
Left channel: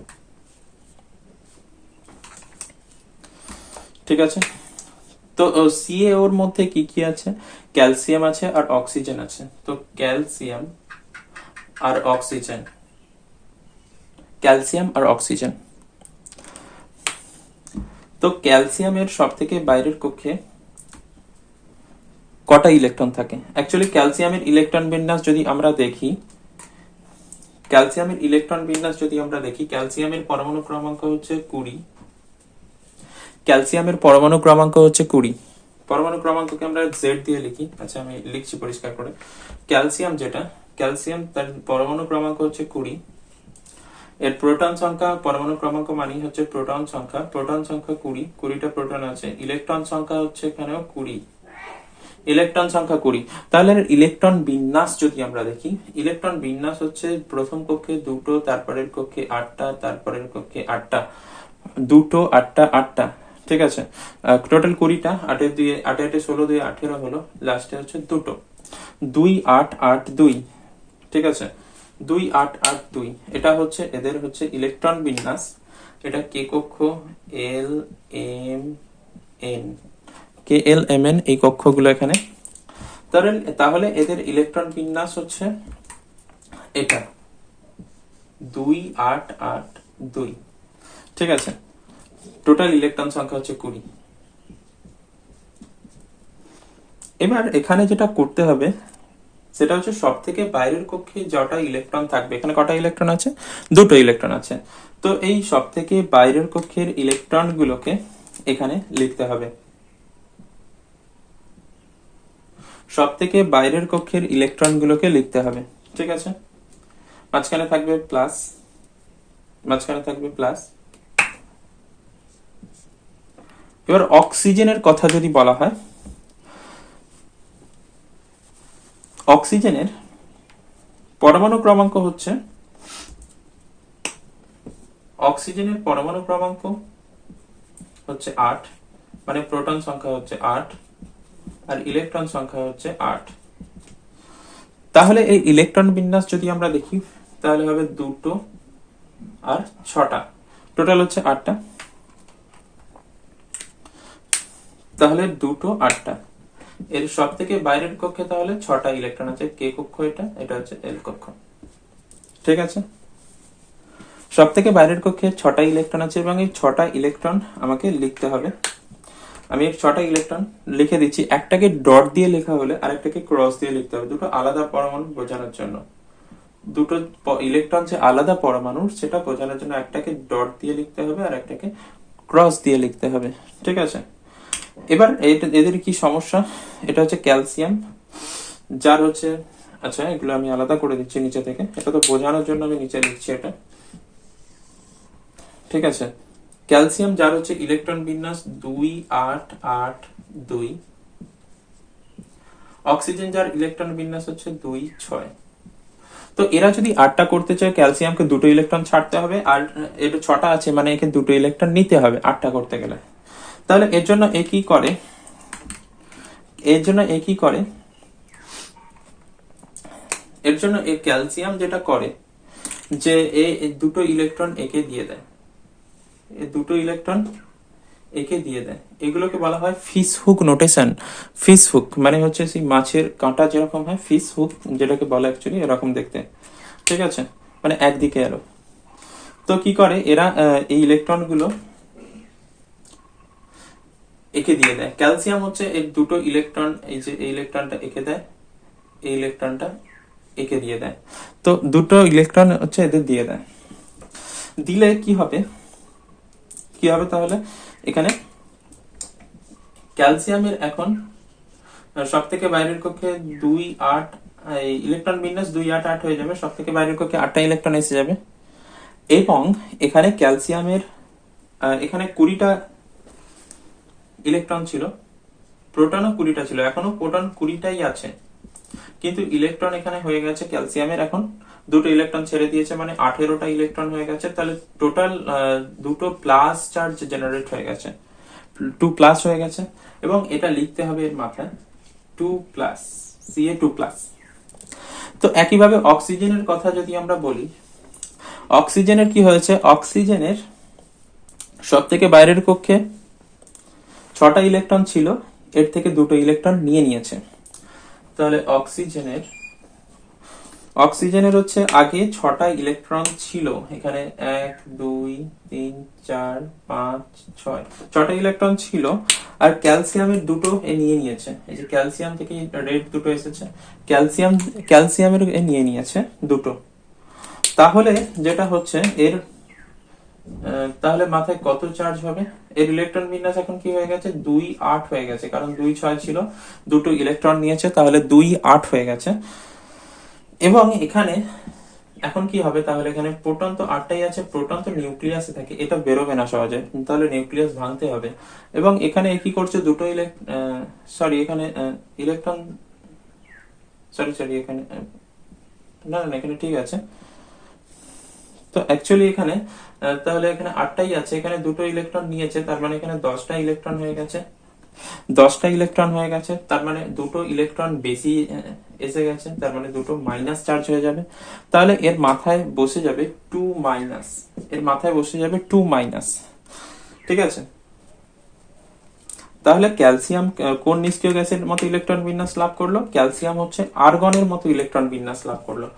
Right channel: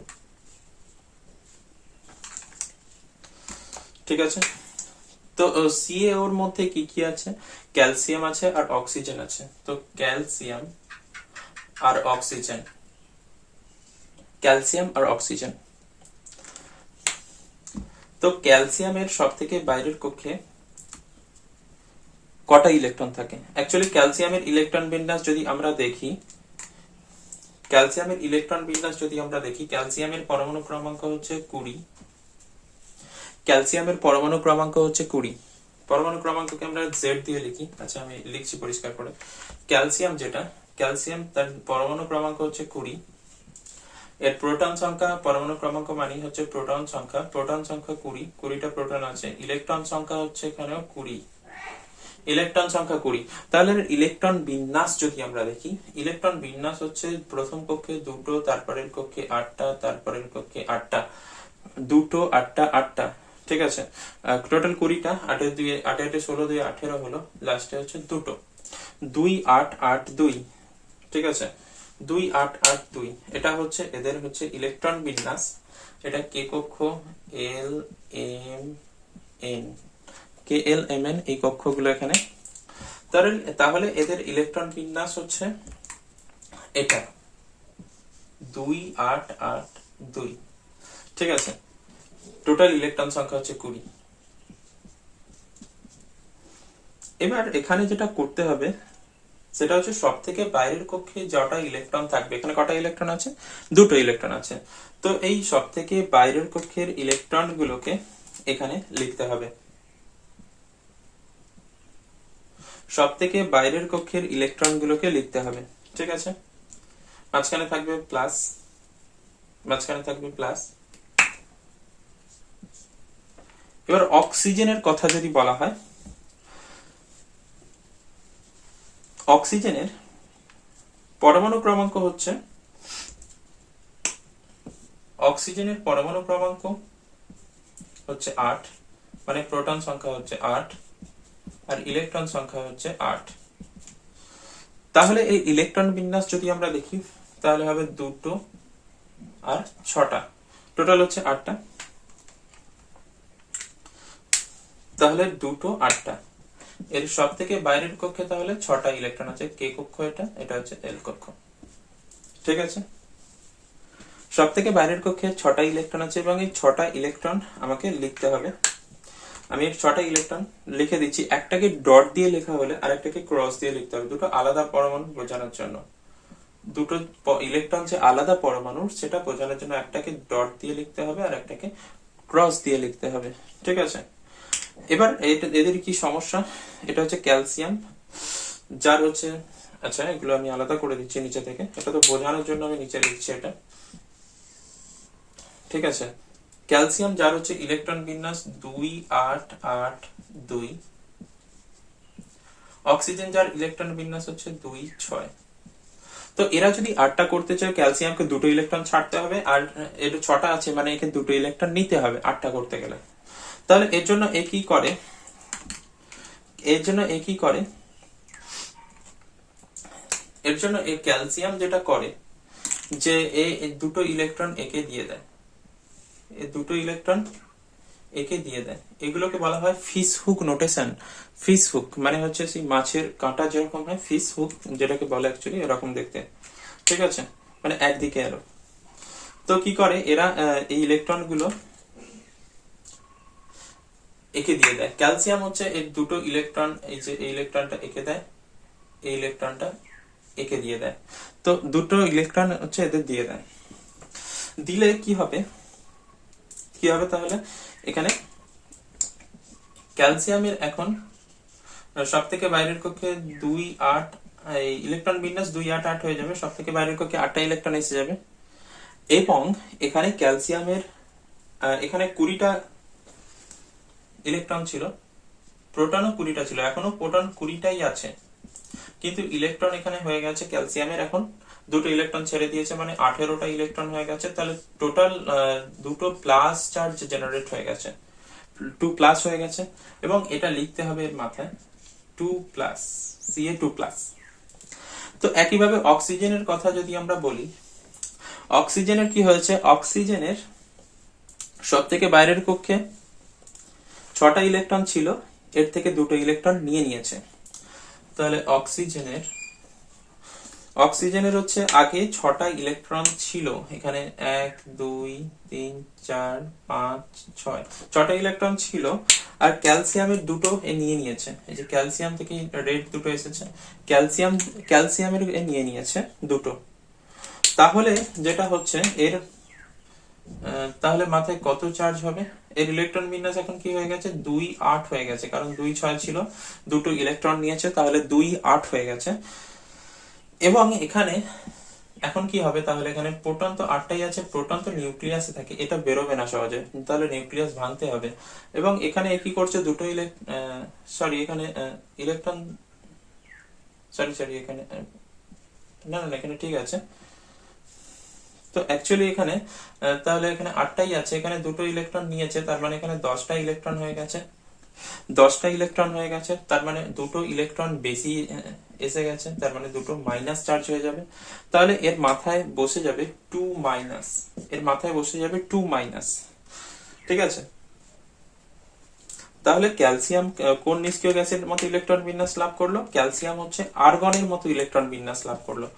ঠিক আছে, তো CaO এর মধ্যে কি কি আছে, ক্যালসিয়াম আছে আর অক্সিজেন আছে। তো ক্যালসিয়াম আর অক্সিজেন, ক্যালসিয়াম আর অক্সিজেন। তো ক্যালসিয়ামের সব থেকে বাইরের কক্ষে কটা ইলেকট্রন থাকে। অ্যাকচুয়ালি ক্যালসিয়ামের ইলেকট্রন বিন্যাস যদি আমরা দেখি, ক্যালসিয়ামের পরমাণু ক্রমাঙ্ক হচ্ছে 20। ক্যালসিয়ামের পরমাণু ক্রমাঙ্ক হচ্ছে 20। পরমাণু ক্রমাঙ্ককে আমরা Z দিয়ে লিখি। আচ্ছা, আমি লিখছি পরিষ্কার করে। ক্যালসিয়াম তার পরমাণু ক্রমাঙ্ক হচ্ছে 20। এর প্রোটন সংখ্যা, পরমাণু ক্রমাঙ্ক মানে হচ্ছে প্রোটন সংখ্যা 20। 20টা প্রোটন আছে। ইলেকট্রন সংখ্যা হচ্ছে এখানেও 20। ইলেকট্রন সংখ্যা 20। তাহলে ইলেকট্রন বিন্যাস যদি আমরা দেখি, ইলেকট্রন বিন্যাস হচ্ছে প্রথম কক্ষে 2টো, তারপরের কক্ষে 8টা, তারপরের কক্ষে 8টা, 2টো 8টা 8টা। ঠিক আছে, টোটাল 20টা। 8 এর 2 8 8 16 2 18 হলো, লাস্টে হচ্ছে 2টো। 2 8 8 2। ঠিক আছে, 2 8 8 2। এটা হচ্ছে এদের হচ্ছে ইলেকট্রন বিন্যাস। এটা কে কক্ষ, L M N, KL MN এই কক্ষগুলো এখানে। তাহলে এদের ইলেকট্রন বিন্যাস হচ্ছে এটা 2 8 8 2। ঠিক আছে, টোটাল ইলেকট্রন সংখ্যা হচ্ছে 20। এবার এখানে যেটা করতে হবে সেটা হচ্ছে সব থেকে বাইরের কক্ষে যটা ইলেকট্রন থাকবে, এখানে কটা ইলেকট্রন আছে, 2টো ইলেকট্রন আছে। তো এই সব থেকে বাইরের কক্ষের ইলেকট্রন গুলোকে এখানে লিখতে হবে। সব থেকে বাইরের কক্ষের ইলেকট্রন গুলোকে লিখতে হবে। ঠিক আছে, মাঝখানে থাকবে প্লাস, মাঝখানে থাকবে প্লাস। এবার অক্সিজেনের কথা যদি বলা হয়, অক্সিজেনের পরমাণু ক্রমাঙ্ক হচ্ছে, অক্সিজেনের পরমাণু ক্রমাঙ্ক হচ্ছে 8, মানে প্রোটন সংখ্যা হচ্ছে 8 আর ইলেকট্রন সংখ্যা হচ্ছে 8। তাহলে এই ইলেকট্রন বিন্যাস যদি আমরা দেখি তাহলে হবে 2টো আর 6টা, টোটাল হচ্ছে 8টা। তাহলে 2টো 8টা। এর সব থেকে বাইরের কক্ষে তাহলে 6টা ইলেকট্রন আছে। কে কক্ষ এটা হচ্ছে L কক্ষ। ঠিক আছে, সব থেকে বাইরের কক্ষে 6টা ইলেকট্রন আছে এবং এই 6টা ইলেকট্রন আমাকে লিখতে হবে। আমি এই 6টা ইলেকট্রন লিখে দিচ্ছি। একটাকে ডট দিয়ে লেখা হলে আর একটাকে ক্রস দিয়ে লিখতে হবে, দুটো আলাদা পরমাণু বোঝানোর জন্য। দুটো ইলেকট্রন যে আলাদা পরমাণু সেটা বোঝানোর জন্য একটাকে ডট দিয়ে লিখতে হবে আর একটাকে ক্রস দিয়ে লিখতে হবে। ঠিক আছে, এবার এদের কি সমস্যা, এটা হচ্ছে ক্যালসিয়াম যার হচ্ছে, আচ্ছা এগুলো আমি আলাদা করে দিচ্ছি নিচে থেকে, এটা তো বোঝানোর জন্য আমি নিচে লিখছি এটা। ঠিক আছে, ক্যালসিয়াম যার হচ্ছে ইলেকট্রন বিন্যাস 2 8 8 2। অক্সিজেন যার ইলেকট্রন বিন্যাস হচ্ছে 2, 6। তো এরা যদি 8টা করতে চায়, ক্যালসিয়ামকে 2টো ইলেকট্রন ছাড়তে হবে, আর এটা 6টা আছে মানে একে 2টো ইলেকট্রন নিতে হবে 8টা করতে গেলে। তাহলে এর জন্য এ কি করে, এর জন্য এ কি করে, এর জন্য এই ক্যালসিয়াম যেটা করে যে এই 2টো ইলেকট্রন একে দিয়ে দেয়, এই 2টো ইলেকট্রন একে দিয়ে দেয়। এগুলোকে বলা হয় fish hook notation. Fish hook মানে হচ্ছে সেই মাছের কাঁটা যেরকম হয়, ফিশ হুক যেটাকে বলে অ্যাকচুয়ালি এরকম দেখতে, ঠিক আছে, মানে একদিকে এলো। তো কি করে এরা, এই ইলেকট্রন গুলো একে দিয়ে দেয়। ক্যালসিয়াম হচ্ছে এর 2টো ইলেকট্রন, এই যে এই ইলেকট্রনটা একে দেয়, এই ইলেকট্রনটা একে দিয়ে দেয়। তো 2টো ইলেকট্রন হচ্ছে এদের দিয়ে দেয়। দিলে কি হবে, কি হবে তাহলে, এখানে ক্যালসিয়ামের এখন সব থেকে বাইরের কক্ষে 2, 8, ইলেকট্রন বিন্যাস 2, 8, 8 হয়ে যাবে, সব থেকে বাইরের কক্ষে 8টা ইলেকট্রন এসে যাবে। এবং এখানে ক্যালসিয়ামের এখানে 20টা ইলেকট্রন ছিল, প্রোটনও 20টা ছিল, এখনো প্রোটন 20টাই আছে, কিন্তু ইলেকট্রন এখানে হয়ে গেছে ক্যালসিয়ামের এখন 2টো ইলেকট্রন ছেড়ে দিয়েছে, মানে 18টা ইলেকট্রন হয়ে গেছে। তাহলে টোটাল 2টো প্লাস চার্জ জেনারেট হয়ে গেছে, 2+ হয়ে গেছে। এবং এটা লিখতে হবে এর মাথায় 2+, Ca2+। তো একইভাবে অক্সিজেনের কথা যদি আমরা বলি, অক্সিজেনের কি হয়েছে, অক্সিজেনের সব থেকে বাইরের কক্ষে 6টা ইলেকট্রন ছিল, এর থেকে 2টো ইলেকট্রন নিয়ে নিয়েছে। তাহলে অক্সিজেনের হচ্ছে আগে 6টা ইলেকট্রন ছিল, এখানে 1, 2, 3, 4, 5, 6, 6টা ইলেকট্রন ছিল। আর ক্যালসিয়ামের 2টো এ নিয়ে নিয়েছে, এই যে ক্যালসিয়াম থেকে রেড 2টো এসেছে, ক্যালসিয়ামের এ নিয়ে নিয়েছে 2টো। তাহলে যেটা হচ্ছে এর, তাহলে মাথায় কত চার্জ হবে, এর ইলেকট্রন বিন্যাস এখন কি হয়ে গেছে, 2, 8 হয়ে গেছে, কারণ 2, 6 ছিল, 2টো ইলেকট্রন নিয়েছে, তাহলে 2, 8 হয়ে গেছে। এবং এখানে এখন কি হবে, তাহলে এখানে প্রোটন তো 8টাই আছে, প্রোটন তো নিউক্লিয়াসে থাকে, এটা বেরোবে না সহজে, তাহলে নিউক্লিয়াস ভাঙতে হবে। এবং এখানে কি করছে, দুটো সরি এখানে ইলেকট্রন, সরি এখানে না না এখানে ঠিক আছে। তো অ্যাকচুয়ালি এখানে তাহলে এখানে 8টাই আছে, এখানে 2টো ইলেকট্রন নিয়েছে, তার মানে এখানে 10টা ইলেকট্রন হয়ে গেছে, 10টা ইলেকট্রন হয়ে গেছে, তার মানে 2টো ইলেকট্রন বেশি এসে গেছে, তার মানে 2টো মাইনাস চার্জ হয়ে যাবে। তাহলে এর মাথায় বসে যাবে 2-, এর মাথায় বসে যাবে 2-। ঠিক আছে, তাহলে ক্যালসিয়াম কোন নিষ্ক্রিয় গ্যাসের মতো ইলেকট্রন বিন্যাস লাভ করলো, ক্যালসিয়াম হচ্ছে আর্গনের মতো ইলেকট্রন বিন্যাস লাভ করলো,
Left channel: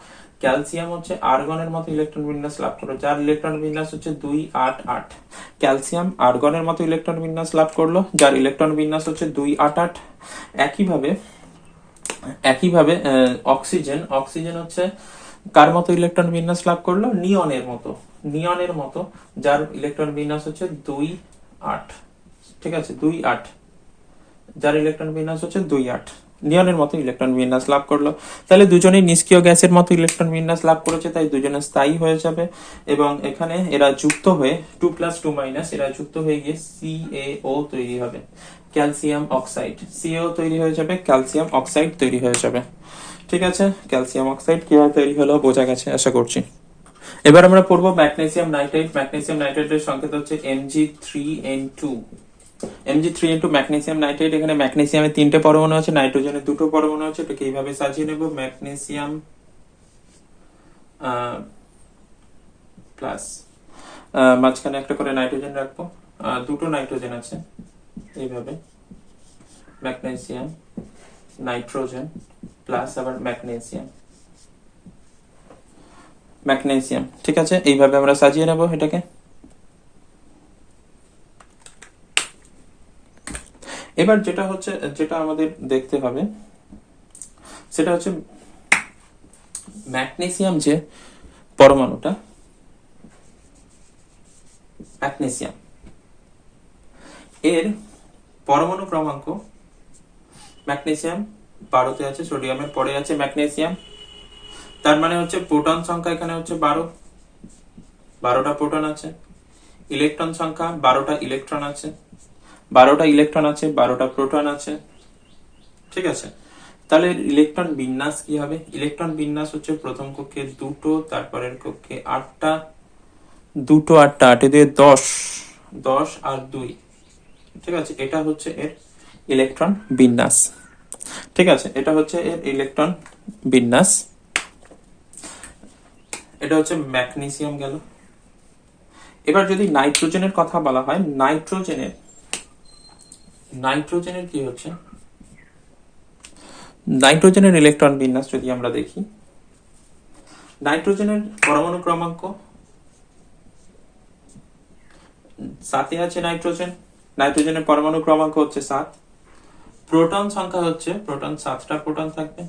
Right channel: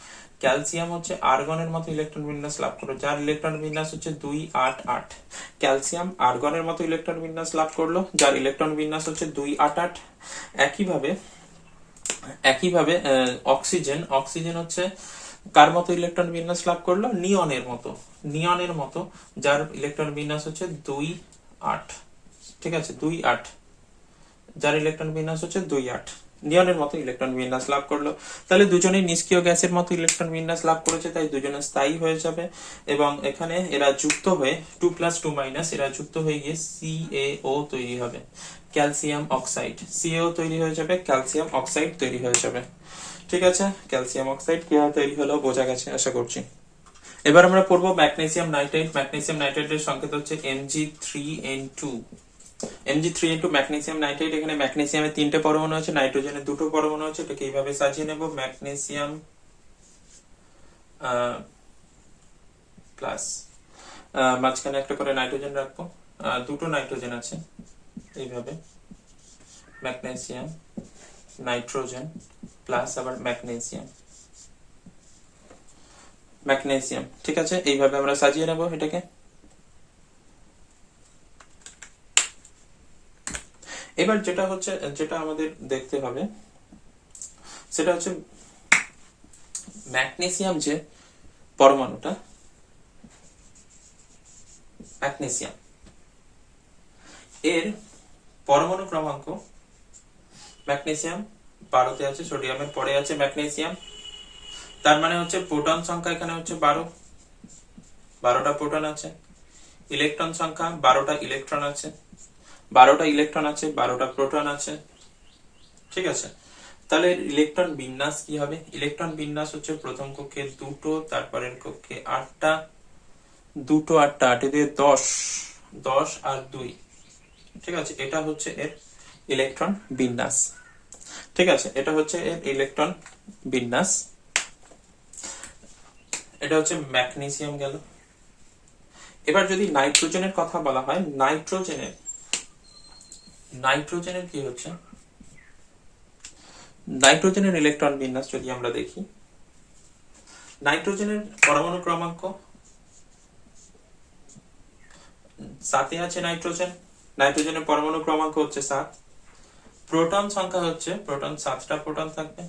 ক্যালসিয়াম হচ্ছে আর্গনের মতো ইলেকট্রন বিন্যাস লাভ করলো, যার ইলেকট্রন বিন্যাস হচ্ছে 2-8-8। ক্যালসিয়াম আর্গনের মতো ইলেকট্রন বিন্যাস লাভ করলো, যার ইলেকট্রন বিন্যাস হচ্ছে 2-8-8। একইভাবে একইভাবে অক্সিজেন হচ্ছে কার মতো ইলেকট্রন বিন্যাস লাভ করলো, নিয়নের মতো, যার ইলেকট্রন বিন্যাস হচ্ছে 2-8। ঠিক আছে, 2-8, যার ইলেকট্রন বিন্যাস হচ্ছে 2-8, নিয়নের মতো ইলেকট্রন বিন্যাস লাভ করলো। তাহলে দুজনেই নিষ্ক্রিয় গ্যাসের মতো ইলেকট্রন বিন্যাস লাভ করেছে, তাই দুজনে স্থায়ী হয়ে যাবে। এবং এখানে এরা যুক্ত হয়ে 2+2- এরা যুক্ত হয়ে গিয়ে CaO তৈরি হবে, ক্যালসিয়াম অক্সাইড। CaO তৈরি হয়ে যাবে, ক্যালসিয়াম অক্সাইড তৈরি হয়ে যাবে। ঠিক আছে, ক্যালসিয়াম অক্সাইড কিভাবে তৈরি হলো বোঝা গেছে আশা করছি। এবার আমরা পড়বো ম্যাগনেসিয়াম নাইট্রেট। ম্যাগনেসিয়াম নাইট্রেটের সংকেত হচ্ছে Mg3N2। Mg3N2 magnesium nitrate. এখানে ম্যাগনেসিয়ামের 3টে পরমাণু আছে, নাইট্রোজেনের 2টো পরমাণু আছে। এটাকে এইভাবে সাজিয়ে নেব, ম্যাগনেসিয়াম প্লাস, মাঝখানে একটা করে নাইট্রোজেন রাখবো, 2টো নাইট্রোজেন আছে, এইভাবে ম্যাগনেসিয়াম, নাইট্রোজেন প্লাস আবার ম্যাগনেসিয়াম। ঠিক আছে, এইভাবে আমরা সাজিয়ে নেব এটাকে। এবার যেটা আমাদের দেখতে হবে সেটা হচ্ছে ম্যাগনেসিয়াম, যে পরমাণুটা ম্যাগনেসিয়াম, এর পরমাণু ক্রমাঙ্ক, ম্যাগনেসিয়াম 12তে আছে, সোডিয়ামের পরে আছে ম্যাগনেসিয়াম, তার মানে হচ্ছে প্রোটন সংখ্যা এখানে হচ্ছে 12টা প্রোটন আছে, ইলেকট্রন সংখ্যা 12টা ইলেকট্রন আছে, 12টা ইলেকট্রন আছে, 12টা প্রোটন আছে। ঠিক আছে, তাহলে ইলেকট্রন বিন্যাস কি হবে? ইলেকট্রন বিন্যাস হচ্ছে প্রথম কক্ষে দুটো, তারপরের কক্ষে 8টা, দুটো 8টা, 8 দিয়ে 10, 10 আর 2, ঠিক আছে, এটা হচ্ছে এর ইলেকট্রন বিন্যাস। ঠিক আছে, এটা হচ্ছে এর ইলেকট্রন বিন্যাস। এটা হচ্ছে ম্যাগনেসিয়াম গেল। এবার যদি নাইট্রোজেনের কথা বলা হয়, নাইট্রোজেনের কি হচ্ছে, নাইট্রোজেনের ইলেকট্রন বিন্যাস যদি আমরা দেখি, নাইট্রোজেনের পরমাণু ক্রমাঙ্ক 7 আছে। নাইট্রোজেনের পরমাণু ক্রমাঙ্ক হচ্ছে 7। প্রোটন সংখ্যা হচ্ছে, প্রোটন 7টা প্রোটন থাকবে,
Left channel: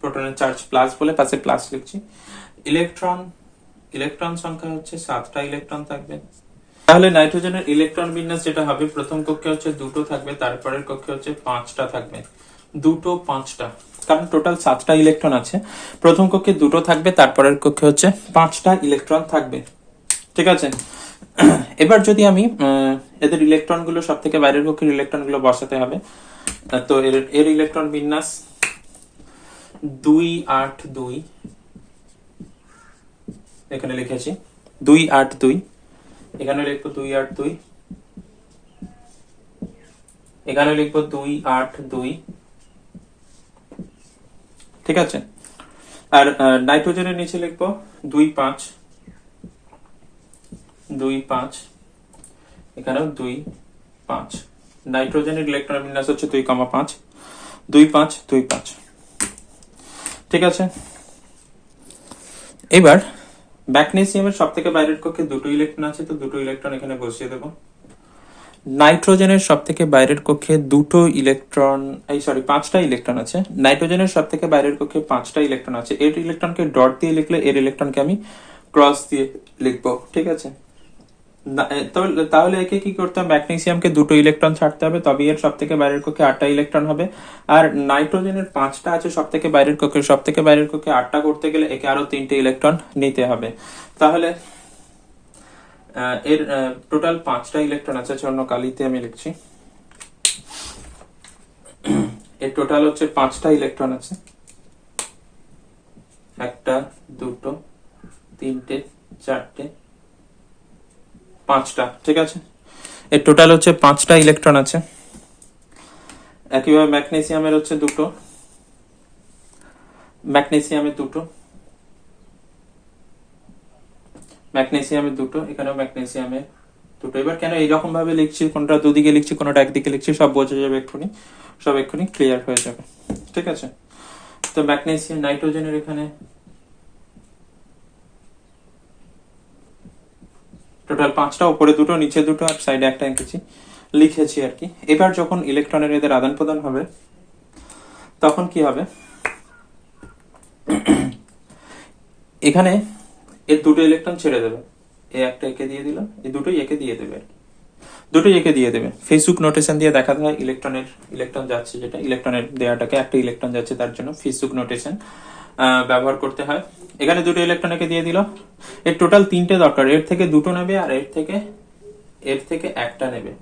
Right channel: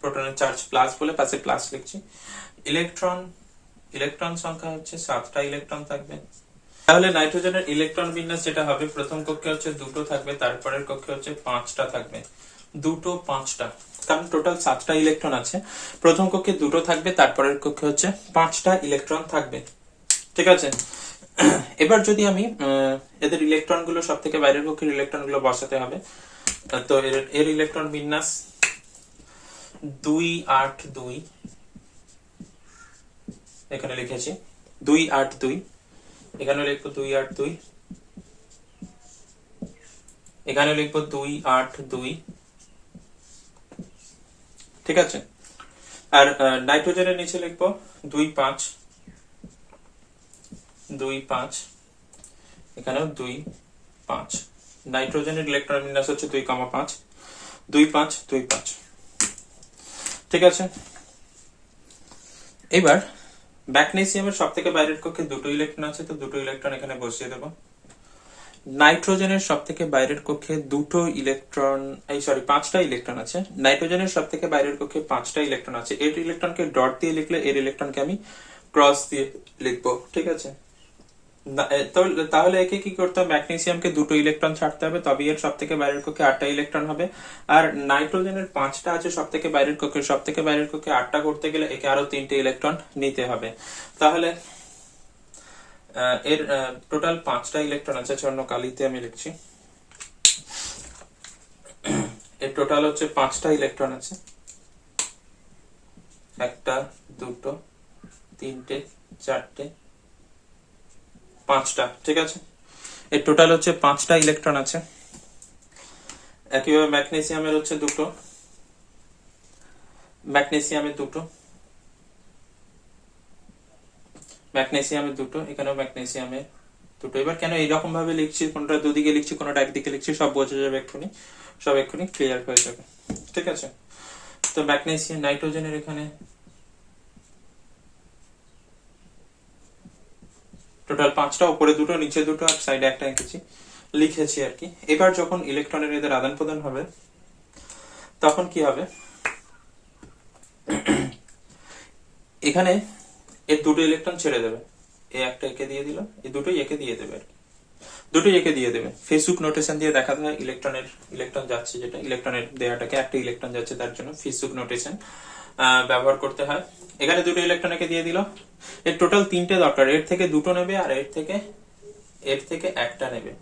প্রোটনের চার্জ প্লাস বলে পাশে প্লাস লিখছি। ইলেকট্রন সংখ্যা হচ্ছে 7টা ইলেকট্রন থাকবে। তাহলে নাইট্রোজেনের ইলেকট্রন বিন্যাস যেটা হবে, প্রথম কক্ষে হচ্ছে 2টো থাকবে, তারপরের কক্ষে হচ্ছে 5টা থাকবে। 2টো 5টা, কারণ টোটাল 7টা ইলেকট্রন আছে। প্রথম কক্ষে 2টো থাকবে, তারপরের কক্ষে হচ্ছে 5টা ইলেকট্রন থাকবে। ঠিক আছে, এবার যদি আমি এদের ইলেকট্রন গুলো সব থেকে বাইরের কক্ষের ইলেকট্রন গুলো বসাতে হবে, তো এর ইলেকট্রন বিন্যাস 2 8 2, এখানে লিখেছি 2 8 2, এখানে লিখবো 2 8 2, এখানে লিখবো 2 8 2। ঠিক আছে, আর নাইট্রোজেনের নিচে লিখবো 2 5 2 5, এখানেও 2 5। নাইট্রোজেনের ইলেকট্রন বিন্যাস হচ্ছে 2 5 2 5 2 5। ঠিক আছে, এবার ম্যাগনেসিয়ামের সব থেকে বাইরের কক্ষে 2টো ইলেকট্রন আছে, তো 2টো ইলেকট্রন এখানে বসিয়ে দেবো। নাইট্রোজেনের সব থেকে বাইরের কক্ষে 2টো ইলেকট্রন, 5টা ইলেকট্রন আছে। নাইট্রোজেনের সব থেকে বাইরের কক্ষে 5টা ইলেকট্রন আছে। এর ইলেকট্রনকে ডট দিয়ে লিখলে এর ইলেকট্রনকে আমি ক্রস দিয়ে লিখবো। ঠিক আছে, তাহলে একে কি করতে হবে, ম্যাগনেসিয়ামকে 2টো ইলেকট্রন ছাড়তে হবে, তবে এর সব থেকে বাইরের কক্ষে 8টা ইলেকট্রন হবে। আর নাইট্রোজেনের 5টা আছে সব থেকে বাইরের কক্ষে, সব থেকে বাইরের কক্ষে 8টা করতে গেলে একে আরো 3টে ইলেকট্রন নিতে হবে। তাহলে এর টোটাল 5টা ইলেকট্রন আছে, অন্য কালিতে আমি লিখছি। এর টোটাল হচ্ছে 5টা ইলেকট্রন আছে, 1টা 2টো 3টে 4টে 5টা। ঠিক আছে, এর টোটাল হচ্ছে 5টা ইলেকট্রন আছে। একইভাবে ম্যাগনেসিয়ামের হচ্ছে 2টো, ম্যাগনেসিয়ামের 2টো, এখানেও ম্যাগনেসিয়ামের 2টো। এবার কেন এইরকম ভাবে লিখছি, কোনটা দুদিকে লিখছি কোনটা একদিকে লিখছি, সব বোঝা যাবে এক্ষুনি, সব এক্ষুনি ক্লিয়ার হয়ে যাবে। ঠিক আছে, তো ম্যাগনেসিয়াম, নাইট্রোজেনের এখানে টোটাল 5টা, উপরে 2টো নিচে 2টো আর সাইডে একটা লিখেছি আর কি। এবার যখন ইলেকট্রনের এদের আদান প্রদান হবে, তখন কি হবে, এখানে এর 2টো ইলেকট্রন ছেড়ে দেবে, একটা একে দিয়ে দিল, এই দুটোই একে দিয়ে দেবে, দুটোই একে দিয়ে দেবে। ফেসবুক নোটেশন দিয়ে দেখাতে হয় ইলেকট্রন যাচ্ছে, যেটা ইলেকট্রনের দেওয়াটাকে একটা ইলেকট্রন যাচ্ছে, তার জন্য ফেসবুক নোটেশন ব্যবহার করতে হয়। এখানে 2টো ইলেকট্রন একে দিয়ে দিল, এর টোটাল 3টে দরকার, এর থেকে 2টো নেবে আর এর থেকে একটা নেবে,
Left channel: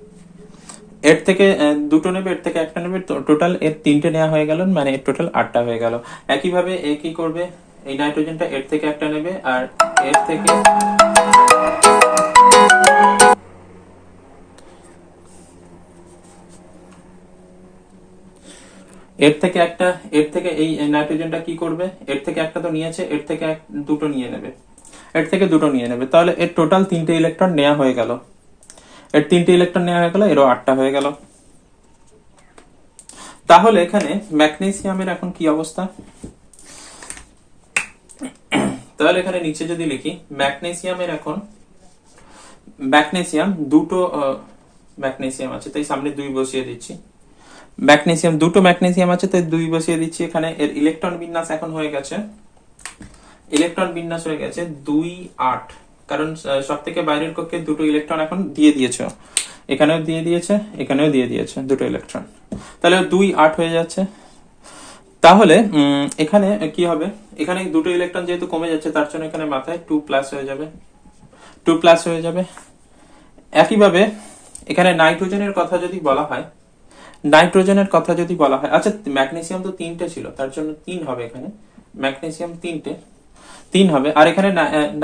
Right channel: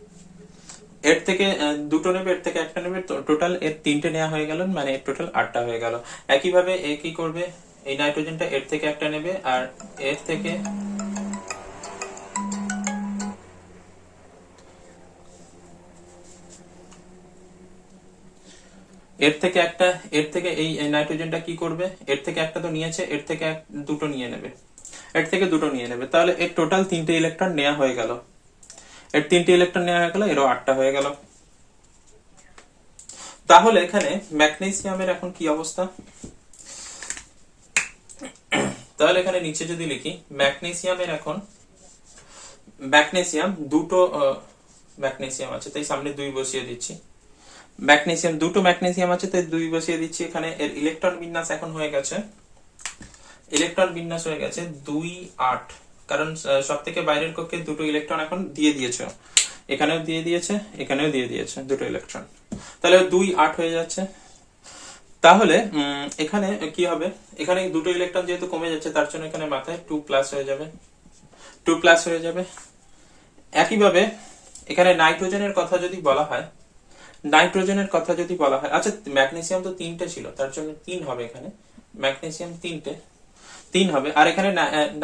এর থেকে 2টো নেবে, এর থেকে একটা নেবে, টোটাল এর 3টে নেওয়া হয়ে গেল, মানে এর টোটাল 8টা হয়ে গেল। একইভাবে এ কি করবে, এই নাইট্রোজেনটা এর থেকে একটা নেবে আর এর থেকে একটা, এর থেকে এই নাইট্রোজেনটা কি করবে, এর থেকে একটা তো নিয়েছে, এর থেকে 2টো নিয়ে নেবে, এর থেকে 2টো নিয়ে নেবে, তাহলে এর টোটাল 3টে ইলেকট্রন নেওয়া হয়ে গেল, এর 3টে ইলেকট্রন নেওয়া হয়ে গেল, এরও 8টা হয়ে গেল। তাহলে এখানে ম্যাগনেসিয়ামের এখন কি অবস্থা, তাহলে এখানে নিচে যদি লিখি, ম্যাগনেসিয়ামের এখন, ম্যাগনেসিয়াম 2টো ম্যাগনেসিয়াম আছে, তাই সামনে 2 বসিয়ে দিচ্ছি। ম্যাগনেসিয়াম 2টো ম্যাগনেসিয়াম আছে, তাই 2 বসিয়ে দিচ্ছি এখানে। এর ইলেকট্রন বিন্যাস এখন হয়ে গেছে, 2 8, কারণ সব থেকে বাইরের কক্ষে 2টো ইলেকট্রন এখন দিয়ে দিয়েছে, এখানেও দিয়ে দিয়েছে, এখানেও দিয়ে দিয়েছে 2টো ইলেকট্রন, তাহলে 2 8 হয়ে যাচ্ছে। তাহলে এখানে কি হবে, এখানে 2টো ইলেকট্রন যেহেতু কমে যাচ্ছে, তার জন্য এখানে মাথায় 2 প্লাস হয়ে যাবে, 2 প্লাস হয়ে যাবে। একইভাবে এখানে নাইট্রোজেনের কথা যদি বলা হয়, নাইট্রোজেনের কথা যদি বলা হয়, আচ্ছা ম্যাগনেসিয়াম তো 3টে ছিল, তার জন্য 3 হবে এখানে, ম্যাগনেসিয়াম 3 হবে। আর এখানে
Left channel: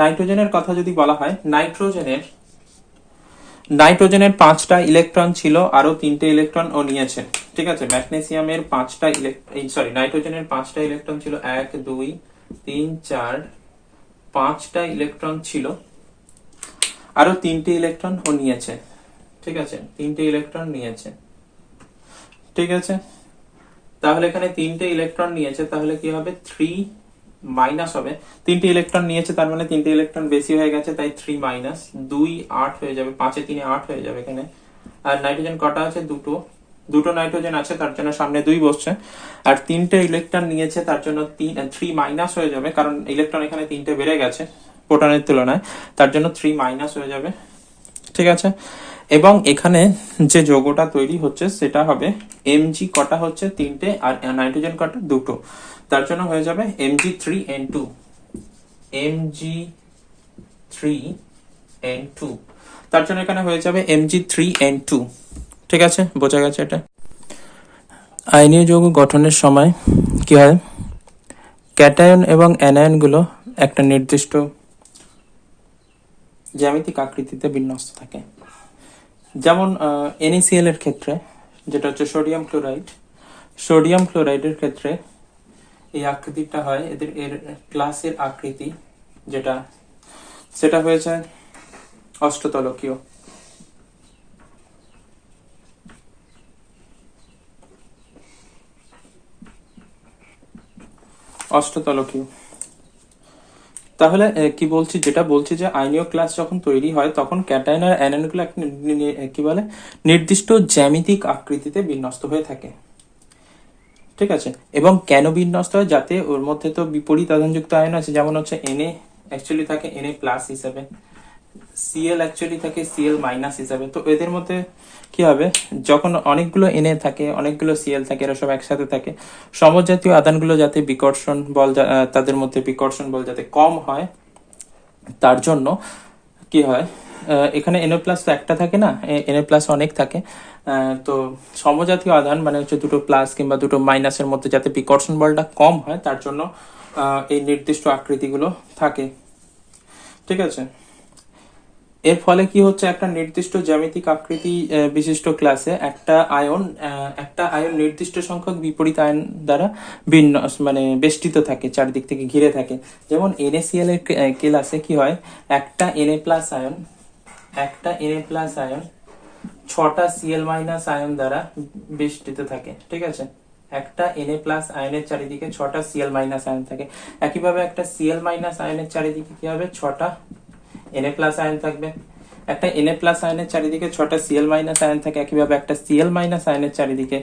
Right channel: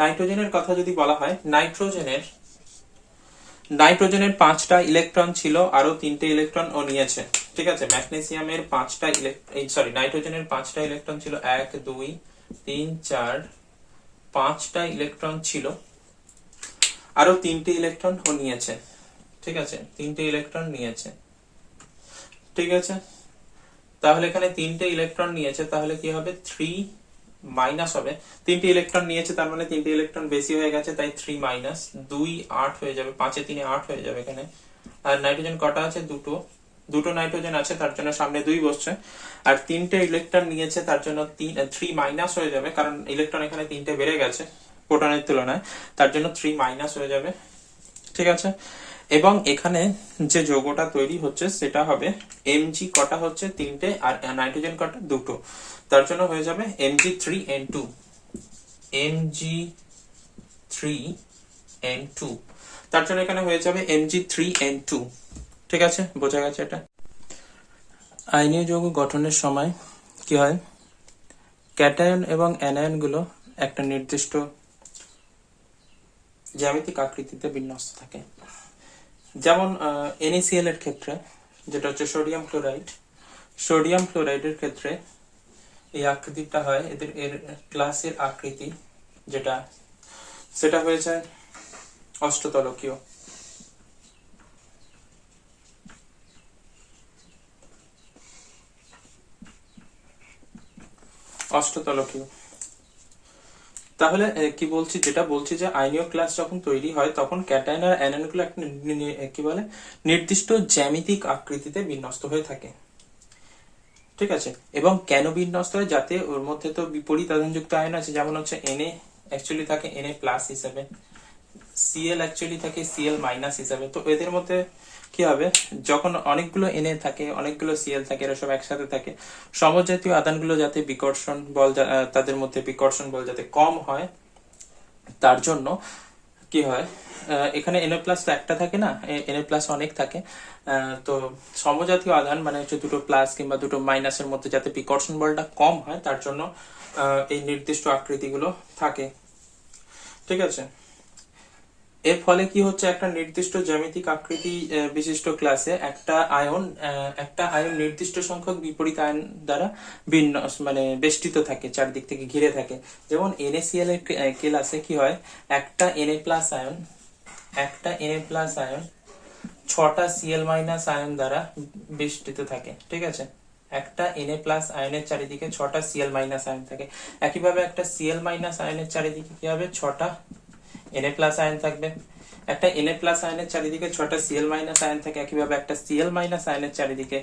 নাইট্রোজেনের কথা যদি বলা হয়, নাইট্রোজেনের 5টা ইলেকট্রন ছিল, আরো 3টে ইলেকট্রন ও নিয়েছে। ঠিক আছে, ম্যাগনেসিয়ামের 5টা নাইট্রোজেনের 5টা ইলেকট্রন ছিল, 1 2 3 4, 5টা ইলেকট্রন ছিল, আরো 3টে ইলেকট্রন ও নিয়েছে। ঠিক আছে, 3টে ইলেকট্রন নিয়েছে। ঠিক আছে, তাহলে এখানে 3টে ইলেকট্রন নিয়েছে, তাহলে কি হবে, 3 মাইনাস হবে। 3টে ইলেকট্রন নিয়েছে, তার মানে 3টে ইলেকট্রন বেশি হয়ে গেছে, তাই 3 মাইনাস 2 8 হয়ে যাবে, 5 এ 3 8 হয়ে যাবে এখানে। আর নাইট্রোজেন কটা আছে, দুটো নাইট্রোজেন আছে, তার জন্য সামনে 2 বসছে। আর 3টে ইলেকট্রন নিয়েছে, তার জন্য 3 মাইনাস হয়ে যাবে, কারণ ইলেকট্রন এখানে 3টে বেড়ে গেছে প্রোটনের তুলনায়, তার জন্য 3 মাইনাস হয়ে যাবে। ঠিক আছে, এবং এখানে যে যৌগটা তৈরি হচ্ছে সেটা হবে Mg, কটা হচ্ছে 3টে, আর নাইট্রোজেন কটা, 2টো, তার জন্য হয়ে যাবে Mg3N2, Mg3N2, তার জন্য এখানে হয়ে যাবে Mg3N2। ঠিক আছে, বোঝা গেছে এটা। আয়নীয় যৌগ গঠনের সময় কি হয়, ক্যাটায়ন এবং অ্যানায়ন গুলো একটা নির্দিষ্ট জ্যামিতিক আকৃতিতে বিন্যস্ত থাকে। যেমন NaCl এর ক্ষেত্রে, যেটা হচ্ছে সোডিয়াম ক্লোরাইডের ক্ষেত্রে এই আকৃতিটা হয়, এর ক্লাসের আকৃতি যেটা, সেটা হয়েছে অষ্টতলকীয়। তাহলে কি বলছি, যেটা বলছি যে আয়নীয় ক্লাস যখন তৈরি হয় তখন ক্যাটায়ন আর অ্যানায়ন গুলো একটা কি বলে, নির্দিষ্ট জ্যামিতিক আকৃতিতে বিন্যস্ত হয়ে থাকে। ঠিক আছে, এবং কেন বিন্যস্ত হয়, যাতে ওর মধ্যে তো বিপরীত আধানযুক্ত আয়ন আছে, যেমন হচ্ছে Na অ্যাকচুয়ালি থাকে Na প্লাস হিসেবে, Cl অ্যাকচুয়ালি থাকে Cl মাইনাস হিসেবে। তো এদের মধ্যে কি হবে, যখন অনেকগুলো Na থাকে, অনেকগুলো Cl থাকে, এরা সব একসাথে থাকে, সমজাতীয় আধানগুলো যাতে বিকর্ষণ বল, তাদের মধ্যে বিকর্ষণ বল যাতে কম হয়, তার জন্য কি হয়, এখানে Na প্লাস তো একটা থাকে না, Na প্লাস অনেক থাকে। তো সমজাতীয় আধান মানে হচ্ছে দুটো প্লাস কিংবা দুটো মাইনাসের মধ্যে যাতে বিকর্ষণ বলটা কম হয়, তার জন্য এই নির্দিষ্ট আকৃতিগুলো থাকে। ঠিক আছে, এর ফলে কি হচ্ছে, একটা নির্দিষ্ট জ্যামিতিক আকৃতি বিশিষ্ট ক্লাসে একটা আয়ন নির্দিষ্ট সংখ্যক বিপরীত আয়ন দ্বারা মানে বেষ্টিত থাকে, চারদিক থেকে ঘিরে থাকে। যেমন NaCl এর ক্লাসে কি হয়, একটা Na প্লাস আয়ন 6টা Cl মাইনাস আয়ন দ্বারা বেষ্টিত থাকে। ঠিক আছে, একটা Na প্লাস আয়নের চারিদিকে 6টা Cl মাইনাস আয়ন থাকে। একইভাবে একটা Cl মাইনাস আয়নের চারিদিকে কি হবে, 6টা Na প্লাস আয়ন থাকবে। একটা Na প্লাস আয়নের চারিদিকে 6টা Cl মাইনাস আয়ন থাকে, একইভাবে একটা Cl মাইনাস আয়নের চারিদিকে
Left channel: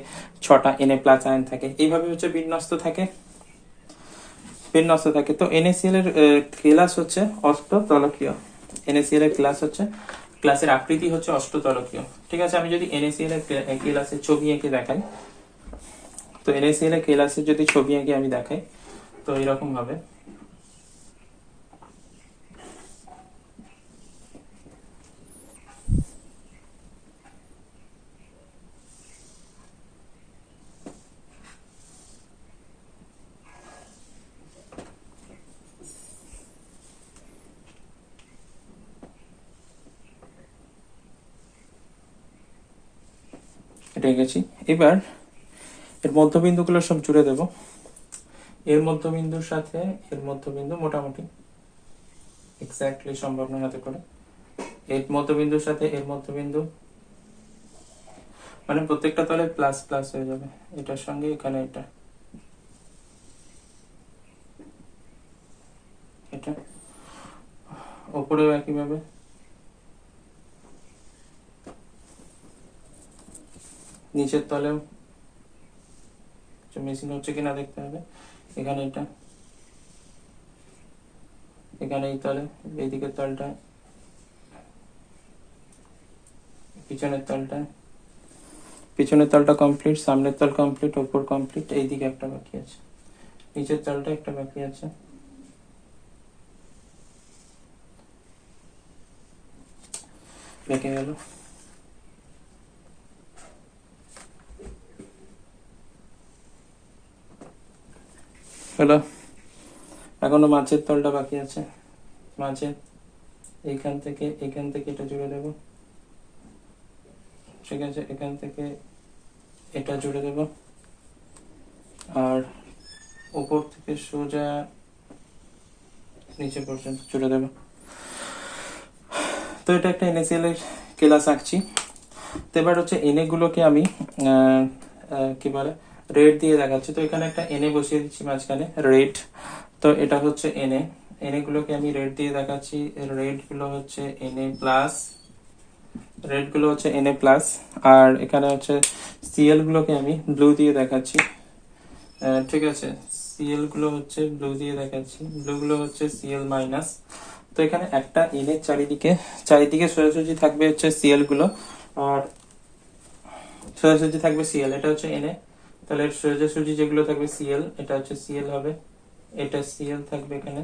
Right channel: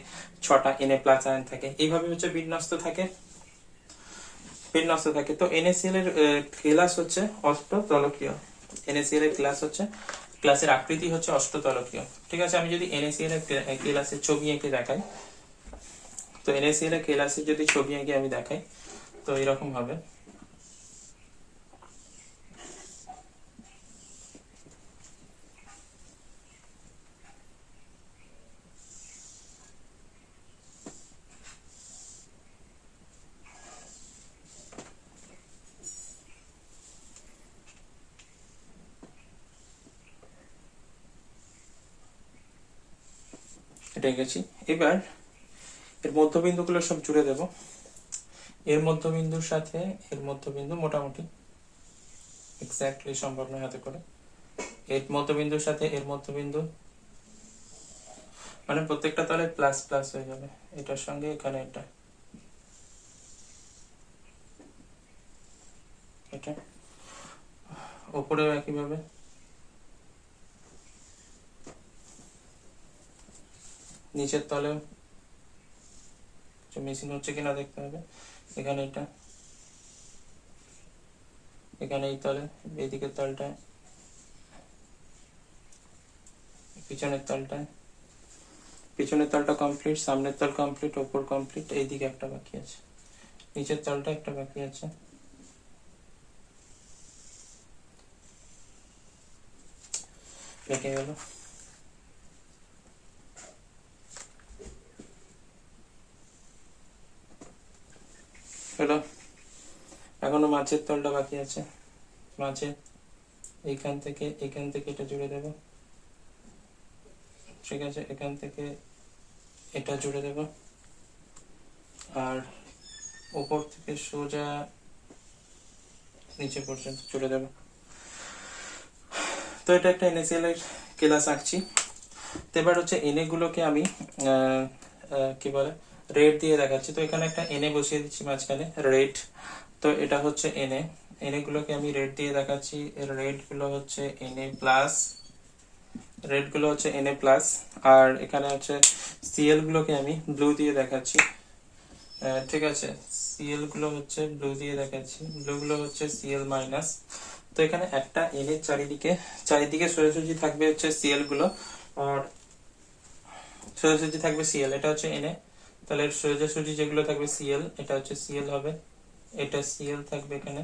6টা Na প্লাস আয়ন থাকে। এইভাবে হচ্ছে বিন্যস্ত থাকে। তো NaCl এর ক্লাস হচ্ছে অষ্টতলকীয়। NaCl এর ক্লাসের আকৃতি হচ্ছে অষ্টতলকীয়। ঠিক আছে, আমি যদি NaCl এর ক্লাসের ছবি এঁকে দেখাই, তো NaCl এর ক্লাসের যদি ছবি এঁকে আমি দেখাই, তো এরকম হবে। এটা গেছি। এবার এর মধ্যবিন্দুগুলো সব জুড়ে দেব। এর মধ্যবিন্দুর সাথে এর মধ্যবিন্দু মোটামুটি এক্স্যাক্টলি সম্ভব নয় হাতে করে। এর মধ্যবিন্দুর সাথে এর মধ্যবিন্দু, মানে প্রত্যেকটা তলে প্লাস প্লাস হয়ে যাবে, এটার সঙ্গে এখানে এটা ওপরেও একইভাবে, নিচের তলেও মিসিং হচ্ছে কিনা দেখতে হবে। এখানে এখানে এই তলে, এইদিকের তলটায়, পিছনের তলটা কমপ্লিট, সামনের তল কমপ্লিট, ওপর কমপ্লিট, এইদিকে একটা বাকি আছে, নিচের তলটা একটা বাকি আছে। রেখে গেল। হলো, এখনো মাঝের তলটা বাকি আছে। মাঝে এখান থেকে এটা জুড়ে দেব, ঠিক আছে, এখান থেকে এটা জুড়ে দেব, আর উপর থেকে সোজা নিচে পর্যন্ত জুড়ে দেব। তো এটা একটা NaCl এর ক্লাস আঁকছি। তো এবার হচ্ছে Na গুলোকে আমি কি বলে রেড দিয়ে দেখাচ্ছি। তো এখানে একটা Na বসিয়ে দিচ্ছি মাঝখানে, রেড। তো এটা হচ্ছে Na গুলোকে আমি রেড দিয়ে দেখাচ্ছি। রেড গুলো হচ্ছে Na প্লাস, আর এখানে হচ্ছে Cl গুলোকে আমি ব্লু দিয়ে দেখাচ্ছি। ঠিক আছে, Cl গুলো হচ্ছে ব্লু দিয়ে দেখাচ্ছি, ব্লু গুলো হচ্ছে Cl মাইনাস। তো এখানে একটা Na চারিদিকে সোজাসুজি থাকবে হচ্ছে Cl গুলো, আর সোজাসুজি থাকবে Cl, এটা হচ্ছে Na। তাহলে এর সোজাসুজি যেগুলো থাকবে Cl, এটা হচ্ছে Cl হবে, এটা Cl থাকবে এখানে,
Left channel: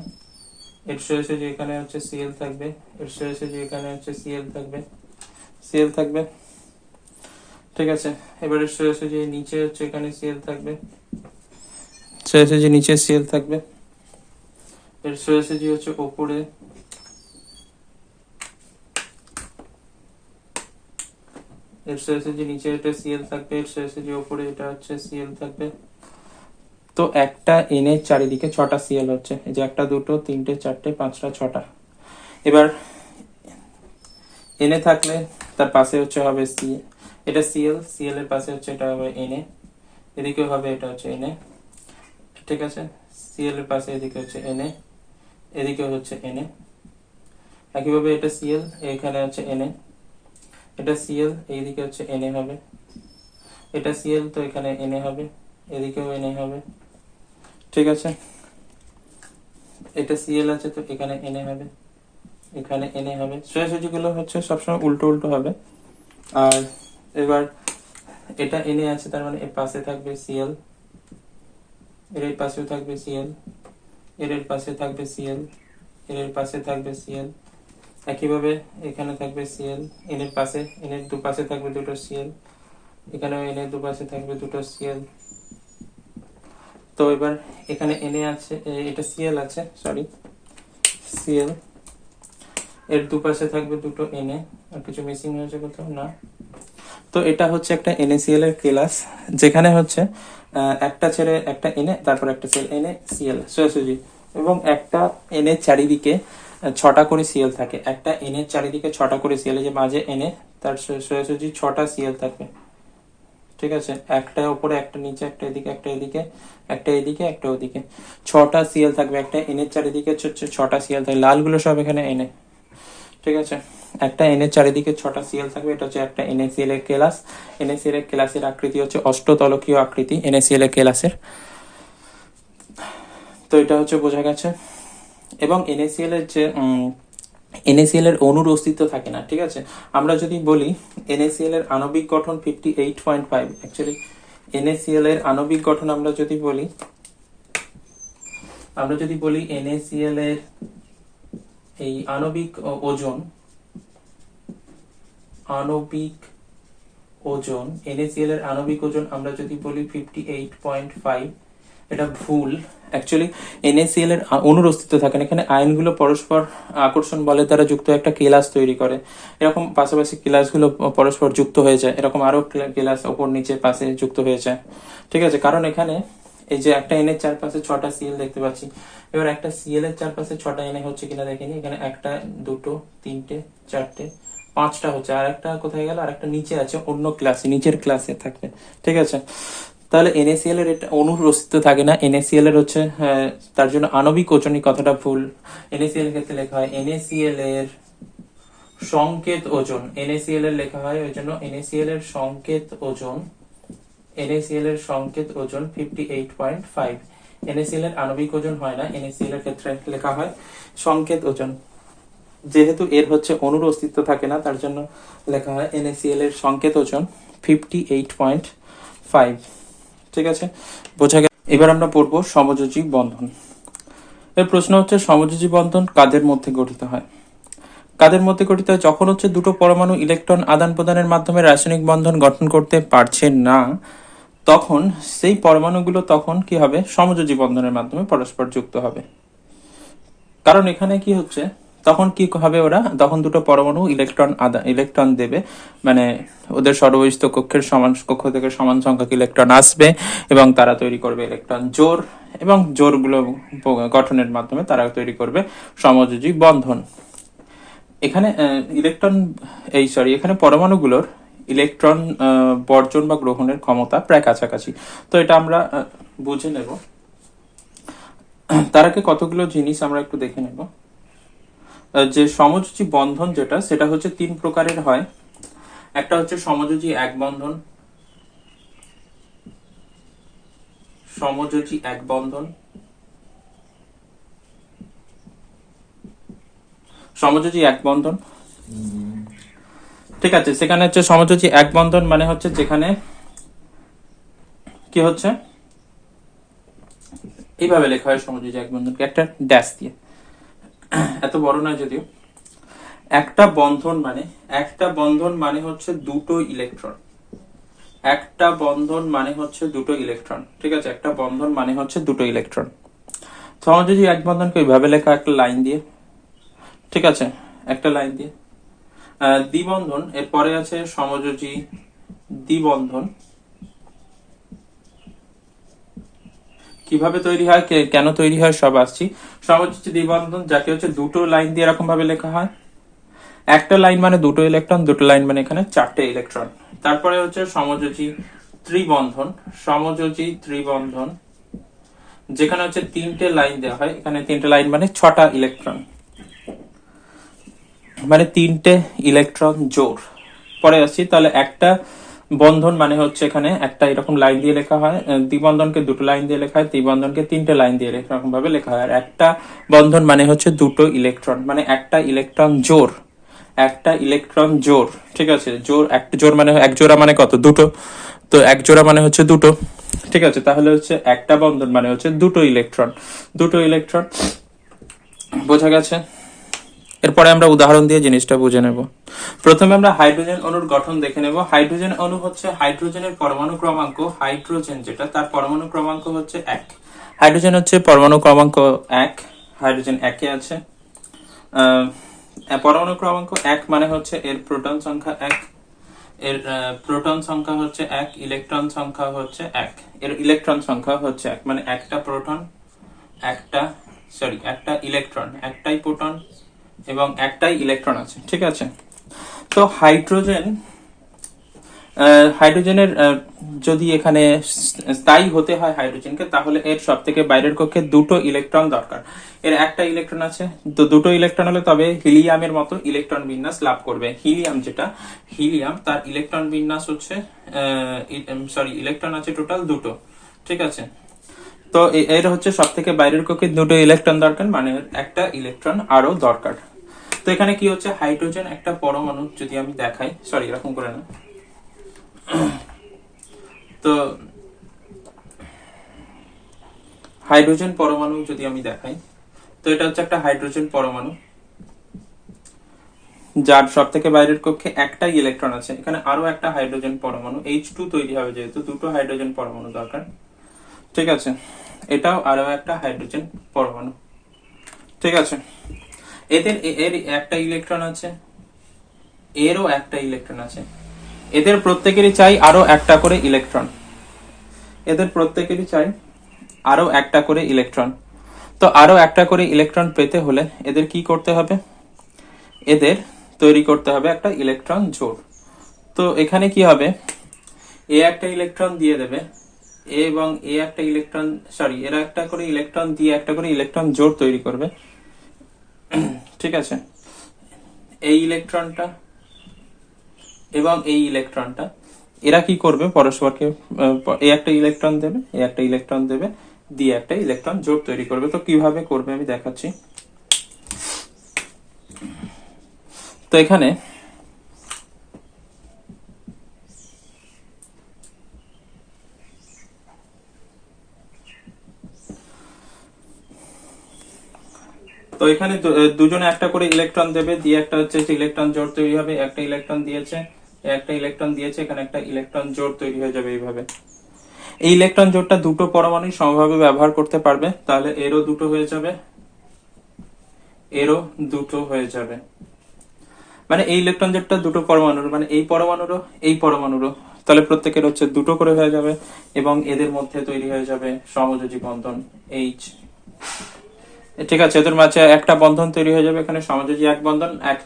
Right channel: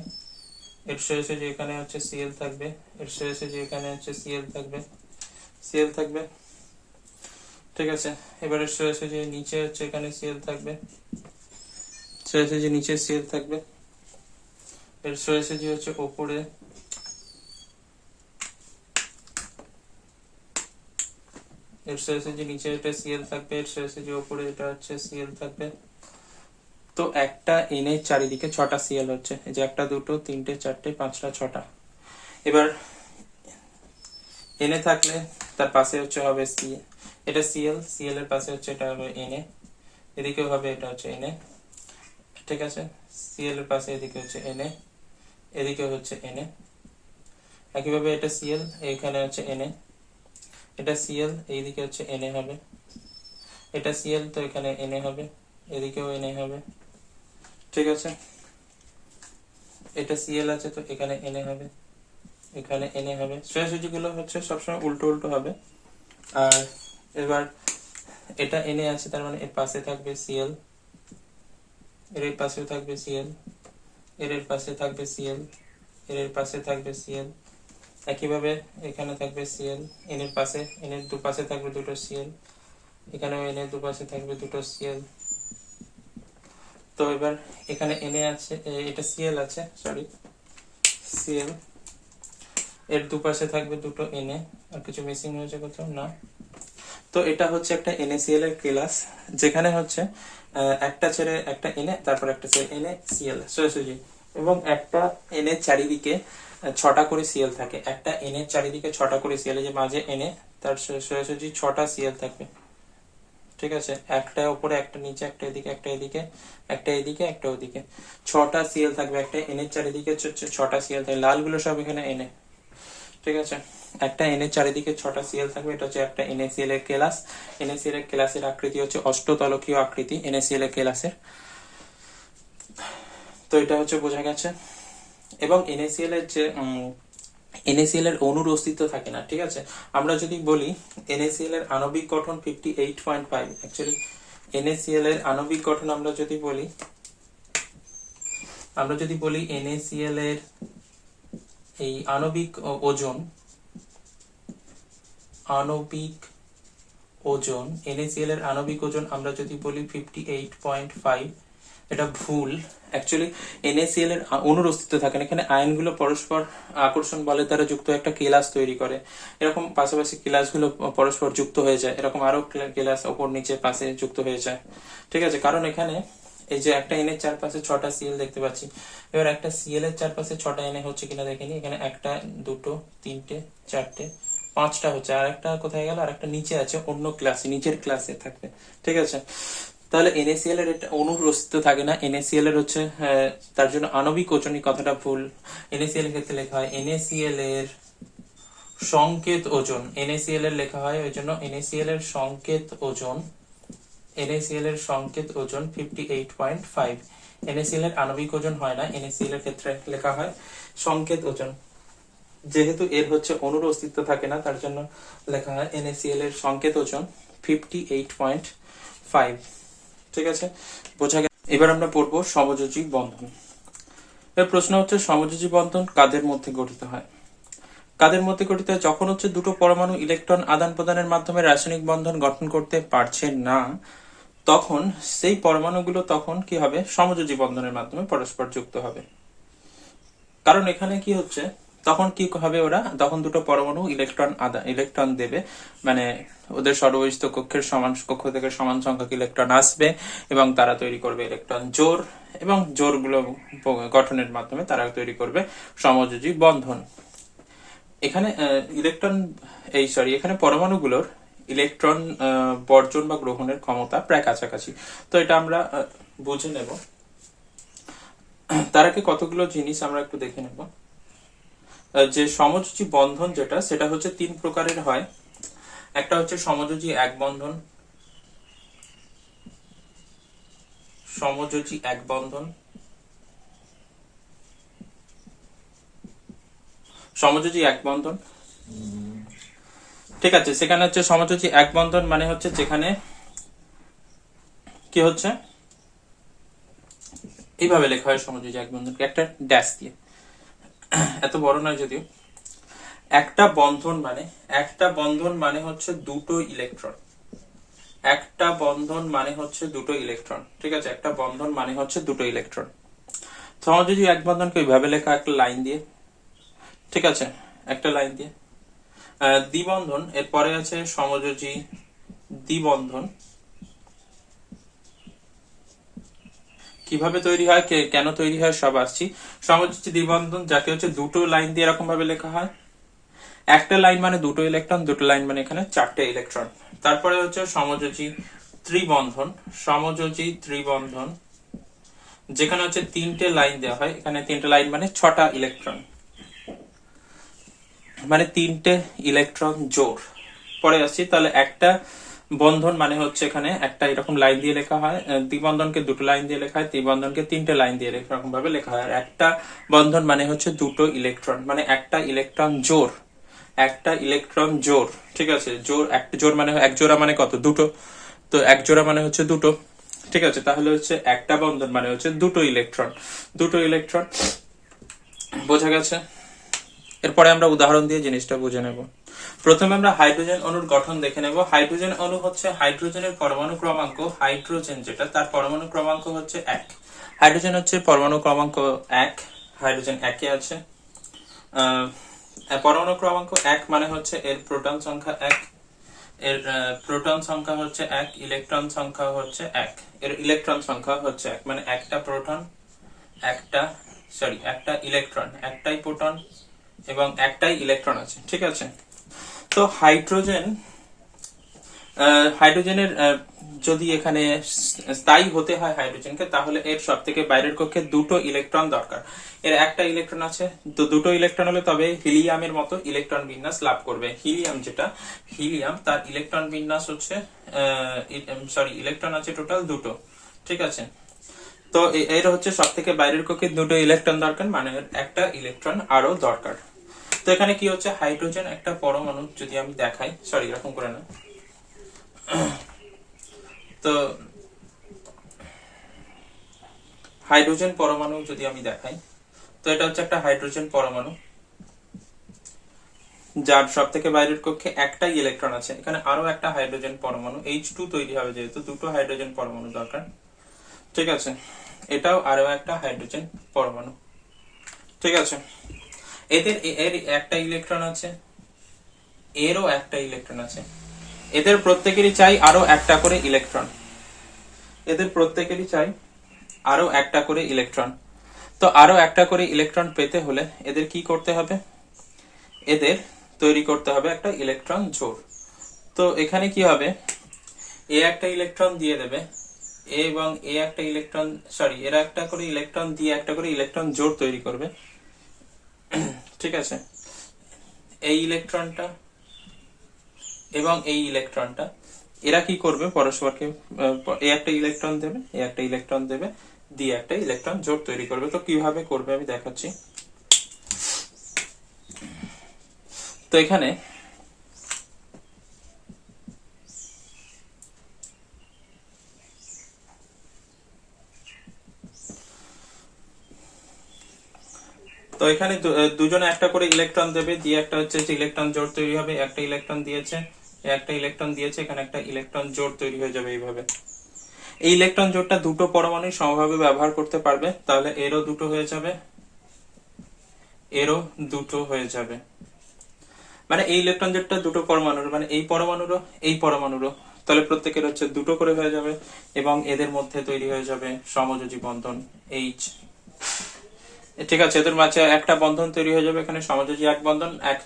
এর সোজাসুজি এখানে হচ্ছে Cl থাকবে, এর সোজাসুজি এখানে হচ্ছে Cl থাকবে, ঠিক আছে। এবারে সোজাসুজি নিচে হচ্ছে এখানে Cl থাকবে, সোজাসুজি নিচে Cl থাকবে, এর সোজাসুজি হচ্ছে ওপরে, এর সোজাসুজি নিচে এটা Cl থাকবে, এর সোজাসুজি ওপরে এটা হচ্ছে Cl থাকবে। তো একটা Na চারিদিকে 6টা Cl হচ্ছে, এই যে 1 2 3 4 5টা 6টা। এবার Na থাকলে তার পাশে হচ্ছে হবে এটা Cl এর পাশে হচ্ছে এটা হবে Na, এদিকেও হবে এটা হচ্ছে Na, ঠিক আছে। Cl এর পাশে এদিকে হচ্ছে Na, এদিকে হচ্ছে Na। একইভাবে এটা Cl, এখানে হচ্ছে Na, এটা Cl, এইদিকে হচ্ছে Na হবে, এটা Cl, তো এখানে Na হবে, এদিকেও Na হবে, ঠিক আছে। এটা Cl আছে, তো এখানে Na হবে, এখানে Na হবে। সোজাসুজি গুলো হচ্ছে সবসময় উল্টো উল্টো হবে। আর এবার এটা Na আছে, তার মানে এর পাশে থাকবে Cl, এর পাশেও থাকবে Cl, এর পাশে থাকবে Cl, এর পাশে থাকবে Cl। একইভাবে এখানে থাকবে Cl, এর পাশে, এর দুপাশে থাকবে দুটো Cl, এখানেও এর দুপাশে থাকবে দুটো Cl। তো এবার এখানে Na আছে, এটা Cl আছে, সরি Cl, এর দুপাশে থাকবে দুটো Na। আর কিছু মিসিং হয়েছে কোথাও? না। তো এটা হচ্ছে একটা NaCl এর ক্লাস, যেখানে হচ্ছে একটা ছেড়ে একটা Na, তারপর একটা ছেড়ে NaCl সোজাসুজি, এবং একটা Na চারিদিকে 6টা করে Cl থাকে। একটা Na চারিদিকে 6টা করে Cl, এই যে মাঝে Na, তার সোজাসুজি 6টা Cl থাকবে, ঠিক আছে। একটা উপরে, একটা নিচে, একটা এদিকে, একটা এদিকে, একটা এদিকে, একটা ওদিকে, 6টা Cl থাকবে। একটা Na চারিদিকে 6টা Cl থাকে, লালগুলো সব এখানে Na, ঠিক আছে। একটা Na চারিদিকে 6টা Cl থাকবে, এটা হচ্ছে একটা NaCl এর ক্লাস। NaCl এর ক্লাসের আকৃতি হচ্ছে অষ্টতলকীয় আকৃতি NaCl এর ক্লাসের। তো এটা হচ্ছে বোঝা গেছে। এবং NaCl এর যে NaCl এর অণুর অস্তিত্ব থাকে না, ঠিক আছে। আমরা যদি বলি NaCl এর আণবিক গঠন 58.5, অ্যাকচুয়ালি NaCl এর আণবিক গঠন আমরা যদি বলি NaCl এর এই আণবিক ওজন NaCl এর আণবিক ওজন আমরা যদি বলি 58.5, এটা ভুল। অ্যাকচুয়ালি NaCl এর অণুর অস্তিত্ব থাকে না, এখানে আয়নগুলো পরস্পর আকর্ষণ বলের দ্বারা যুক্ত একটা কেলাস তৈরি করে। এরকম পাশাপাশি কেলাসগুলো পরস্পর যুক্ত হয়ে যায়, এরকম আরো কেলাস ওপর নিচে পাশে যুক্ত হয়ে যায়, ঠিক আছে। কারণ এখানে এই যে একটা Na এর চারপাশে 6টা Cl দেখতে পাচ্ছি। এবার একটা Cl এর চারপাশে 6টা Na হচ্ছে কিনা দেখেনি, এখানে 1 2 3 4 5টা হচ্ছে, আর একটা কোথায় গেল, আর একটা নিচে আছে, অন্য ক্লাসে, নিচের ক্লাসে থাকবে, ঠিক আছে। তাহলে NaCl এর এটা অণুর অস্তিত্ব থাকে না। NaCl এর হচ্ছে তার জন্য আণবিক ওজন, এই কথাটা ভুল। NaCl এর ক্ষেত্রে লেখা হয় NaCl এর সংকেত ওজন, NaCl এর লেখা হয়, ওই জন্য NaCl এর সংকেত ওজন, NaCl এর সংকেত ওজন 58.5। NaCl এর আণবিক ওজন হয় না, NaCl এর ক্ষেত্রে লেখা হয় সংকেত ওজন। যেহেতু এর হচ্ছে অণুর অস্তিত্ব থাকে না, তার জন্য লেখা হয় NaCl এর সংকেত ওজন 58.5, ঠিক আছে, বোঝা গেল। এবার আমরা পড়বো সমযোজী বন্ধন। এর প্রশ্ন হচ্ছে সমযোজী বন্ধন কাদের মধ্যে গঠিত হয়? যখন হচ্ছে দুটো পরমাণু ইলেকট্রন আদান প্রদানের মাধ্যমে রাসায়নিক বন্ধন গঠন করতে পারছে না, তখন সেই পরমাণুগুলো তখন কি হবে, সমযোজী বন্ধনের মাধ্যমে পরস্পর যুক্ত হবে। কারণ এখানে কি হচ্ছে, তখন কি হবে, ওরা তখন দুটো পরমাণু ইলেকট্রন দেবে, মানে ওদের সরবরিষ্ঠ কক্ষের সমান কক্ষ থেকে সমান সংখ্যক ইলেকট্রন আসবে এবং তারা তৈরি করবে ইলেকট্রন জোড়, এবং জোড়গুলো গঠনের মাধ্যমে তারা তৈরি করবে সমযোজী বন্ধন। এখানে ইলেকট্রন এখানে পরমাণুগুলোর ইলেকট্রন বর্জন বা গ্রহণের ক্ষমতা প্রায় কাছাকাছি। তো এটা আমরা বুঝে নেব। তার আগে কতগুলো জিনিস আমরা একটু দেখে নেব। যে সমযোজী বন্ধন যেটা, সেটা হচ্ছে 3 প্রকারের হয়। একটা হচ্ছে সমযোজী এক বন্ধন, সমযোজী এক বন্ধন, সমযোজী এক বন্ধন। ঠিক আছে, সেখানে হচ্ছে সমযোজী এক বন্ধন মানে হচ্ছে যেখানে কি হচ্ছে, এইভাবে লেখা হয় সমযোজী এক বন্ধনকে একটা ড্যাশ দিয়ে, এত বড় নয় যদিও। একটা বন্ধন মানে হচ্ছে দুটো ইলেকট্রন, একটা বন্ধন মানে হচ্ছে দুটো ইলেকট্রন। ঠিক আছে, একটা বন্ধন মানে হচ্ছে দুটো ইলেকট্রন। সমযোজী এক বন্ধনকে ওইভাবে লেখা একটা লাইন দিয়ে, ঠিক আছে, একটা লাইন দিয়ে। দ্বিবন্ধন, এরপরে আছে সমযোজী দ্বিবন্ধন। কিভাবে তৈরি হয়, কেন তৈরি হয়, সব আসছি। সমযোজী দ্বিবন্ধন যাকে হচ্ছে দুটো লাইন দিয়ে এরকম ভাবে লেখা হয়। একটা লাইন মানে দুটো ইলেকট্রন, দুটো লাইন মানে এখানে 4টে ইলেকট্রন। তারপরে হচ্ছে সমযোজী ত্রিবন্ধন, সমযোজী ত্রিবন্ধন যেখানে হচ্ছে 3টে লাইন দেওয়া হয়। এখানে 3টে লাইন মানে 6টা ইলেকট্রন, মানে 3টে ইলেকট্রন জোড়। পরে আসছি, তাহলে একটা বন্ধন মানে হচ্ছে এখানে একটা এরকম লাইন দিয়ে লেখা হয়, দ্বিবন্ধনকে দুটো লাইন দিয়ে লেখা হয়, ত্রিবন্ধনকে 3টে লাইন দিয়ে এরকম ভাবে লেখা হয়। আর একটা বন্ধন মানে হচ্ছে দুটো ইলেকট্রন, মানে একটা ইলেকট্রন জোড়, একটা ইলেকট্রন জোড়। ঠিক আছে, জোড়, একটা জোড় মানে এক জোড়া মানে কত, দুটো। তো এক জোড়া মানে হচ্ছে দুটো। ঠিক আছে, তাহলে হচ্ছে একটা বন্ধন মানে হচ্ছে দুটো ইলেকট্রন, দুটো ইলেকট্রন। বোঝা গেছে? এরপরে আমরা উদাহরণ দিয়ে জিনিসটা বুঝে নেব। প্রথমে আমরা হাইড্রোজেন অণুর গঠন দেখে নেব। হাইড্রোজেন অণু হচ্ছে হাইড্রোজেনের পরমাণু ক্রমাঙ্ক, হাইড্রোজেন যেটা তার পরমাণু ক্রমাঙ্ক হচ্ছে 1। হাইড্রোজেন হচ্ছে পরমাণু ক্রমাঙ্ক 1, হাইড্রোজেন 1 এ আছে। পরমাণু ক্রমাঙ্ক 1 মানে হচ্ছে এর প্রোটন সংখ্যা 1, এর প্রোটন সংখ্যা হচ্ছে 1, ইলেকট্রন সংখ্যা হচ্ছে 1, এর ইলেকট্রন সংখ্যা হচ্ছে 1, মানে একটা প্রোটন, একটা ইলেকট্রন, একটাই প্রোটন এবং একটাই ইলেকট্রন আছে। ঠিক আছে, তো হাইড্রোজেনের যদি এখানে স্থায়ী হতে হয় হাইড্রোজেনকে, তাহলে এর সব থেকে বাইরের কক্ষে দুটো ইলেকট্রন দরকার। এর একটা ইলেকট্রন আছে, তো দুটো ইলেকট্রন হলে তবে হিলিয়ামের মতো ইলেকট্রন বিন্যাস লাভ করবে। হিলিয়াম তার ইলেকট্রন বিন্যাস হচ্ছে ইলেকট্রন আছে টোটাল দুটো। ঠিক আছে, তো এর হচ্ছে সব থেকে বাইরের কক্ষে দুটো ইলেকট্রন দরকার, মানে একটা ইলেকট্রন আরো দরকার। তো এখানে কি হচ্ছে, হাইড্রোজেন একটা পরমাণু যদি আমি দেখাই, এরকম করে না, তো হাইড্রোজেন পরমাণু যদি আমি দেখাই, তো এটা হচ্ছে একটা হাইড্রোজেন পরমাণু যার সব থেকে বাইরের কক্ষে একটাই ইলেকট্রন আছে। এখানে আরো একটা হাইড্রোজেন পরমাণু H2 তৈরি হবে, যেহেতু দুটো হাইড্রোজেন পরমাণু দরকার। ঠিক আছে, এটাও আরো একটা হাইড্রোজেন পরমাণু। ঠিক আছে, এর একটা ইলেকট্রন আছে, এরও একটা ইলেকট্রন আছে। এদের প্রত্যেকেরই চাই আরো একটা করে ইলেকট্রন, এদের প্রত্যেকেরই চাই আরো একটা করে ইলেকট্রন। তো আরো একটা করে ইলেকট্রন পেতে হলে এদের কি করতে হবে, এদের তৈরি করতে হবে একটা ইলেকট্রন জোড়। তো এখানে কি হবে, এ একটা ইলেকট্রন দিয়ে দেবে, এবং এ একটা ইলেকট্রন, এরা একটা করে ইলেকট্রন দিয়ে একটা করে ইলেকট্রন জোড় তৈরি করবে। ঠিক আছে, এই ইলেকট্রনটা এবং এই ইলেকট্রনটা, এরা কি করবে, পরস্পরকে এ একটা ইলেকট্রন দেবে, এ একটা ইলেকট্রন দেবে, দিয়ে একটা ইলেকট্রন জোড় তৈরি করবে। তো কিভাবে করবে আমি দেখাচ্ছি। তো এখানে দুজনে একটা করে ইলেকট্রন দেবে, দিয়ে একটা হচ্ছে ইলেকট্রন জোড় তৈরি হবে। একটা ইলেকট্রন দিয়েছে, একটা ইলেকট্রন দিয়েছে, এখানে একটা ইলেকট্রন জোড় তৈরি হয়ে যাবে এইভাবে। এই ইলেকট্রন জোড়টা দুটো পরমাণু সমভাবে ব্যবহার করতে পারবে, তাহলে এরও দুটো হয়ে যাবে, এরও দুটো হয়ে যাবে। মানে এই ইলেকট্রন জোড়টা দুটো পরমাণুর, মানে এই পরমাণুরও এই পরমাণুরও, তাহলে প্রত্যেকের হচ্ছে দুটো করে হয়ে যাবে এবং এদের মধ্যে তৈরি হয়ে যাবে সমযোজী বন্ধন H। ঠিক আছে, এদের মাঝে একটা বন্ধন তৈরি হয়ে যাবে, এখানে সমযোজী এক বন্ধন, এক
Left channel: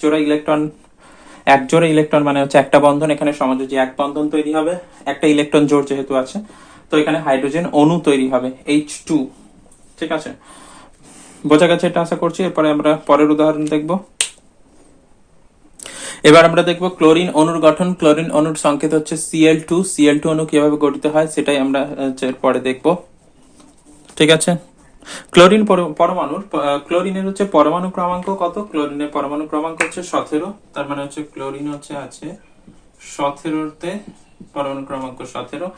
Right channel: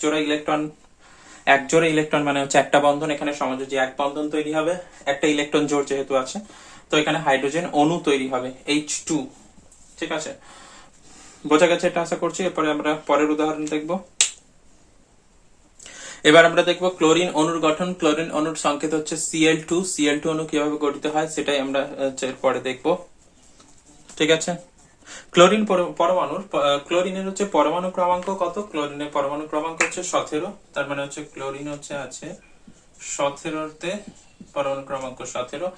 জোড়া ইলেকট্রন মানে হচ্ছে একটা বন্ধন, এখানে সমযোজী এক বন্ধন তৈরি হবে, একটা ইলেকট্রন জোড় যেহেতু আছে, তো এখানে হাইড্রোজেন অণু তৈরি হবে H2। ঠিক আছে, বোঝা গেছে এটা আশা করছি। এরপরে আমরা পরের উদাহরণ দেখব। এবার আমরা দেখব ক্লোরিন অণুর গঠন। ক্লোরিন অণুর সংকেত হচ্ছে Cl2। Cl2 অণু কিভাবে গঠিত হয় সেটাই আমরা পরে দেখব। ঠিক আছে, ক্লোরিন পরমাণুর ক্লোরিনের হচ্ছে পরমাণু ক্রমাঙ্ক কত? ক্লোরিনের পরমাণু ক্রমাঙ্ক হচ্ছে 17। তার মানে হচ্ছে ক্লোরিন হচ্ছে আছে 17তে, পরমাণু ক্রমাঙ্ক 17।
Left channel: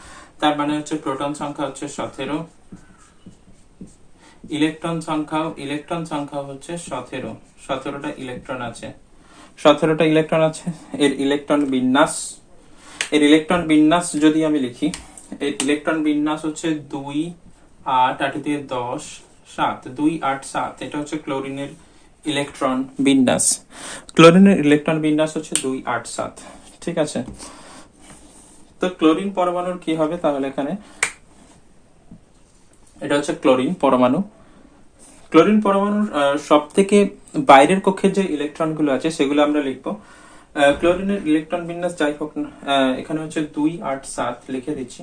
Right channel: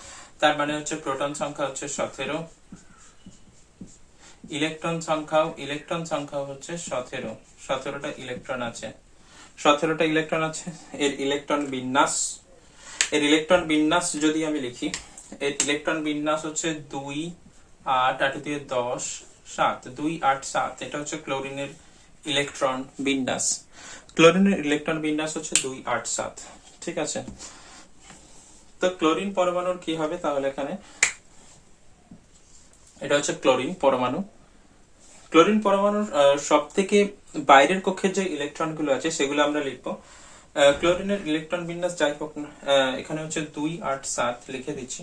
তার মানে হচ্ছে প্রোটন সংখ্যা হচ্ছে 17, ইলেকট্রন সংখ্যা হচ্ছে 17। 17টা ইলেকট্রন আছে, 17টা ইলেকট্রন আছে। এর ইলেকট্রন বিন্যাস যদি আমি লিখি, এর ইলেকট্রন বিন্যাস হচ্ছে 2 8 8 দিয়ে 10 7, 2 8 7। এটা হচ্ছে ক্লোরিনের ইলেকট্রন বিন্যাস। ক্লোরিনের ইলেকট্রন বিন্যাস হচ্ছে 2 8 7। ঠিক আছে, তো ক্লোরিন পরমাণুর কি হবে তাহলে? এখানে এটা হচ্ছে ক্লোরিন পরমাণু। ক্লোরিন পরমাণুর সব থেকে বাইরের কক্ষের যে ইলেকট্রন গুলো আছে সেগুলো আমরা লিখবো। ক্লোরিনের ইলেকট্রন বিন্যাস যাই হোক না, এখানে হচ্ছে 2 8 7 লিখে দিচ্ছি।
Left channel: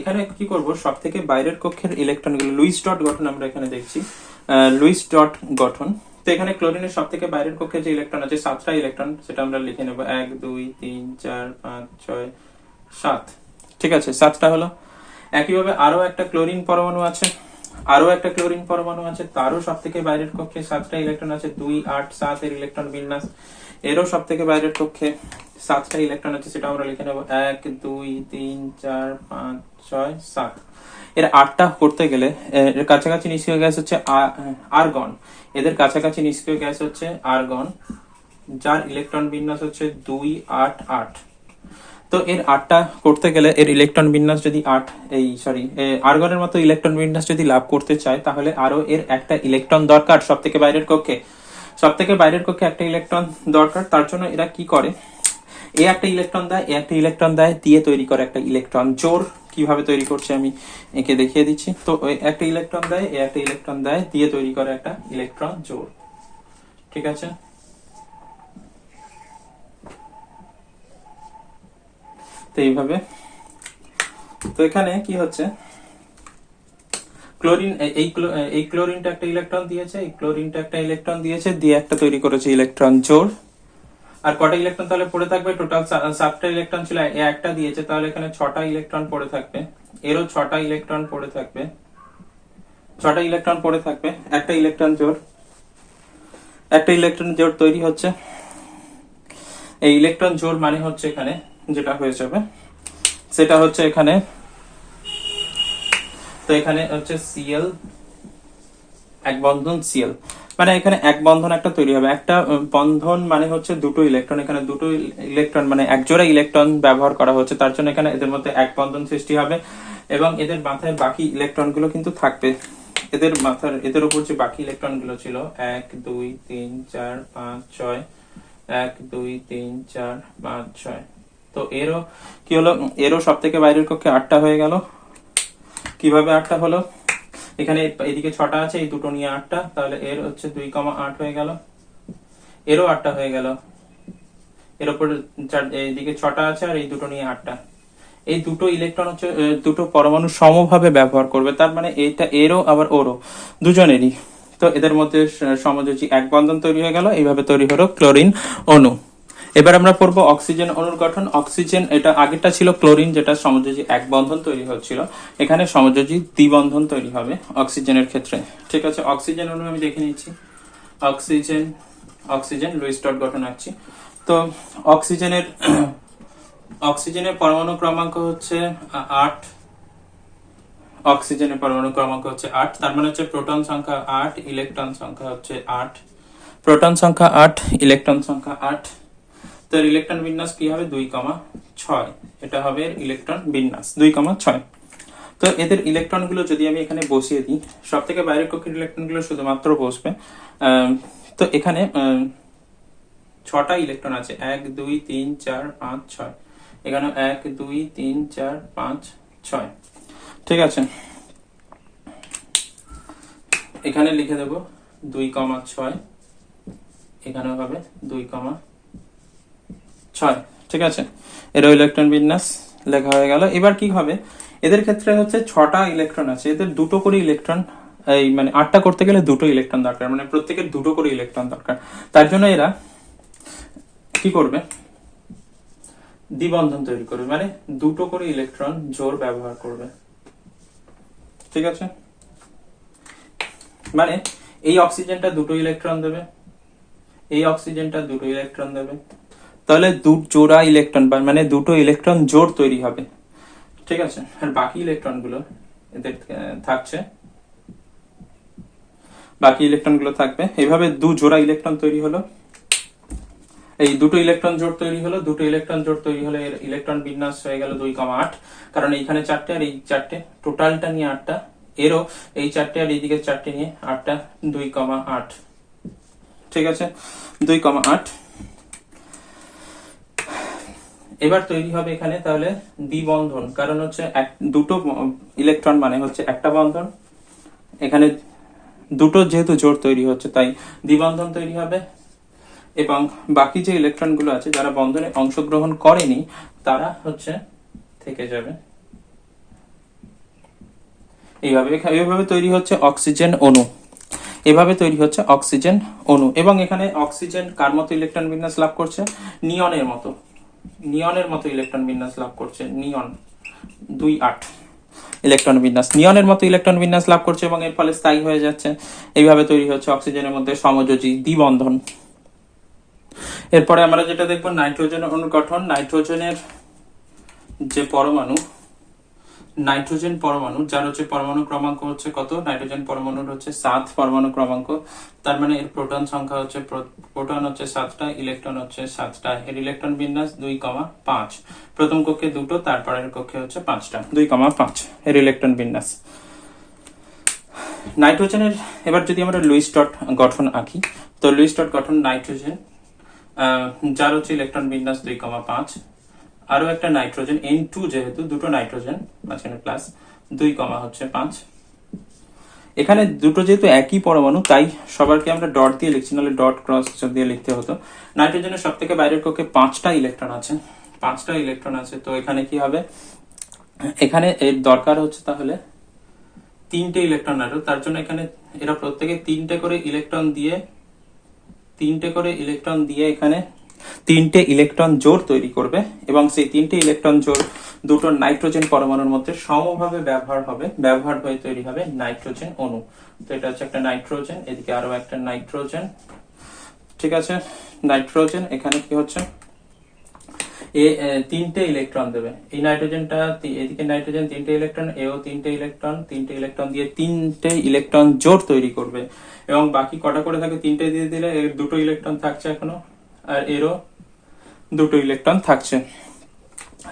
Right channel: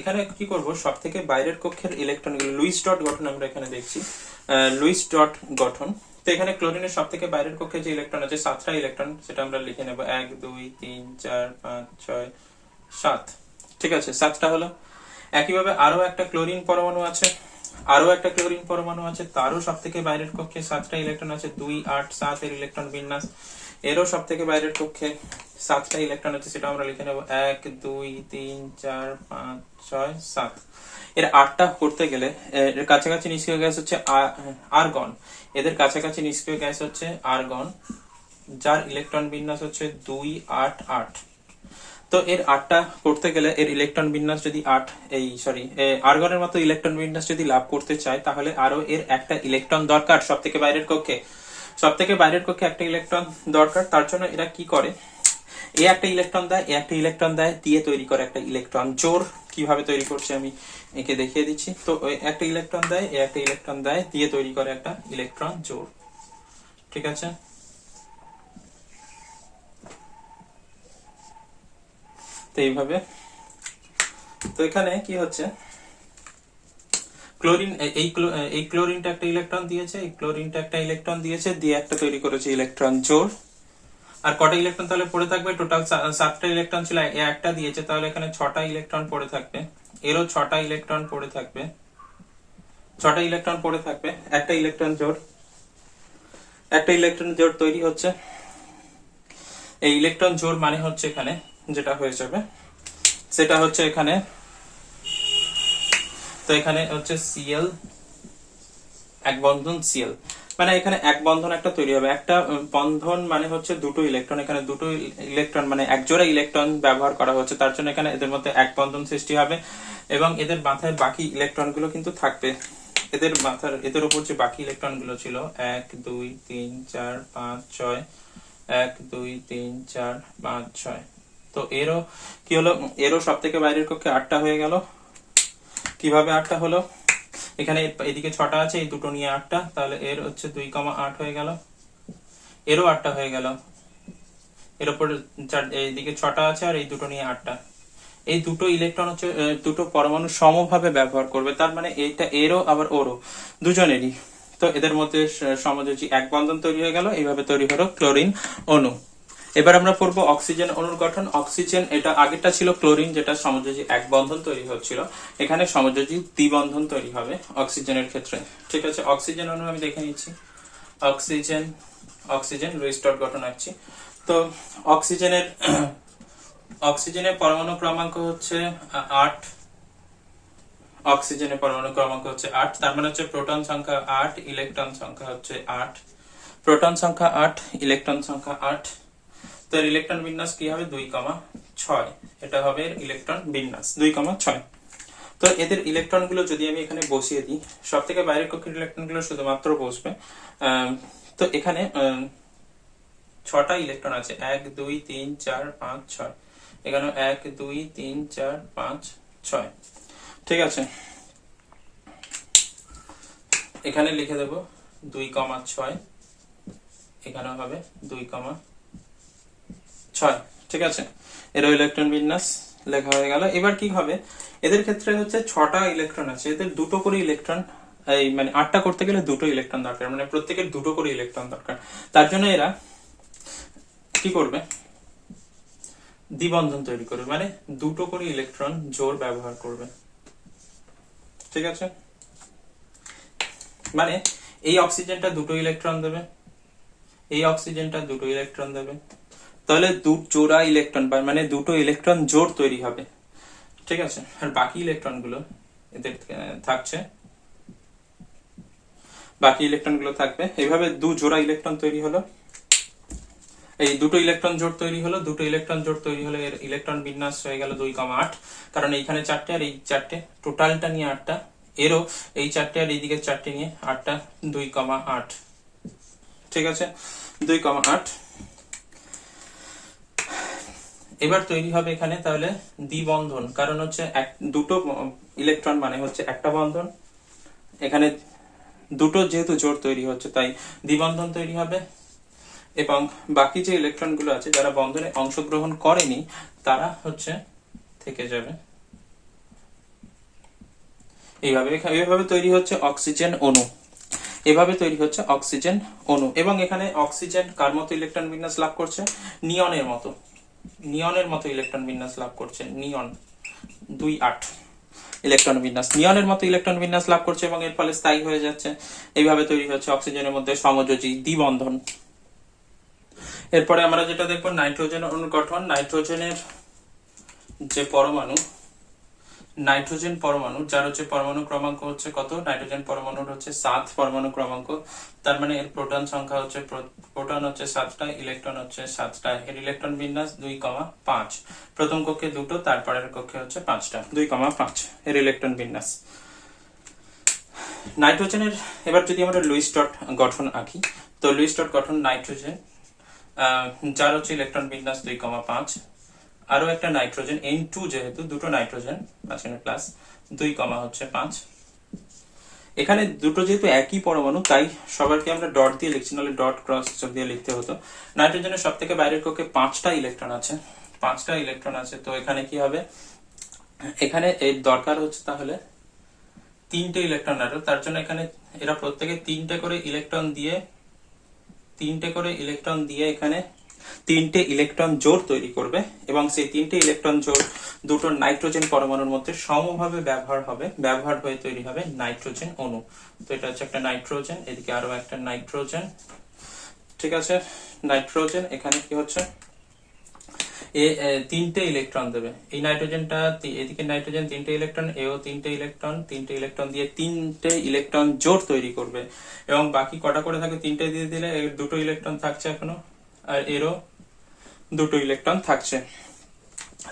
এখানে কি করব, সব থেকে বাইরের কক্ষের ইলেকট্রন গুলো লুইস ডট গঠন আমরা এখানে দেখছি, লুইস ডট গঠন। তো এখানে ক্লোরিনের সব থেকে বাইরের কক্ষে যে ইলেকট্রন আছে 7টা ইলেকট্রন, সেটা আমরা লিখে নেব 1 2 3 4 5 6 7। ঠিক আছে, 7টা হলো। একইভাবে আরো একটা ক্লোরিন পরমাণু আছে, তারও সব থেকে বাইরের কক্ষে 7টা ইলেকট্রন আছে, 2 8 7 এর ইলেকট্রন বিন্যাস। এরও সব থেকে বাইরের কক্ষে 7টা ইলেকট্রন আছে, সেটা আমরা লিখে নেব 1 2 3 4 5 6 7। এর 8টা করতে গেলে এর কাছাকাছি নিষ্ক্রিয় গ্যাস হচ্ছে আর্গন। এদের কাছাকাছি নিষ্ক্রিয় গ্যাস হচ্ছে আর্গন, যার ইলেকট্রন বিন্যাস হচ্ছে 2 8 8। তো এর 8টা করতে গেলে এর ইলেকট্রন বিন্যাস যদি আর্গনের মতো ইলেকট্রন বিন্যাস যদি লাভ করতে চায়, তাহলে আরো এর একটা ইলেকট্রন দরকার সব থেকে বাইরের কক্ষে একটা ইলেকট্রন দরকার। তার জন্য এরা কি করে, একটা ইলেকট্রন দেয় দিয়ে তৈরি করে একটা ইলেকট্রন জোড়। কিভাবে তৈরি করছে আমি একে দেখিয়ে দিচ্ছি। তো একটা ইলেকট্রন দেয় দিয়ে তৈরি করে একটা ইলেকট্রন জোড়। ঠিক আছে, তো এইভাবে। তো এখানে কি হচ্ছে, ক্লোরিন এই ক্লোরিনটা একটা ইলেকট্রন দিয়েছে, দিয়ে একটা তৈরি করেছে ইলেকট্রন জোড়। আর কটা ইলেকট্রন তাহলে পড়ে থাকবে? টোটাল 7টা ইলেকট্রন ছিল, একটা দিয়েছে, তাহলে এখানে 6টা ইলেকট্রন পড়ে থাকবে। এরও 6টা ইলেকট্রন পড়ে থাকবে, একটা ইলেকট্রন জোড় তৈরি হচ্ছে। এই ইলেকট্রন জোড় মানে হচ্ছে এখানে যেটা হয়ে যাবে সেটা হচ্ছে এখানে, তো এখানে হচ্ছে Cl এক বন্ধন Cl, মানে এখানে এক বন্ধন একটা তৈরি হবে। একটা বন্ধন মানে হচ্ছে দুটো ইলেকট্রন, এখানে দুটো ইলেকট্রন মানে এক জোড়া ইলেকট্রন ব্যবহার করা হচ্ছে, তার জন্য এখানে এদের মধ্যে এক বন্ধন সৃষ্টি হবে এবং এদের মাথায় বাকি ইলেকট্রন গুলো কিন্তু থাকবে। এদের উপর যে বাকি ইলেকট্রন গুলো ছিল 1 2 3 4 5 6, 1 2 3 4 5 6। তো এরও কি হলো, এরও সব থেকে বাইরের কক্ষে 8টা হয়ে গেল। কিভাবে 8টা হলো, এখানে এদিকে 6টা আছে, এই দুটো নিয়ে 8টা, তাহলে এর হচ্ছে 2 8 হয়ে গেল। এরও 8টা হয়ে গেল, এর উপর এইদিকে 6টা আছে আর এই দুটো নিয়ে 8টা। এই দুটো ইলেকট্রন হচ্ছে দুটো পরমাণু সমভাবে ব্যবহার করবে, তার মানে এইটা এরও আবার ওরও দুজনেরই। তো এদের মধ্যে সমযোজী এক বন্ধন তৈরি হয়ে গেল, এইভাবে তৈরি হলো ক্লোরিন অণু। এবার আমরা পড়বো অক্সিজেন অণুর গঠন। অক্সিজেন, এটা আগেরটা ছিল ক্লোরিন যেটা সমযোজী এক বন্ধন তৈরি হচ্ছিল, এখানে সমযোজী দ্বিবন্ধন তৈরি হবে অক্সিজেনের ক্ষেত্রে। ঠিক আছে, অক্সিজেন অণু আমি দেখে নিচ্ছি। অক্সিজেন লুইস ডট গঠন আঁকছি। তো অক্সিজেনের পরমাণু ক্রমাঙ্ক হচ্ছে 8। তার মানে হচ্ছে প্রোটন সংখ্যা 8, ইলেকট্রন সংখ্যা হচ্ছে 8। প্রোটন সংখ্যা 8, ইলেকট্রন সংখ্যা 8। তো এর ইলেকট্রন বিন্যাস কি হবে 2,6, এটা হবে ইলেকট্রন বিন্যাস 2,6। তো এদের ইলেকট্রন গুলো যদি আমি এখানে বসিয়ে দিই, সব থেকে বাইরের কক্ষের ইলেকট্রন গুলো শুধুমাত্র বসবে। তো এখানে 6টা ইলেকট্রন আছে, 1 2 3 4 5 6, এখানে 1 2 3 4 5 6, ঠিক আছে। এখানে লিখে দেব 2,6, এখানেও হবে 2,6, ঠিক আছে। এর ইলেকট্রন বিন্যাস লেখা হয়ে গেল। এবার কি হবে, এদের ক্ষেত্রে হচ্ছে 6টা ইলেকট্রন আছে, এদের দুটো করে ইলেকট্রন, এই মানে 8টা করতে গেলে দুটো ইলেকট্রন দরকার, মানে প্রত্যেকের দুটো করে ইলেকট্রন দরকার। তার জন্য এরা কি করবে, দ্বিবন্ধন তৈরি করবে, মানে দুটো করে ইলেকট্রন জোড় ব্যবহার করবে, ঠিক আছে। মানে এই অক্সিজেনটা দুটো ইলেকট্রন দেবে, এই অক্সিজেনটা দুটো ইলেকট্রন দেবে, তাহলে জোড়া ইলেকট্রন মানে দুটো ইলেকট্রন জোড় তৈরি হবে, ঠিক আছে। আর বাকি ইলেকট্রন গুলো এদের থাকছে, বাকি ইলেকট্রন গুলো থাকবে। এইভাবে দু জোড়া ইলেকট্রন তৈরি হলো, এই দুটো ইলেকট্রন জোড় তৈরি হলো, দুটো ইলেকট্রন জোড় তৈরি হলে এর ইলেকট্রন বিন্যাস হয়ে গেল 2,8, কারণ এইখানে 4টে আর এই 4টে, টোটালটা নিয়ে 8টা, এরও এই 4টে আর এইদিকে 4টে নিয়ে 8টা, 2,8, ঠিক আছে, 2,8। এবার তৈরি হবে এখানে তাহলে দ্বিবন্ধন, কারণ হচ্ছে দুটো ইলেকট্রন মানে হচ্ছে একটা বন্ধন, এখানে দুটো যেহেতু জোড় তৈরি হচ্ছে তাই দ্বিবন্ধন তৈরি হবে, এবং বাকি যে ইলেকট্রন গুলো আছে যারা বন্ধনে অংশগ্রহণ করেনি তারা হচ্ছে থেকে যাবে। এইভাবে তৈরি হচ্ছে অক্সিজেন অণু, এভাবে তৈরি হচ্ছে অক্সিজেন অণু। এবং এখানে অক্সিজেন কার মতো ইলেকট্রন বিন্যাস লাভ করছে, নিয়নের মতো, নিয়নের মতো ইলেকট্রন বিন্যাস লাভ করছে, নিয়ন 2,8 ইলেকট্রন বিন্যাস, নিয়নের মতো ইলেকট্রন বিন্যাস লাভ করছে এবং এর ফলে স্থায়ী হয়ে যাচ্ছে। এইভাবে তৈরি হচ্ছে অক্সিজেনের মধ্যে সমযোজী দ্বিবন্ধন। এরপরে আমরা যেটা দেখবো নাইট্রোজেন অণুর গঠন। নাইট্রোজেনের যে পরমাণু, নাইট্রোজেন পরমাণু যার হচ্ছে পরমাণু ক্রমাঙ্ক হচ্ছে কত, নাইট্রোজেন পরমাণুর হচ্ছে 7 পরমাণু ক্রমাঙ্ক, তার মানে এর প্রোটন সংখ্যা হচ্ছে, প্রোটন হচ্ছে 7টা, ইলেকট্রন হচ্ছে 7টা, এর ইলেকট্রন বিন্যাস 2,5, প্রথম কক্ষে দুটো, তারপরের কক্ষে হচ্ছে 5টা, 2,5 এর ইলেকট্রন বিন্যাস। নাইট্রোজেনের এবার যদি আমরা লুইস ডট গঠন আঁকি, তো লুইস ডট গঠন নাইট্রোজেন যার হচ্ছে ইলেকট্রন বিন্যাস 2,5, আরো একটা নাইট্রোজেন N2, যেহেতু দুটো নাইট্রোজেন মাঝখানে প্লাস 2,5, এখানে দুটো যেহেতু একই পরমাণু তাই সবারকে আমরা ডট দিয়ে লিখছি, নাহলে ডট ক্রস দিয়ে লিখতে হতো। নাইট্রোজেনের সব থেকে বাইরের কক্ষে 5টা ইলেকট্রন আছে, 5টা ইলেকট্রন আছে, তো এখানে কি হবে, এখানে এর দরকার হচ্ছে তাহলে 3টে ইলেকট্রন আরো, তার জন্য এখানে এরা প্রত্যেকে 3টে করে ইলেকট্রন দিয়ে, 3টে করে ইলেকট্রন দিয়ে এখানে 3টে ইলেকট্রন জোড় তৈরি করবে, এবং সেই 3টে ইলেকট্রন জোড় দুটো নাইট্রোজেন পরমাণুর মধ্যে সমভাবে ব্যবহার হয়ে তৈরি হবে নাইট্রোজেন অণু। তো এটা হচ্ছে একটা নাইট্রোজেন, এদিকে আরো একটা নাইট্রোজেন, ঠিক আছে। নাইট্রোজেন এখানে কি হচ্ছে, 3টে ইলেকট্রন দেবে, এই নাইট্রোজেনটা, এদিকে নাইট্রোজেন 3টে ইলেকট্রন, এও 3টে ইলেকট্রন, 3টে ইলেকট্রন দিয়ে 3টে ইলেকট্রন জোড় তৈরি করবে, এবং বাকি কটা করে থাকে, 3টে দিয়ে দিলে এর দুটো ইলেকট্রন থাকছে এখনো, আর এরও দুটো ইলেকট্রন থাকছে।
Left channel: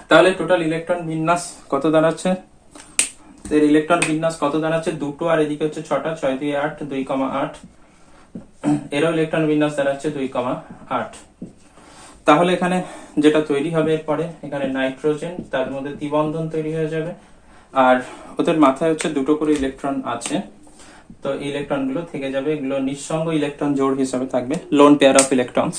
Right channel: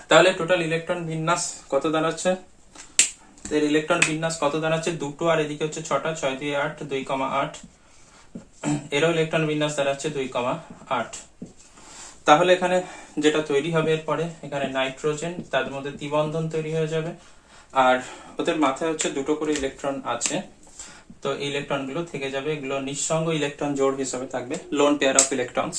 তাহলে টোটাল ইলেকট্রন বিন্যাস কত দাঁড়াচ্ছে, এর ইলেকট্রন বিন্যাস কত দাঁড়াচ্ছে, দুটো, আর এদিকে হচ্ছে 6টা, 6 দিয়ে 8, 2,8, এরও ইলেকট্রন বিন্যাস দাঁড়াচ্ছে 2,8। তাহলে এখানে যেটা তৈরি হবে এরপরে, এখানে নাইট্রোজেন, তাদের মধ্যে দ্বিবন্ধন তৈরি হয়ে যাবে, আর ওদের মাথায় হচ্ছে দুটো করে ইলেকট্রন আছে, তো এই ইলেকট্রন গুলো থেকে যাবে, এগুলো নিঃসঙ্গ ইলেকট্রন জোড় হিসেবে থাকবে, লোন পেয়ার অফ ইলেকট্রনস,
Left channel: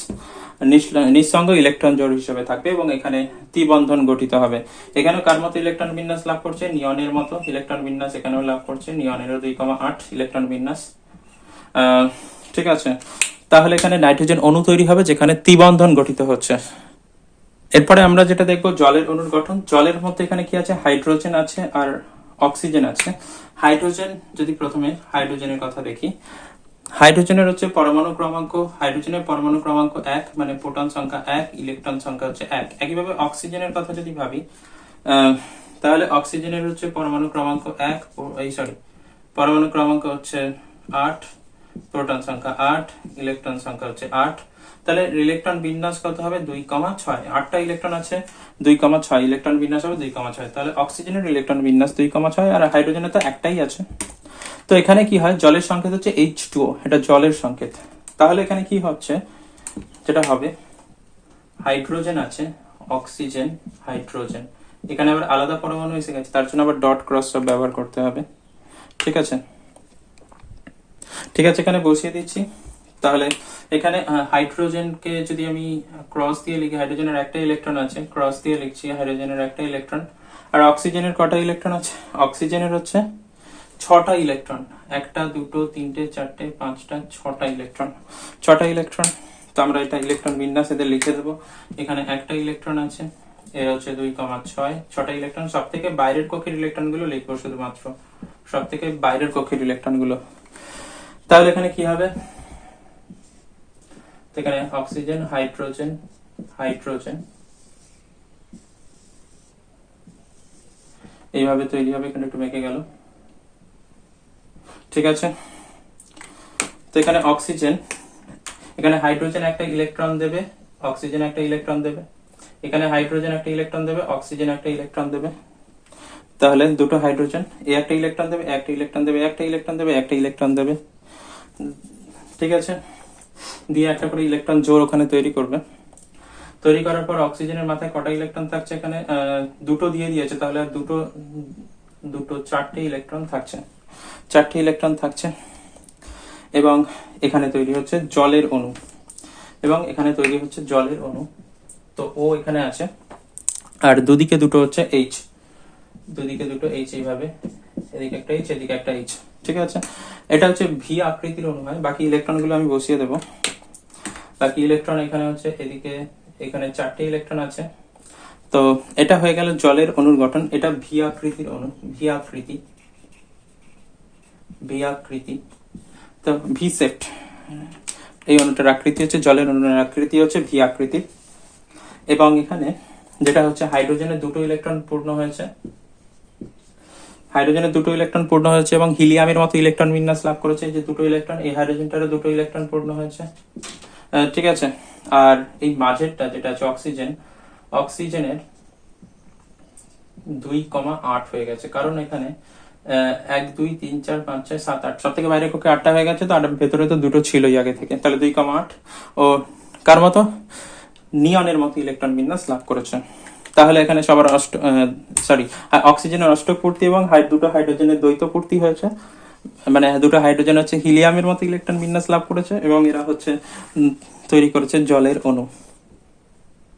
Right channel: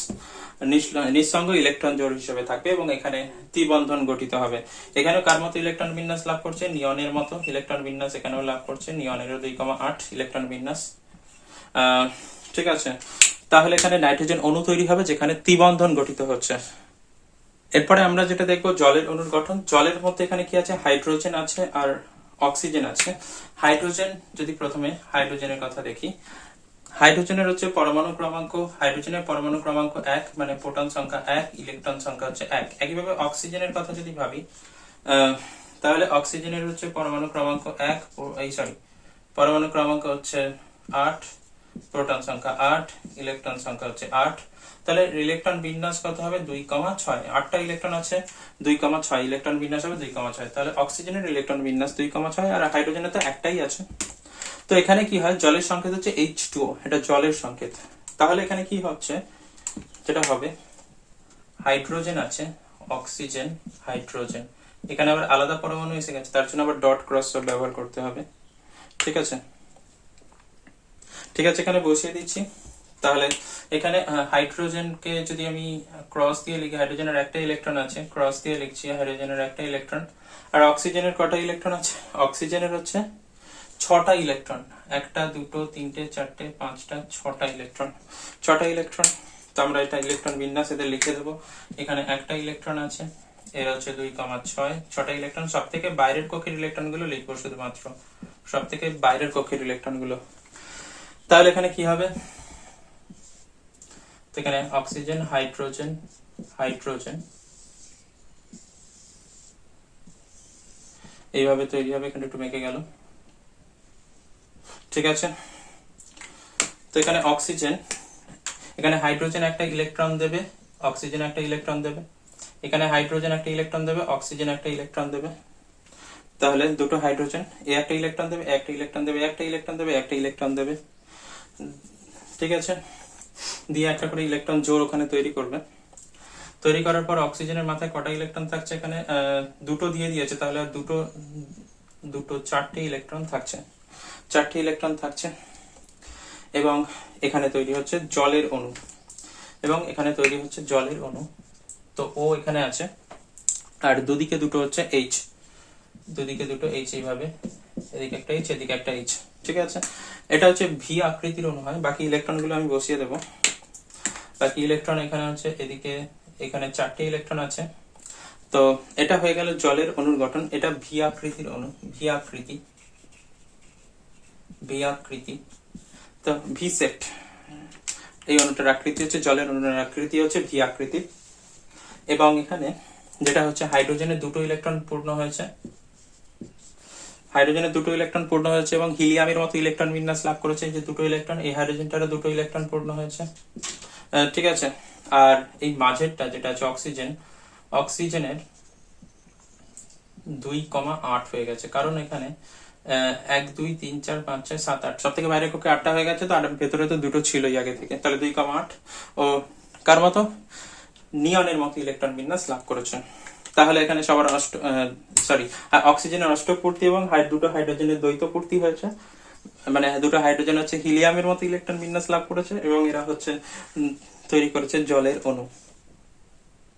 নিঃসঙ্গ ইলেকট্রন জোড় হিসেবে থাকবে, এবং এখানে দ্বিবন্ধন গঠিত হবে। এখানে কার মতো ইলেকট্রন বিন্যাস লাভ করছে, নিয়নের মতো ইলেকট্রন বিন্যাস এখানেও লাভ করছে, নিয়নেরও 2,8 ইলেকট্রন বিন্যাস, ঠিক আছে। তাহলে এখানে নাইট্রোজেন অণু তৈরি হবে যেখানে দ্বিবন্ধন গঠিত হচ্ছে। এরপরে আমরা যেটা দেখবো জলের অণুর গঠন। জলের মধ্যে এখানে কি আছে, হাইড্রোজেন আছে আর অক্সিজেন আছে। হাইড্রোজেন, যদি প্রথমে হাইড্রোজেনের কথা দেখি, হাইড্রোজেনের হচ্ছে পরমাণু ক্রমাঙ্ক, হাইড্রোজেনের পরমাণু ক্রমাঙ্ক 1, মানে প্রোটন সংখ্যা 1, ইলেকট্রন সংখ্যা হচ্ছে 1। একইভাবে অক্সিজেনের কথা যদি ভাবি, তাহলে অক্সিজেনের হচ্ছে পরমাণু ক্রমাঙ্ক 1, পরমাণু ক্রমাঙ্ক হচ্ছে 8, প্রোটন সংখ্যা 8, ইলেকট্রন সংখ্যা হচ্ছে 8। তাহলে ইলেকট্রন বিন্যাস কত হবে 2,6, 8টা ইলেকট্রন আছে 2,6, ইলেকট্রন বিন্যাস হবে 2,6। তাহলে অক্সিজেনের ইলেকট্রন বিন্যাস 2,6 আর হাইড্রোজেনের তো একটাই আছে। তো এখানে কি হয়, জলের সংকেত হচ্ছে H2O, এটা জলের সংকেত। তাহলে এখানে কি হচ্ছে, যেটা হবে হাইড্রোজেন আছে, অক্সিজেন, হাইড্রোজেন, এখানে আবার আলাদা পরমাণু এসে গেছে, তার জন্য আবার ডট ক্রস ব্যবহার করতে হবে। ঠিক আছে, ঠিক আছে, এখানে বসিয়ে দিচ্ছি। তাহলে এখানে হাইড্রোজেনকে যদি আমি ক্রস দিয়ে লিখি, হাইড্রোজেনের একটা ইলেকট্রন আছে, ক্রস দিয়ে লিখছি হাইড্রোজেনের একটা ইলেকট্রন। আর অক্সিজেনের কটা ইলেকট্রন আছে, অক্সিজেনের হচ্ছে 6টা ইলেকট্রন, 1টা 2টো 3টে 4টে 5টা 6টা ইলেকট্রন, 6টা ইলেকট্রন। তো আমরা এটা ইলেকট্রন বিন্যাস এদের লিখে দেবো। এখানে একটা ইলেকট্রন আছে, এর হচ্ছে 2,6, 6টা ইলেকট্রন। সব থেকে বাইরের কক্ষের ইলেকট্রন গুলো লিখবো, শুধুমাত্র সব থেকে বাইরের কক্ষের ইলেকট্রন গুলো। তাহলে এখানে কি হবে, তো এখানে অক্সিজেন, হাইড্রোজেন, হাইড্রোজেন এইভাবে তৈরি হবে। এখানে একটু মেকে গেল, ঠিক আছে। তো এখানে অক্সিজেন, এখানে হাইড্রোজেন একটা ইলেকট্রন দেবে, অক্সিজেন একটা ইলেকট্রন দেবে, এখানে হাইড্রোজেন একটা ইলেকট্রন দেবে, অক্সিজেন একটা ইলেকট্রন দেবে। তাহলে দুটো হাইড্রোজেন এ একটা ইলেকট্রন দেবে, একটা ইলেকট্রন দেবে, একটা ইলেকট্রন দেবে, একটা ইলেকট্রন দেবে। ঠিক আছে, দিয়ে একটা করে ইলেকট্রন জোড় ওখানে তৈরি করবে। তৈরি করার পর অক্সিজেনের মাথায় কটা ইলেকট্রন থাকছে, এখানে দুটো দিয়ে দিয়েছে, তাহলে আর দুটো দুটো 4টে ইলেকট্রন থাকছে, 4টে ইলেকট্রন থাকছে। এবং এখানে তৈরি হচ্ছে জলের অণু, এবং এখানে তৈরি হচ্ছে জলের অণু। তো ও এখানে আছে, আর দুদিকে দুটো হচ্ছে এইচ, দুদিকে দুটো এইচ, এইভাবে এদিকে একটা এইচ, এদিকে একটা এইচ। ঠিক আছে, এটা হচ্ছে ভি আকৃতির অণু হয়। বাকি ইলেকট্রন গুলো আমি বসিয়ে দেবো। বাকি ইলেকট্রন এখানে হচ্ছে এদিকে, এখানে 4টে ইলেকট্রন আছে। তো এটা হয়ে গেল জলের অণুর গঠন। এটা ভি আকৃতির অণু, ভি আকৃতি, ভি আকৃতি। তো ভি সেপ্ট, এই অণুটার আকৃতি হচ্ছে, জলের অণুর আকৃতি হচ্ছে ভি আকৃতি। এবং এখানে যেটা হচ্ছে হাইড্রোজেনের দুটো ইলেকট্রন পূর্ণ হয়েছে, হাইড্রোজেনের দুটো ইলেকট্রন পূর্ণ হয়েছে, এবং হিলিয়ামের মতো ইলেকট্রন বিন্যাস লাভ করেছে, যে দুটো ইলেকট্রন, এই হাইড্রোজেনটারও দুটো ইলেকট্রন পূর্ণ হয়েছে। ঠিক আছে, আর এই মাঝেরটা যেটা আছে অক্সিজেন, অক্সিজেনের 2,8 হয়ে গেছে, কারণ এখানে 1 2 3 4 5 6 7 8, সব থেকে বাইরে কক্ষে 8টা হয়ে গেছে। তো আর ভেতরে তো দুটো ছিলই আগে থেকে, তাহলে 2,8 ও কার মতো, নিয়নের মতো ইলেকট্রন বিন্যাস লাভ করেছে। তাহলে এখানে সবার অক্সিজেনের অষ্টক পূর্তি এবং দুটো হাইড্রোজেনের দ্বৈত পূর্তি হয়েছে। মানে দুটো হাইড্রোজেন হচ্ছে হিলিয়ামের মতো ইলেকট্রন বিন্যাস লাভ করেছে, এবং এরা হচ্ছে তৈরি করেছে জলের অণু।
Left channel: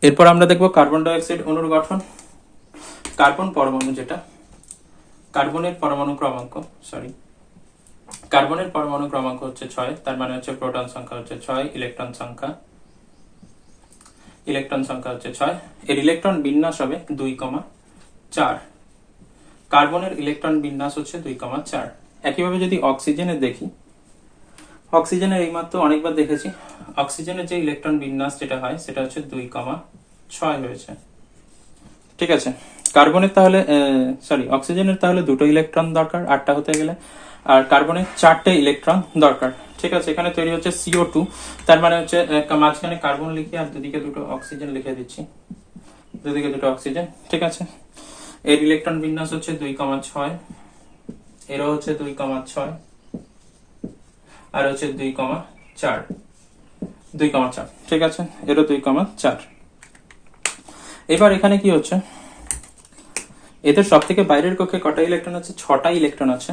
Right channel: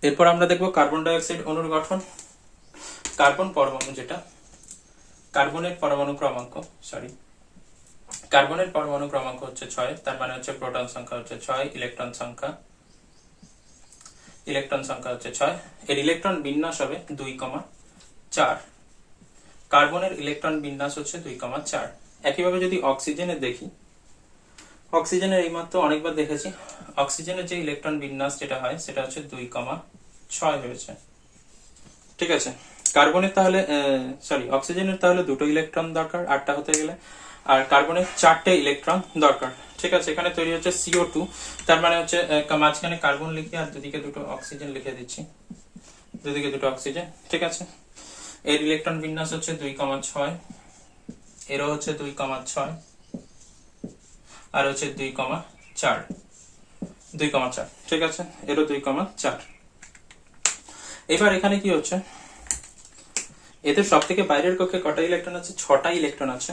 এরপর আমরা দেখবো কার্বন ডাই অক্সাইড অণুর গঠন। কার্বন পরমাণু, যেটা কার্বনের পরমাণু ক্রমাঙ্ক, কার্বনের পরমাণু ক্রমাঙ্ক হচ্ছে 6, তার মানে হচ্ছে প্রোটন সংখ্যা হচ্ছে 6, ইলেকট্রন সংখ্যা হচ্ছে 6। এর ইলেকট্রন বিন্যাস হবে 2,4। কার্বনের ইলেকট্রন বিন্যাস হচ্ছে 2,4। একইভাবে যদি অক্সিজেনের দেখি, অক্সিজেনের এইমাত্র অনেকবার দেখেছি, অক্সিজেনের যে ইলেকট্রন বিন্যাস যেটা হয় সেটা হচ্ছে 2,6 হয়েছে। ঠিক আছে, কার্বনের তাহলে অক্সিজেনের তাহলে দুটো ইলেকট্রন দরকার 8টা হতে গেলে, আর কার্বনের 4টে ইলেকট্রন দরকার। ঠিক আছে, এখানে তৈরি হচ্ছে CO2, তার মানে হচ্ছে মাঝখানে কার্বন লিখে আর দুদিকে দুটো অক্সিজেন লিখে দিচ্ছি, দুদিকে দুটো অক্সিজেন। ঠিক আছে, এর ইলেকট্রন বিন্যাস হচ্ছে 2,6, এরও হচ্ছে 2,6, আর হচ্ছে 2,4, 2,4। ঠিক আছে, এরও 2,4। এবার এখানে কি হচ্ছে, এদের সব থেকে বাইরের কক্ষে কটা ইলেকট্রন আছে, 6টা ইলেকট্রন আছে।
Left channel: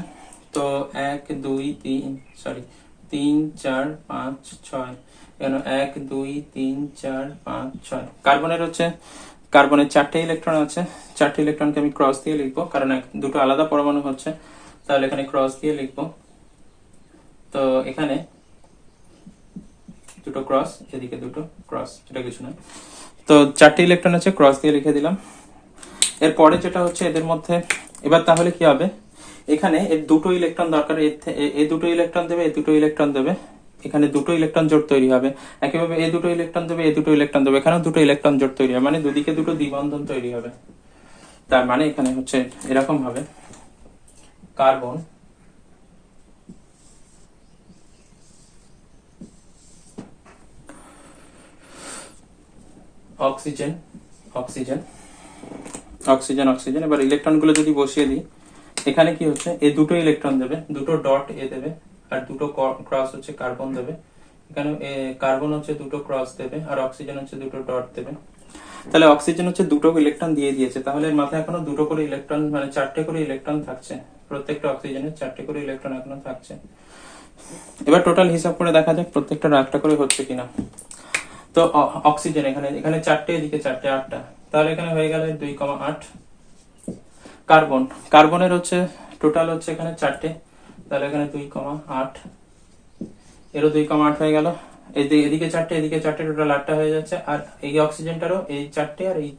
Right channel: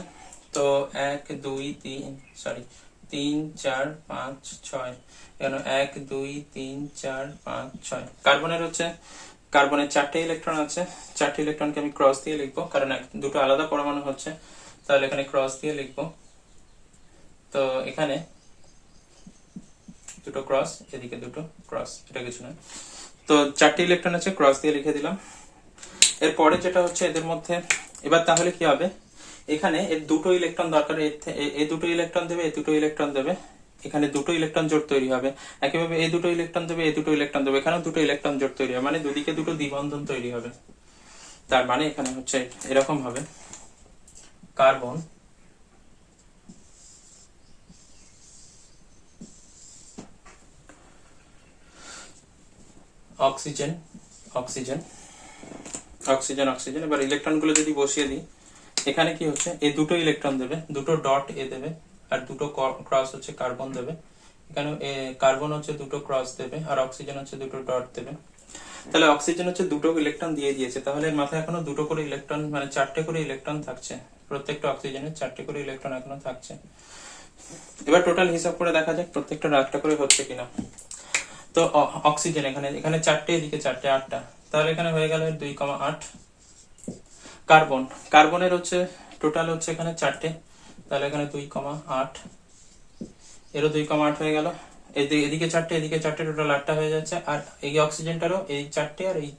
তো 1 2 3 3 4 5 6, কেন 1 2 3 4 5 6। কার্বনের হচ্ছে, কার্বনের 4টে ইলেকট্রন আছে, 4টে ইলেকট্রনকে আমি ক্রস দিয়ে লিখবো, কারণ দুটো আলাদা পরমাণু হচ্ছে, তাহলে এখানে ক্রস দিয়ে লিখবো। তো এখানে দুটো ক্রস, এদিকে দুটো ক্রস, এটা কিছু নয়। তো 4টে ইলেকট্রন আছে, ক্রস দিয়ে লিখে দিলাম। এরপরে যেটা হচ্ছে এদের মধ্যে, এবার তাহলে কি হবে, এখানে এর দুটো ইলেকট্রন দরকার, এ দুটো ইলেকট্রন দেবে, এ দুটো ইলেকট্রন দেবে, এখানে দুটো ইলেকট্রন জোট তৈরি হবে। একইভাবে এ দুটো ইলেকট্রন দেবে, এ দুটো ইলেকট্রন দেবে, এখানেও দুটো ইলেকট্রন জোট তৈরি হবে, মানে দুদিকে দুটো দ্বিবন্ধন তৈরি হবে। তার মানে এখানে হচ্ছে এরকম হবে, carbon oxygen oxygen oxygen oxygen. এবার ইলেকট্রনগুলো যদি বসিয়ে দিই, এখানে কি হচ্ছে, এই দুটো ইলেকট্রন দেবে, দুটো ডট এ দেবে, আর দুটো ক্রস হচ্ছে কার্বন দেবে। এখানে কার্বন হচ্ছে দুটো ক্রস দেবে, আর অক্সিজেন হচ্ছে দুটো ডট দেবে। তাহলে অক্সিজেন হচ্ছে দুটো ইলেকট্রন দিয়ে দিয়েছে, তাহলে এর মাথায় এখনো দুটো করে ইলেকট্রন, মানে চারটে করে ইলেকট্রন থাকছে। প্রত্যেকটা অক্সিজেনের চারটে করে ইলেকট্রন এখনো থাকছে। এবার টোটাল হিসাব করে দেখা যাক প্রত্যেকটা একটা করে হচ্ছে কিনা। তো অক্সিজেন এখানে এখানে চারটে, এদিকে চারটে, আটটা। তাহলে এখানে হয়ে গেল 2,8। কার্বন, কার্বনের হচ্ছে টোটাল হচ্ছে এখানে চারটে, তাহলে এখানে 2,8, এরও 2,8 হয়ে গেল। এদিকে চারটে, এদিকে চারটে, টোটাল 8টা হয়ে যাচ্ছে। আর এই অক্সিজেনটারও এই চারটে আর এই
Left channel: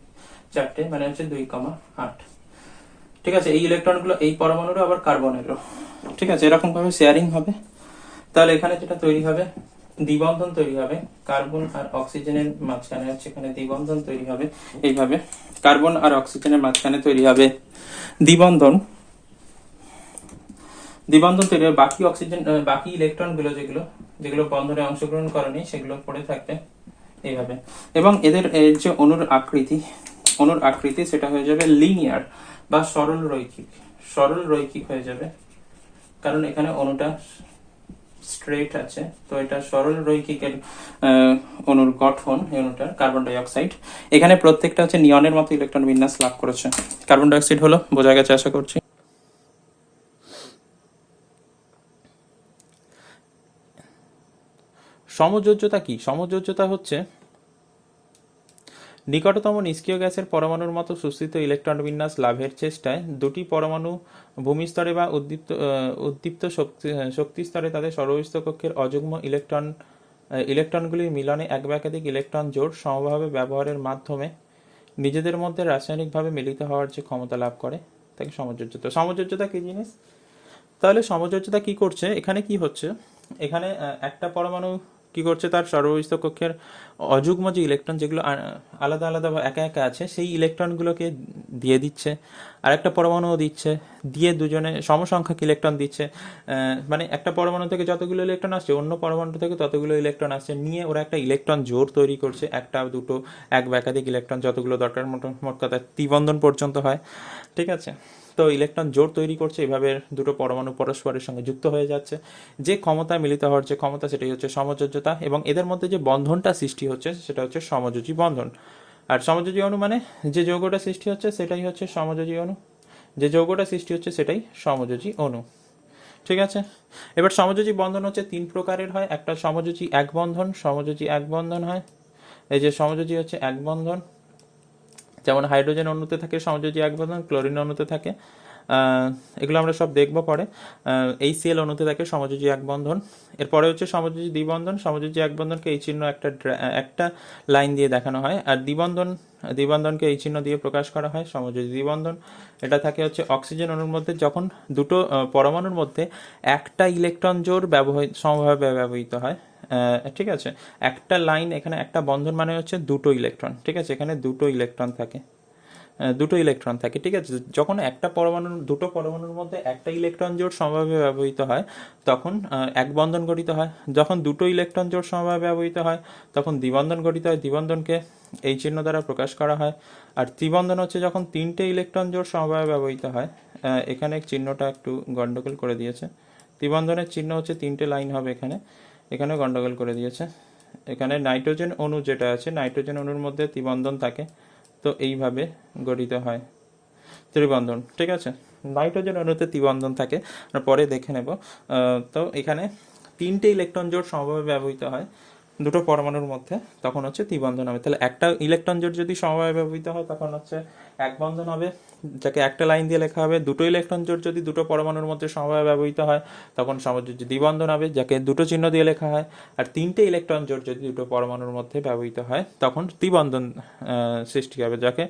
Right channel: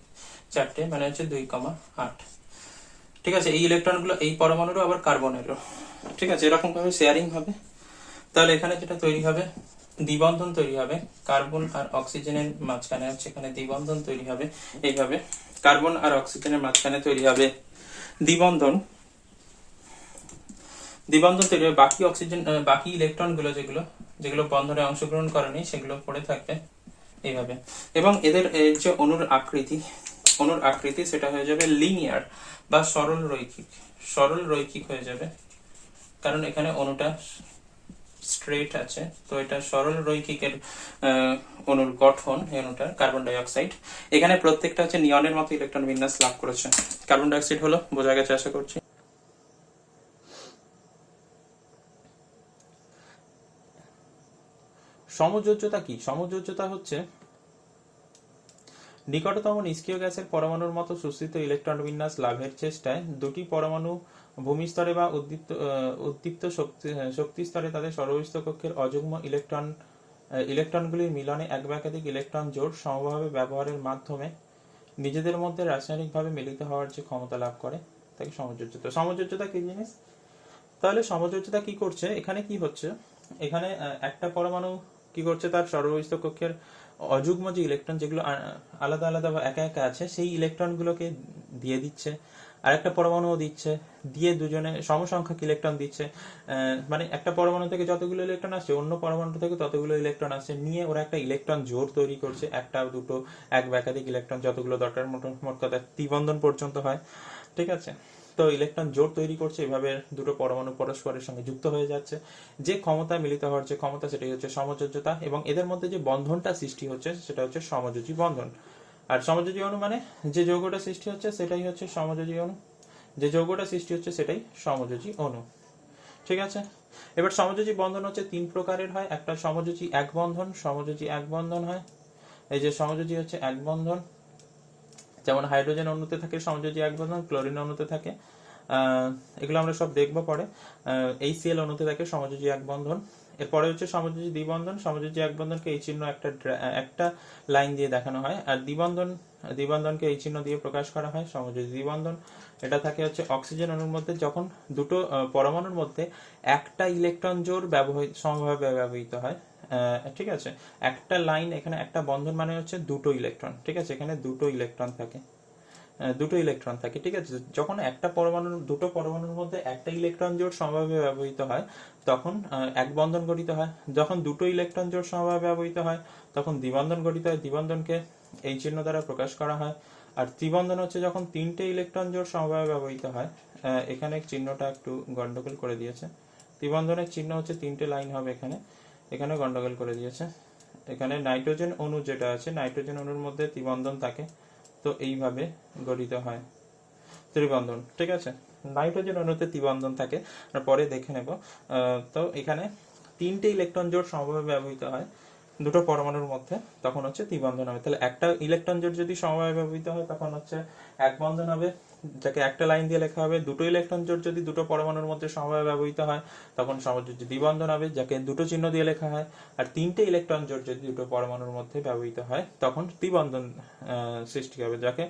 চারটে, মানে হচ্ছে 2,8। ঠিক আছে, এই ইলেকট্রনগুলো এই পরমাণুরও আবার কার্বনেরও, ঠিক আছে, এরকম ভাবে শেয়ারিং হবে। তাহলে এখানে যেটা তৈরি হবে, দ্বিবন্ধন তৈরি হবে কার্বন আর অক্সিজেনের মাঝখানে, হচ্ছে এখানে দ্বিবন্ধন তৈরি হবে এইভাবে। কার্বন আর অক্সিজেনের মাঝখানে তৈরি হবে দ্বিবন্ধন। দ্বিবন্ধন তৈরি হবে, বাকি অক্সিজেন, বাকি ইলেকট্রন গুলো যেগুলো যেগুলো বন্ধনে অংশগ্রহণ করেনি সেগুলো পড়ে থাকবে এইভাবে। এবং এদের যে অনুর আকৃতি সেটা হয়ে যাবে লিনিয়ার বা সরল রৈখিক। সরল রৈখিক হয়ে যাবে, কারণ এখানে অনুটা স্ট্রেট আছে, তো এটা সরল রৈখিকের অনুর গঠন। অনুটার কার্বন ডাই অক্সাইড, এখানে প্রত্যেকটা হচ্ছে নিয়নের মতো ইলেকট্রন বিন্যাস লাভ করেছে। কার্বন ডাই অক্সাইড হলো, বোঝা গেছে আশা করছি। সমযোজ্যতা কি? সমযোজ্যতা হচ্ছে নিকটতম নিষ্ক্রিয় গ্যাসের পরমাণুর মতো সুস্থিত ইলেকট্রন বিন্যাস লাভের চেষ্টায় দুটি পরমাণু ভূমিস্তরে বা উদ্দীপ্ত শক্তি স্তরে তাদের সর্বস্থ কক্ষের অযুগ্ম ইলেকট্রনগুলির মিলনে এক বা একাধিক ইলেকট্রন জোড় সমভাবে ব্যবহারের মাধ্যমে নিজেদের মধ্যে রাসায়নিকভাবে মিলিত হওয়ার যে ক্ষমতা লাভ করে তাকে সমযোজ্যতা। সমযোজ্যতা কি জিনিস? তাহলে সমযোজ্যতা কি করছে, এখানে কি হচ্ছে, এখানে একটা পরমাণু কি করছে, তার সর্বস্থ কক্ষের অযুগ্ম যে ইলেকট্রন যেগুলো আলাদা আলাদা বা একা একা আছে সেই ইলেকট্রনগুলোকে দিয়ে দিচ্ছে, আর একটা পরমাণুও দিচ্ছে, দিয়ে দুজনে সমসংখ্যক ইলেকট্রন দিচ্ছে। মানে একটা পরমাণু থেকে যতগুলো ইলেকট্রন আসছে অন্য পরমাণু থেকে ততগুলো ইলেকট্রন আসছে, নিয়ে ওরা একটা ইলেকট্রন জোড় তৈরি করছে, একটা দুটো এক বা একাধিক ইলেকট্রন যতগুলো দরকার, মোট কথা ত্রিবন্ধন পর্যন্ত হয়। ঠিক আছে, তো ইলেকট্রন জোড় তৈরি করছে, এভাবে দুটো পরমাণু পরস্পরের সঙ্গে যুক্ত হয়ে যাচ্ছে। যে ক্ষমতা মিলিত হওয়ার যে ক্ষমতা সেটাই হচ্ছে সমযোজ্যতা, এবং এদের মধ্যে যে বন্ধনটা সৃষ্টি হচ্ছে সেটা হচ্ছে সমযোজী বন্ধন। আর সমযোজী অণু মানে যে যৌগটা সৃষ্টি হচ্ছে সেটাই হচ্ছে সমযোজী অণু, যে যৌগটা সৃষ্টি হচ্ছে সেটাই সমযোজী অণু। ঠিক আছে, এবার সমযোজী বন্ধন হচ্ছে তিন প্রকারের হয়। একটা সমযোজী এক বন্ধন, সমযোজী এক বন্ধন হয়। এই যে সমযোজী হচ্ছে এক বন্ধন, যেমন হাইড্রোজেন অণুতে থাকে সমযোজী এক বন্ধন, ক্লোরিন অণুতে থাকে, এগুলো আমরা সব দেখবো পরে। HCl অণুতে থাকে সমযোজী এক বন্ধন। এরপরে হচ্ছে সমযোজী দ্বিবন্ধন। সমযোজী এক বন্ধনকে এই চিহ্ন একটা লাইন দিয়ে দেখানো হয়, আর দ্বিবন্ধনকে এই চিহ্ন দিয়ে প্রকাশ করা হয় সমযোজী দ্বিবন্ধন। এটা থাকে হচ্ছে অক্সিজেন অণুর মধ্যে, যখন দুটো পরমাণুর মধ্যে একটা ইলেকট্রন জোড় সমভাবে ব্যবহৃত হয়। ঠিক আছে, একটা লাইন, এখানে একটা বন্ধন মানে হচ্ছে দুটো ইলেকট্রন। ঠিক আছে, এখানে দুটো ইলেকট্রন থাকে। ঠিক আছে, যখন একটা দুটো পরমাণুর মধ্যে একটা ইলেকট্রন জোড় সমভাবে ব্যবহৃত হয় তখন এক বন্ধন গঠিত হয়। যখন দুটো ইলেকট্রন জোড় সমভাবে ব্যবহৃত হয় তখন দ্বিবন্ধন গঠিত হয়। দ্বিবন্ধনকে এই চিহ্ন দ্বারা প্রকাশ করা হয়। আর ত্রিবন্ধন হচ্ছে যখন তিনটে ইলেকট্রন জোড় সমভাবে ব্যবহৃত হয়। এখানে চিহ্নটা একটু গন্ডগোল করে দিয়েছে। ত্রিবন্ধনের চিহ্ন হচ্ছে তিনটে লাইন হবে, এখানে গন্ডগোল করে দিয়েছে। এখানে নাইট্রোজেন অণু যেটা আছে, নাইট্রোজেন অণুর মধ্যে ত্রিবন্ধন থাকে, তো এইভাবে গঠিত হয় ত্রিবন্ধন। ঠিক আছে, নাইট্রোজেন অণুতে ত্রিবন্ধন থাকে, আমরা পরে দেখে নেব। তো এখানে তিনটে ইলেকট্রন জোড় সমভাবে ব্যবহৃত হয় দুটো পরমাণুর মধ্যে, তখন হচ্ছে ত্রিবন্ধন হবে। তাহলে একটা ইলেকট্রন জোড় যদি সমভাবে ব্যবহৃত হয় তখন হচ্ছে এক বন্ধন হবে, যাকে একটা লাইন দিয়ে লেখা হবে। দুটো ইলেকট্রন জোড় যদি দুটো পরমাণুর মধ্যে সমভাবে ব্যবহৃত হয় তখন সমযোজী দ্বিবন্ধন হবে, যাকে দুটো চিহ্ন দিয়ে লেখা হয়। আর তিনটে ইলেকট্রন জোড় যদি দুটো পরমাণুর মধ্যে ব্যবহৃত হয় তখন ত্রিবন্ধন সৃষ্টি হবে, যাকে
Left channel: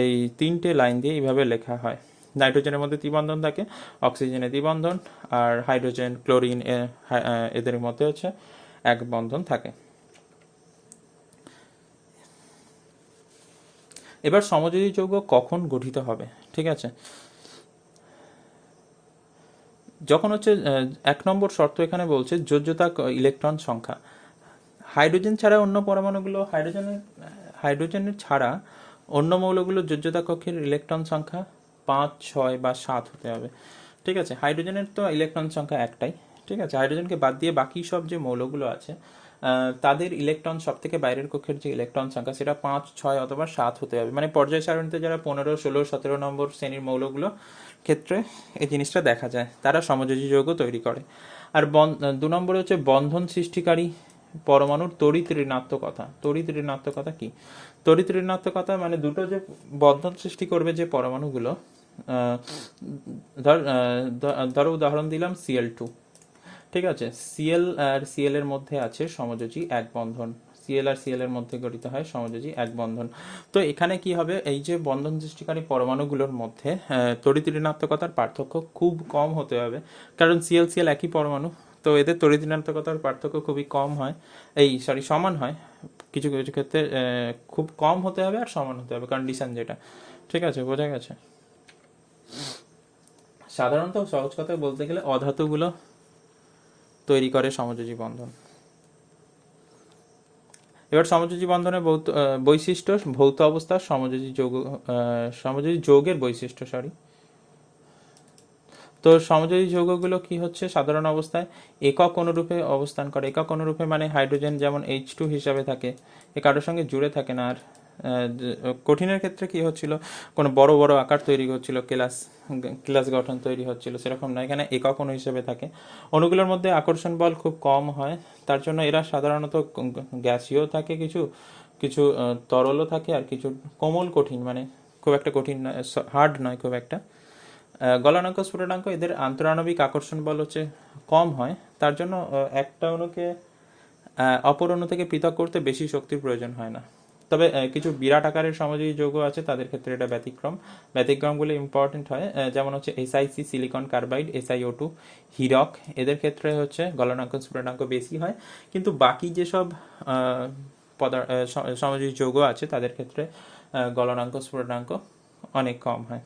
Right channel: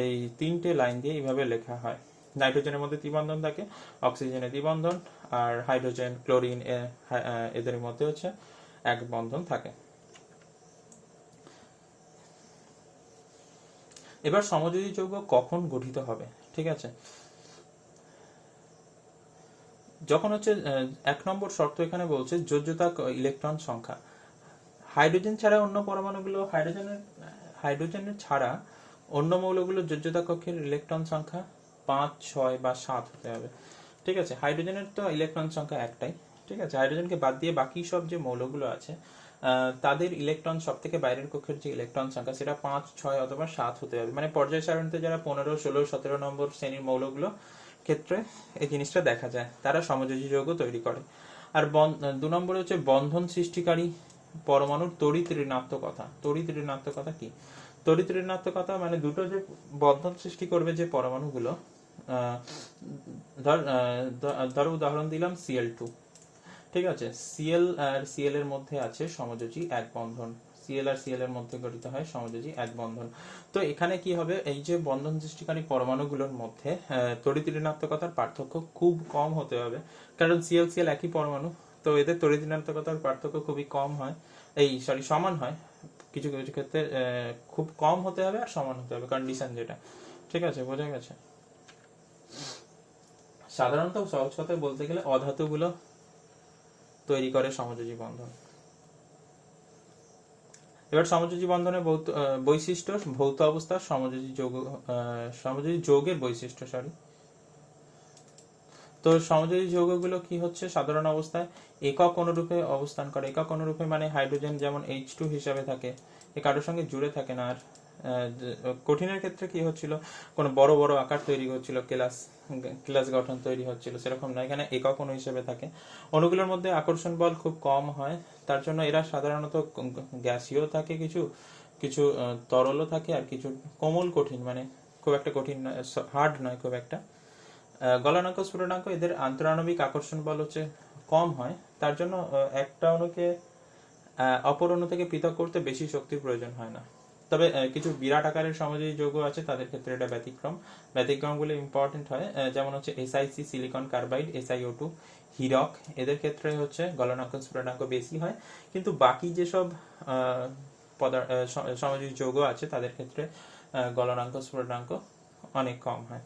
এই তিনটে লাইন দিয়ে এইভাবে লেখা হয়। নাইট্রোজেনের মধ্যে ত্রিবন্ধন থাকে, অক্সিজেনে দ্বিবন্ধন, আর হাইড্রোজেন ক্লোরিন এদের মধ্যে হচ্ছে এক বন্ধন থাকে। এবার সমযোজী যৌগ কখন গঠিত হবে? ঠিক আছে, যখন হচ্ছে 1 নম্বর শর্ত এখানে বলছে যোজ্যতা ইলেকট্রন সংখ্যা। হাইড্রোজেন ছাড়া অন্য পরমাণুগুলো হাইড্রোজেনের ছাড়া অন্য মৌলগুলোর যোজ্যতা কক্ষের ইলেকট্রন সংখ্যা 5, 6 বা 7 হতে হবে। ঠিক আছে, হাইড্রোজেনের তো ইলেকট্রন সংখ্যা একটাই। ঠিক আছে, হাইড্রোজেনকে বাদ দিয়ে বাকি সব যে মৌলগুলো আছে তাদের ইলেকট্রন সব থেকে বাইরের কক্ষের যে ইলেকট্রন সংখ্যা সেটা 5, 6 অথবা 7 হতে হবে। মানে পর্যায় সারণীতে যারা 15, 16, 17 নম্বর শ্রেণীর মৌলগুলো ক্ষেত্রে এই জিনিসটা দেখা যায়, তারা সমযোজী যৌগ তৈরি করে। আর 2 নম্বর হচ্ছে বন্ধন সৃষ্টিকারী পরমাণুর তড়িৎ ঋণাত্মকতা। তড়িৎ ঋণাত্মকতা কি? তড়িৎ ঋণাত্মকতা মানে দুটো যে বন্ধন সৃষ্টি করবে যে পরমাণুগুলো, ধরো উদাহরণ দিলাম Cl2। ঠিক আছে, Cl আর Cl এর মধ্যে আছে সমযোজী এক বন্ধন, Cl আর Cl এর মধ্যে গঠিত হয় সমযোজী এক বন্ধন। তো এখানে কি হবে, এই যে বন্ধন সৃষ্টিকারী পরমাণুগুলোর মধ্যে তড়িৎ ঋণাত্মকতার পার্থক্য খুব কম হতে হবে, কারণ Cl Cl একই পরমাণু, তো এদের তড়িৎ ঋণাত্মকতার পার্থক্য খুবই কম হয়, সমান হয়। কিছু কিছু ক্ষেত্রে খুব কম হতে হবে আর সমান হতে হবে, কন্ডিশন যেটা। ঠিক আছে, বোঝা গেছে? সাধারণত সহজ কথায় বলতে গেলে অধাতুগুলো তৈরি করে সমযোজী বন্ধন। এবার সমযোজী বন্ধনের বৈশিষ্ট্য, ভৌত অবস্থা, সমযোজী যৌগের বৈশিষ্ট্য। তো সমযোজী যৌগগুলো কি হচ্ছে, সাধারণ অবস্থায় একক অনুরূপে অবস্থান করে। একক অনুরূপে মানে হাইড্রোজেন যেমন H2 হিসাবে থাকে, এ কারোর সঙ্গে জুড়ে থাকে না। আর কঠিনের ক্ষেত্রে কি হচ্ছিল, কোনো বড় বড় আকার তৈরি হচ্ছিল, ক্লাস গঠন তৈরি হচ্ছিল, সেরকম না, এখানে একক অণু হিসেবে থাকে। অণুগুলোর মধ্যে আকর্ষণ বল খুব কম হয়, তার জন্য এরা সাধারণত গ্যাসীয় থাকে, কিছু কিছু তরলও থাকে, আর কিছু কোমল কঠিন, মানে খুব একটা কঠিন নয়, হার্ড নয় খুব একটা। গলনাঙ্ক স্ফুটনাঙ্ক এদের আন্তরাণবিক আকর্ষণ বল হচ্ছে কম হয়, তার জন্য একটা অণুকে অপর অণু থেকে পৃথক করতে বেশি শক্তির প্রয়োজন হয় না। তবে কিছু বিরাট আকারের সমযোজী যৌগ আছে, তাদের ক্ষেত্রে এটা ব্যতিক্রমগুলো ইম্পর্টেন্ট হয়, যেমন হচ্ছে SiC silicon carbide, SiO2 Hirak, এদের ক্ষেত্রে হচ্ছে গলনাঙ্ক স্ফুটনাঙ্ক বেশি হয়। কিন্তু বাকি যেসব সমযোজী যৌগ আছে তাদের ক্ষেত্রে গলনাঙ্ক স্ফুটনাঙ্ক অনেক কম হয়।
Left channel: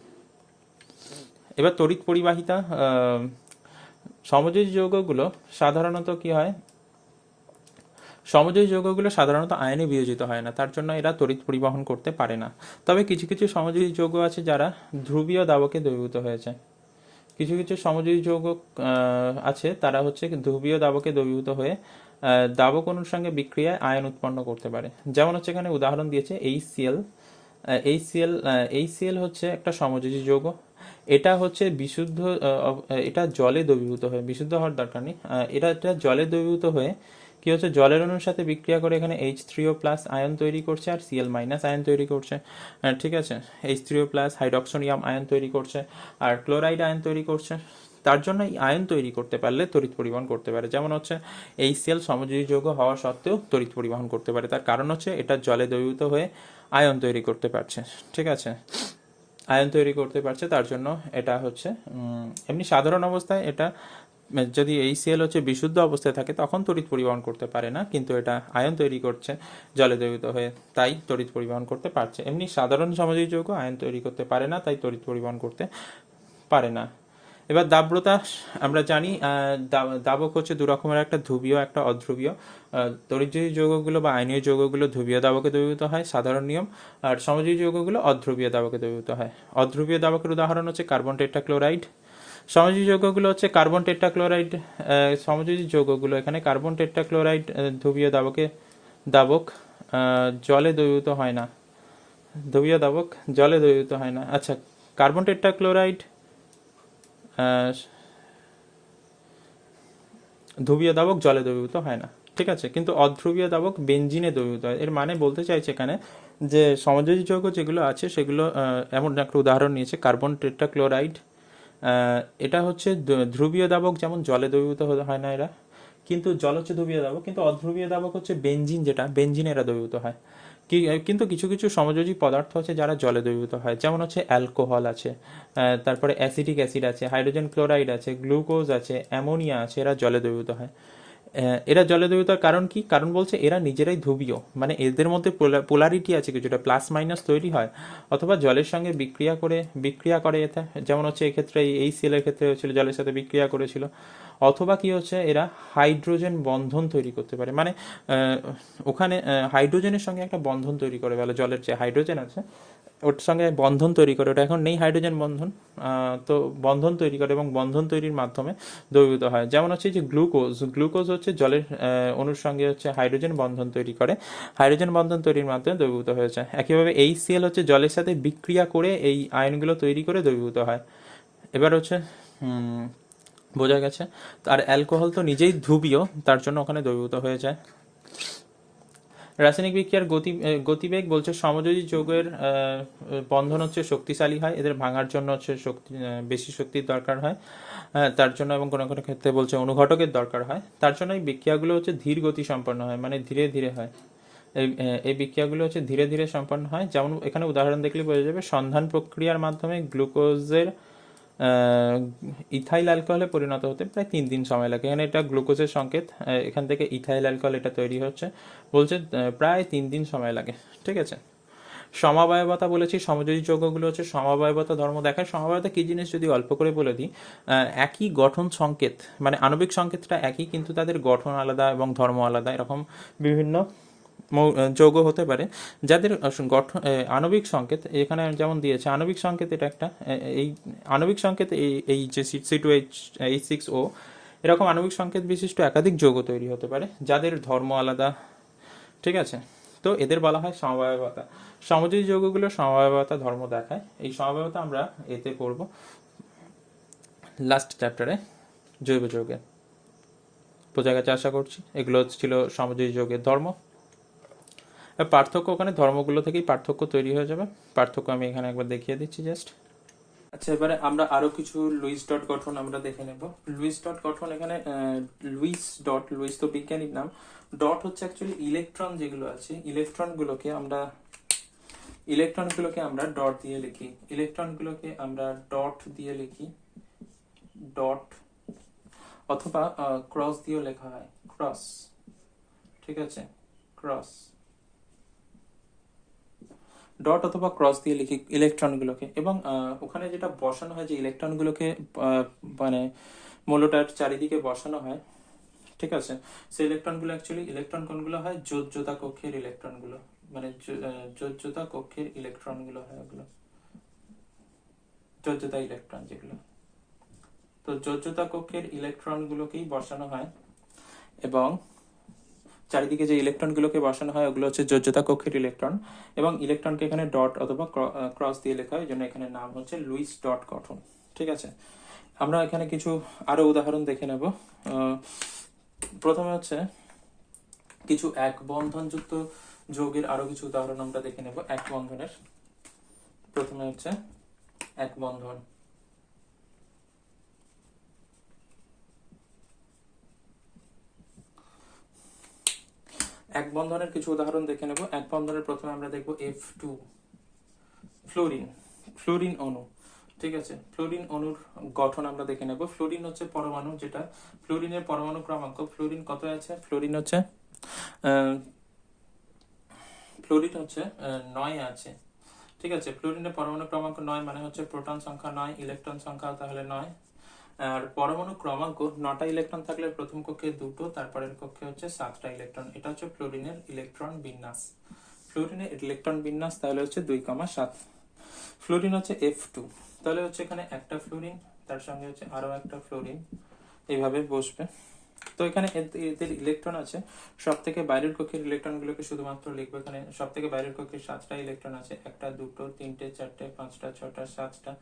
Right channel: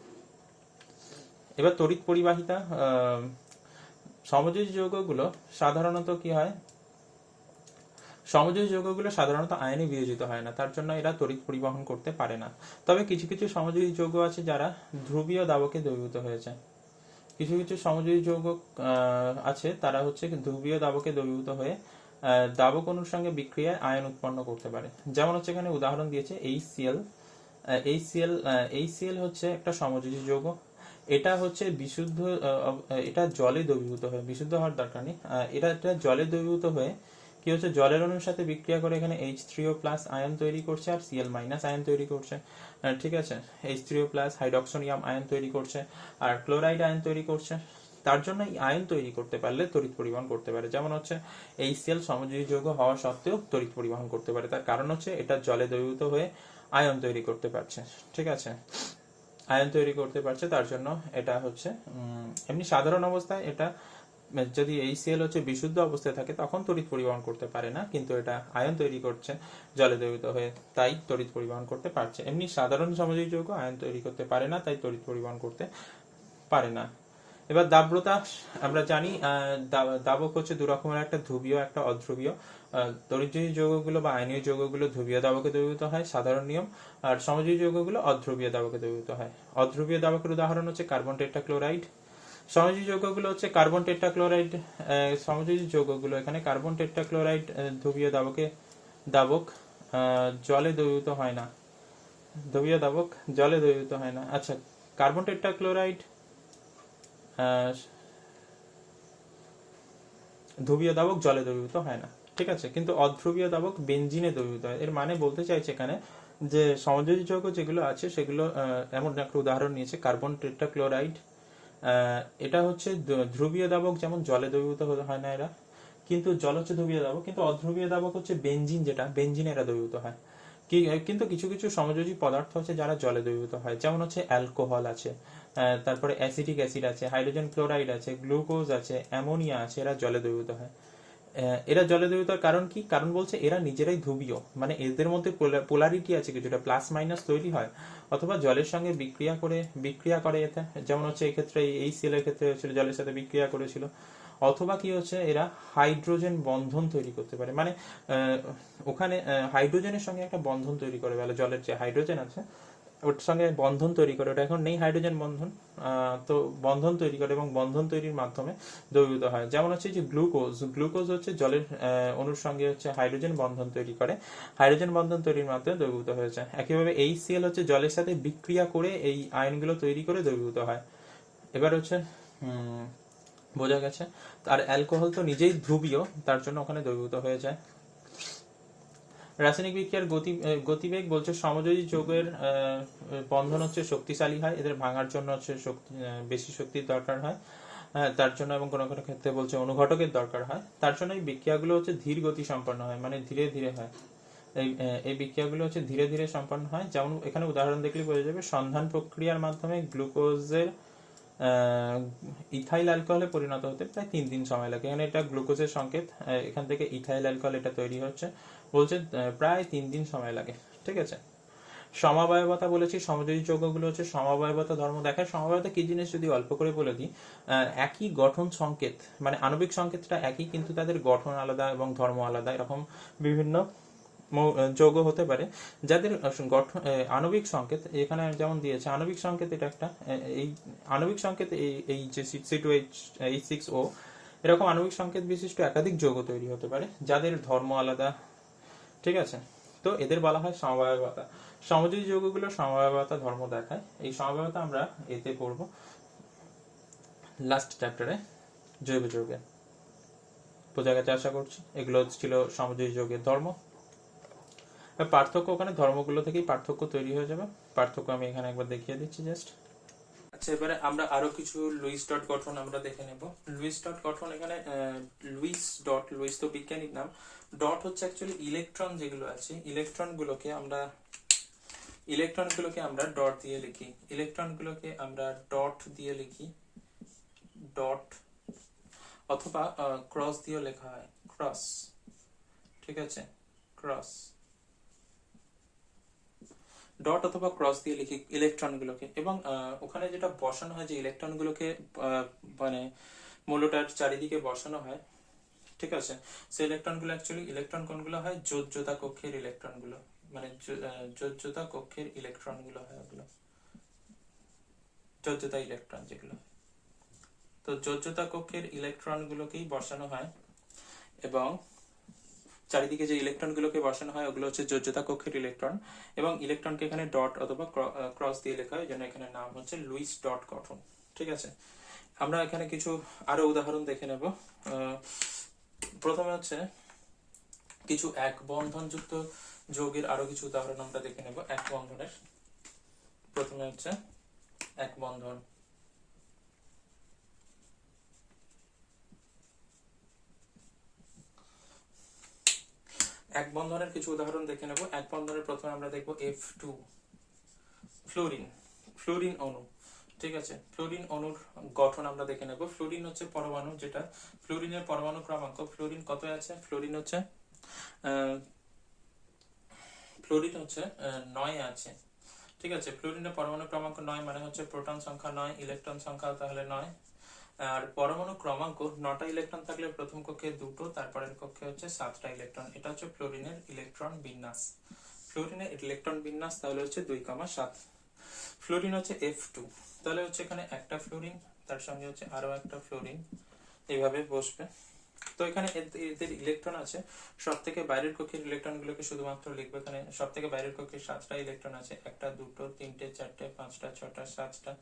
এবার তড়িৎ পরিবাহিতা। সমযোজী যৌগগুলো সাধারণত কি হয়, সমযোজী যৌগগুলো সাধারণত আয়নে বিয়োজিত হয় না, তার জন্য এরা তড়িৎ পরিবহন করতে পারে না। তবে কিছু কিছু সমযোজী যৌগ আছে যারা ধ্রুবীয় দাবকে দ্রবীভূত হয়েছে। কিছু কিছু সমযোজী যৌগ আছে তারা হচ্ছে ধ্রুবীয় দাবকে দ্রবীভূত হয়ে দাবক অণুর সঙ্গে বিক্রিয়ায় আয়ন উৎপন্ন করতে পারে। যেমন হচ্ছে এখানে উদাহরণ দিয়েছে HCl। HCl হচ্ছে একটা সমযোজী যৌগ। এটা হচ্ছে বিশুদ্ধ, এটা জলে দ্রবীভূত হয়ে, বিশুদ্ধ হওয়ার দরকার নেই, এটা জলে দ্রবীভূত হয়ে কি হচ্ছে, জলের অণুর সাথে বিক্রিয়া করে এখানে H3O+ আয়ন তৈরি করছে আর Cl- আয়ন তৈরি করছে। ঠিক আছে, H3O+ হাইড্রোক্সোনিয়াম আয়ন তৈরি করছে আর ক্লোরাইড আয়ন তৈরি করছে। তার জন্য এই আয়ন তৈরি করতে পারলে তড়িৎ পরিবহন করতে পারে। যেমন হচ্ছে HCl সমযোজী যৌগ হওয়া সত্ত্বেও তড়িৎ পরিবহন করতে পারে, তার কারণ হচ্ছে এটা জলে দ্রবীভূত হয়ে আয়ন তৈরি করতে পারছে। ঠিক আছে, আয়ন তৈরি করতে পারছে, তার জন্য এটা হচ্ছে এমনি সাধারণ অবস্থায় এটা যদি HCl হচ্ছে বিশুদ্ধ অবস্থায় থাকে তখন তড়িৎ পরিবহন করতে পারে না, কিন্তু এটা আয়ন তৈরি করছে জলে দ্রবীভূত হয়ে, তাই তড়িৎ পরিবহন করতে পারছে। এমনি সাধারণ সমযোজী যৌগ আয়ন তৈরি করতে পারে না, তাই তড়িৎ পরিবহন করতে পারে না। এবার দাব্রতা আমরা জানি, দাবক হচ্ছে দু রকমের, একটা ধ্রুবীয় একটা অধ্রুবীয়। তড়িৎযোজী যৌগগুলো বা আয়নীয় যৌগগুলো ধ্রুবীয় দাবকে দ্রবীভূত হয়, সাধারণ নিয়ম। আর সমযোজী যৌগগুলো অধ্রুবীয় দাবকে দ্রবীভূত হয়। অধ্রুবীয় দাবকের উদাহরণ হচ্ছে কার্বন টেট্রাক্লোরাইড। সমযোজী যৌগগুলো হচ্ছে কার্বন টেট্রাক্লোরাইড। সমযোজী যৌগগুলো এখানে কার্বন টেট্রাক্লোরাইড ধ্রুবীয় দাবক জলে দ্রবীভূত হয় না, ধ্রুবীয় দাবক জলে দ্রবীভূত হয় না। আচ্ছা, কার্বন টেট্রাক্লোরাইড ধ্রুবীয় দাবক জলে দ্রবীভূত হয় না। ঠিক আছে, কিন্তু অধ্রুবীয় দাবক বেঞ্জিনে দ্রবীভূত হয়। এর মানে বলতে চাইছে এখানে যে সমযোজী যৌগ যেগুলো আছে সেগুলো, এমন একটা উদাহরণ নিয়েছে কার্বন টেট্রাক্লোরাইড। এটা হচ্ছে ধ্রুবীয় দাবক, যেমন জলে দ্রবীভূত হয় না এরা, কিন্তু জল হচ্ছে ধ্রুবীয় দাবক। কিন্তু অধ্রুবীয় দাবক হচ্ছে বেঞ্জিন, যেটা বেঞ্জিনে এরা দ্রবীভূত হয়। কিন্তু কিছু কিছু সমযোজী পদার্থ আছে যারা জলে দ্রবীভূত হয়, যেমন হচ্ছে অ্যালকোহল আছে, তারপরে অ্যাসিটিক অ্যাসিড আছে, হাইড্রোজেন ক্লোরাইড আছে, গ্লুকোজ আছে, অ্যামোনিয়া আছে, এরা জলে দ্রবীভূত হয়। এরা জলে দ্রবীভূত কারণ কি? কারণ বলছে এরা নিজেরাই ধ্রুবীয়, মানে এদের মধ্যে পোলারিটি আছে, কিছুটা প্লাস মাইনাস তৈরি হয়, অথবা জলের সঙ্গে বিক্রিয়া করে এতে, যেমন হচ্ছে এক্ষেত্রে HCl এর ক্ষেত্রে হচ্ছিল জলের সাথে বিক্রিয়া করেছিল, অথবা কি হচ্ছে, এরা হাইড্রোজেন বন্ধন তৈরি করতে পারে, মানে ওখানে হাইড্রোজেনের সঙ্গে একটা বন্ধন তৈরি করে বলে, জলের যে হাইড্রোজেন আছে ওর সঙ্গে বন্ধন তৈরি করে, ওটা এখন নেই হাইড্রোজেন বন্ধন, তো বন্ধন তৈরি করে এবং বন্ধন তৈরির মাধ্যমে দ্রবীভূত হয়। যেমন হচ্ছে যে গ্লুকোজ, গ্লুকোজ হচ্ছে জলের অণুর সঙ্গে হচ্ছে হাইড্রোজেন বন্ধন তৈরি করে, হাইড্রোজেন বন্ধন তৈরির মাধ্যমে দ্রবীভূত হয়েছে। একইভাবে HCl হচ্ছে জলের সাথে বিক্রিয়া করে এই আয়নগুলো তৈরি করে দ্রবীভূত হয়। এবার হচ্ছে বোঝা গেছে। আর অ্যালকোহল তো নিজেই ধ্রুবীয়, তার জন্য ওখানে দ্রবীভূত হয়ে যায়। রাসায়নিক বিক্রিয়ার গতিবেগ বলছে সমযোজী যৌগের বন্ধন হচ্ছে শক্তিশালী হয়, এদের ভাঙার জন্য হচ্ছে বেশি শক্তির দরকার হয়, তার জন্য, এবং কোনো কোনো ক্ষেত্রে বলছে অনুঘটকের দরকার হয়, তার জন্য এই বিক্রিয়াগুলো হচ্ছে ধীর গতি সম্পন্ন হয়, মানে ধীরে ধীরে হয়। এই বিক্রিয়াগুলো হচ্ছে ধীরে ধীরে সম্পন্ন হয়। যেমন এখানে উদাহরণ দেখলে বোঝা যাবে, সন্ধান প্রক্রিয়ার মাধ্যমে গ্লুকোজের ইথাইল অ্যালকোহলে পরিণত হতে প্রায় 3 দিন সময় লাগে। এখানে এটা গ্লুকোজের সংকেত, এখান থেকে ইথাইল অ্যালকোহল এটা তৈরি হচ্ছে, বলছে প্রায় 3 দিন সময় লাগে। ঠিক আছে। সমাবয়বতা বলেছি, সমযোজী যৌগগুলো হচ্ছে সমাবয়বতা ধর্ম দেখায়। সমাবয়বতা কি জিনিস যদি অল্প করে বলে দিই, একই গঠন সংকেত, মানে আণবিক সংকেতটা একই কিন্তু তাদের গঠন আলাদা এবং ধর্ম আলাদা, এরকম বিভিন্ন যৌগ হতে পারে যাদের গঠন আণবিক সংকেত এখানে যেমন দিয়েছে। আণবিক সংকেত এটা একটা, এই আণবিক সংকেত এই যে C2H6O, এরকম আণবিক সংকেত বিশিষ্ট একাধিক যৌগ তৈরি হতে পারে যাদের ধর্ম আলাদা। ঠিক আছে। তো এদের বলা হয় সমবায়বতা। সমযোজী যৌগগুলো সমবায়বতা ধর্ম দেখায়। এই সমবায়বতা আমরা এতে পড়ব লাস্ট চ্যাপ্টারে, জৈব যৌগে। বোঝা গেছে আশা করছি। এগুলো ছিল সমযোজী যৌগের ধর্ম। পার্থক্য ওখানে ধর্মগুলো থেকেই পার্থক্য তৈরি হয়ে যাবে। পার্থক্য আমি এখানে একবার দেখিয়ে দিচ্ছি জাস্ট। আচ্ছা, এবারে আমরা আরো কিছু লুইস ডট গঠন আমরা দেখে নেব। লুইস ডট গঠন, এখানে লুইস তো বিজ্ঞানিক নাম, ডট হচ্ছে অ্যাকচুয়ালি ইলেকট্রন যেগুলো আছে, ইলেকট্রনগুলোকে আমরা ডট দিয়ে লিখি, ইলেকট্রনগুলোকে আমরা ডট দিয়ে লিখি, ডট, অথবা ক্রস দিয়েও লেখা হয়, ক্রস। ঠিক আছে, ক্রস, ডট অথবা ক্রস দিয়ে লিখি ইলেকট্রনগুলোকে। এবং ওখানে যেটা বসানো হয়, যে ইলেকট্রনগুলোকে মানে মৌলটার চারিদিকে বসানো হয়, ঠিক আছে, সেই ইলেকট্রনগুলো অ্যাকচুয়ালি ইলেকট্রন কোনগুলো হয়, যোজ্যতা কক্ষের ইলেকট্রনগুলো, মানে যোজ্যতা কক্ষের ইলেকট্রনগুলো হয়, ওগুলো যোজ্যতা ইলেকট্রন যেগুলো। তো যোজ্যতা কক্ষের ইলেকট্রনগুলোকেই বসানো হয়, এবং চারিদিকে যে ইলেকট্রনগুলোকে বসানো হয় ওগুলো হচ্ছে যোজ্যতা কক্ষের ইলেকট্রন, এবং ইলেকট্রনকে এখানে ডট অথবা ক্রস দিয়ে লেখা হয়, এই জন্য এখানে নাম হচ্ছে লুইস ডট গঠন। ঠিক আছে। আমরা এখানে কিছু আরো উদাহরণ দেখে নেব। প্রথমে হচ্ছে কিছু এক বন্ধনযুক্ত যৌগের আরো কিছু উদাহরণ আমরা দেখে নেব এক বন্ধনের। প্রথমে হচ্ছে এক বন্ধন। এক বন্ধনের কিছু উদাহরণ দেখে নেব। এক বন্ধনের প্রথমে আমরা দেখব F2, ফ্লোরিন, ফ্লোরিন অণু। ঠিক আছে, ফ্লোরিন অণুর গঠন আমরা দেখে নেব। ফ্লোরিন হচ্ছে পরমাণু, যেটা ফ্লোরিনের পরমাণু ক্রমাঙ্ক, ফ্লোরিন কত আছে, ফ্লোরিন হচ্ছে 9 আছে। ঠিক আছে, ফ্লোরিনের পরমাণু ক্রমাঙ্ক 9, মানে হচ্ছে প্রোটন সংখ্যা 9, ইলেকট্রন সংখ্যা তাহলে 9। আর পরমাণু ক্রমাঙ্ক 9টা ইলেকট্রন থাকলে প্রথম কক্ষে 2টো, তারপরের কক্ষে হচ্ছে 7টা ইলেকট্রন। এটা হচ্ছে ফ্লোরিনের ইলেকট্রন বিন্যাস। ফ্লোরিনের ইলেকট্রন বিন্যাস তাহলে হচ্ছে 2,7। ফ্লোরিন হচ্ছে F2, তাহলে হচ্ছে এখানে একটা ফ্লোরিন, তার সঙ্গে হচ্ছে আরো একটা ফ্লোরিন, এইভাবে বসবে। তো এখানে এদের ইলেকট্রন আছে, সব থেকে বাইরের কক্ষের ইলেকট্রন গুলোকে শুধুমাত্র লিখবো। এখানে সব থেকে বাইরের কক্ষে 7টা ইলেকট্রন আছে, 1টা 2টো 3টে 4টে 5টা 6টা 7টা।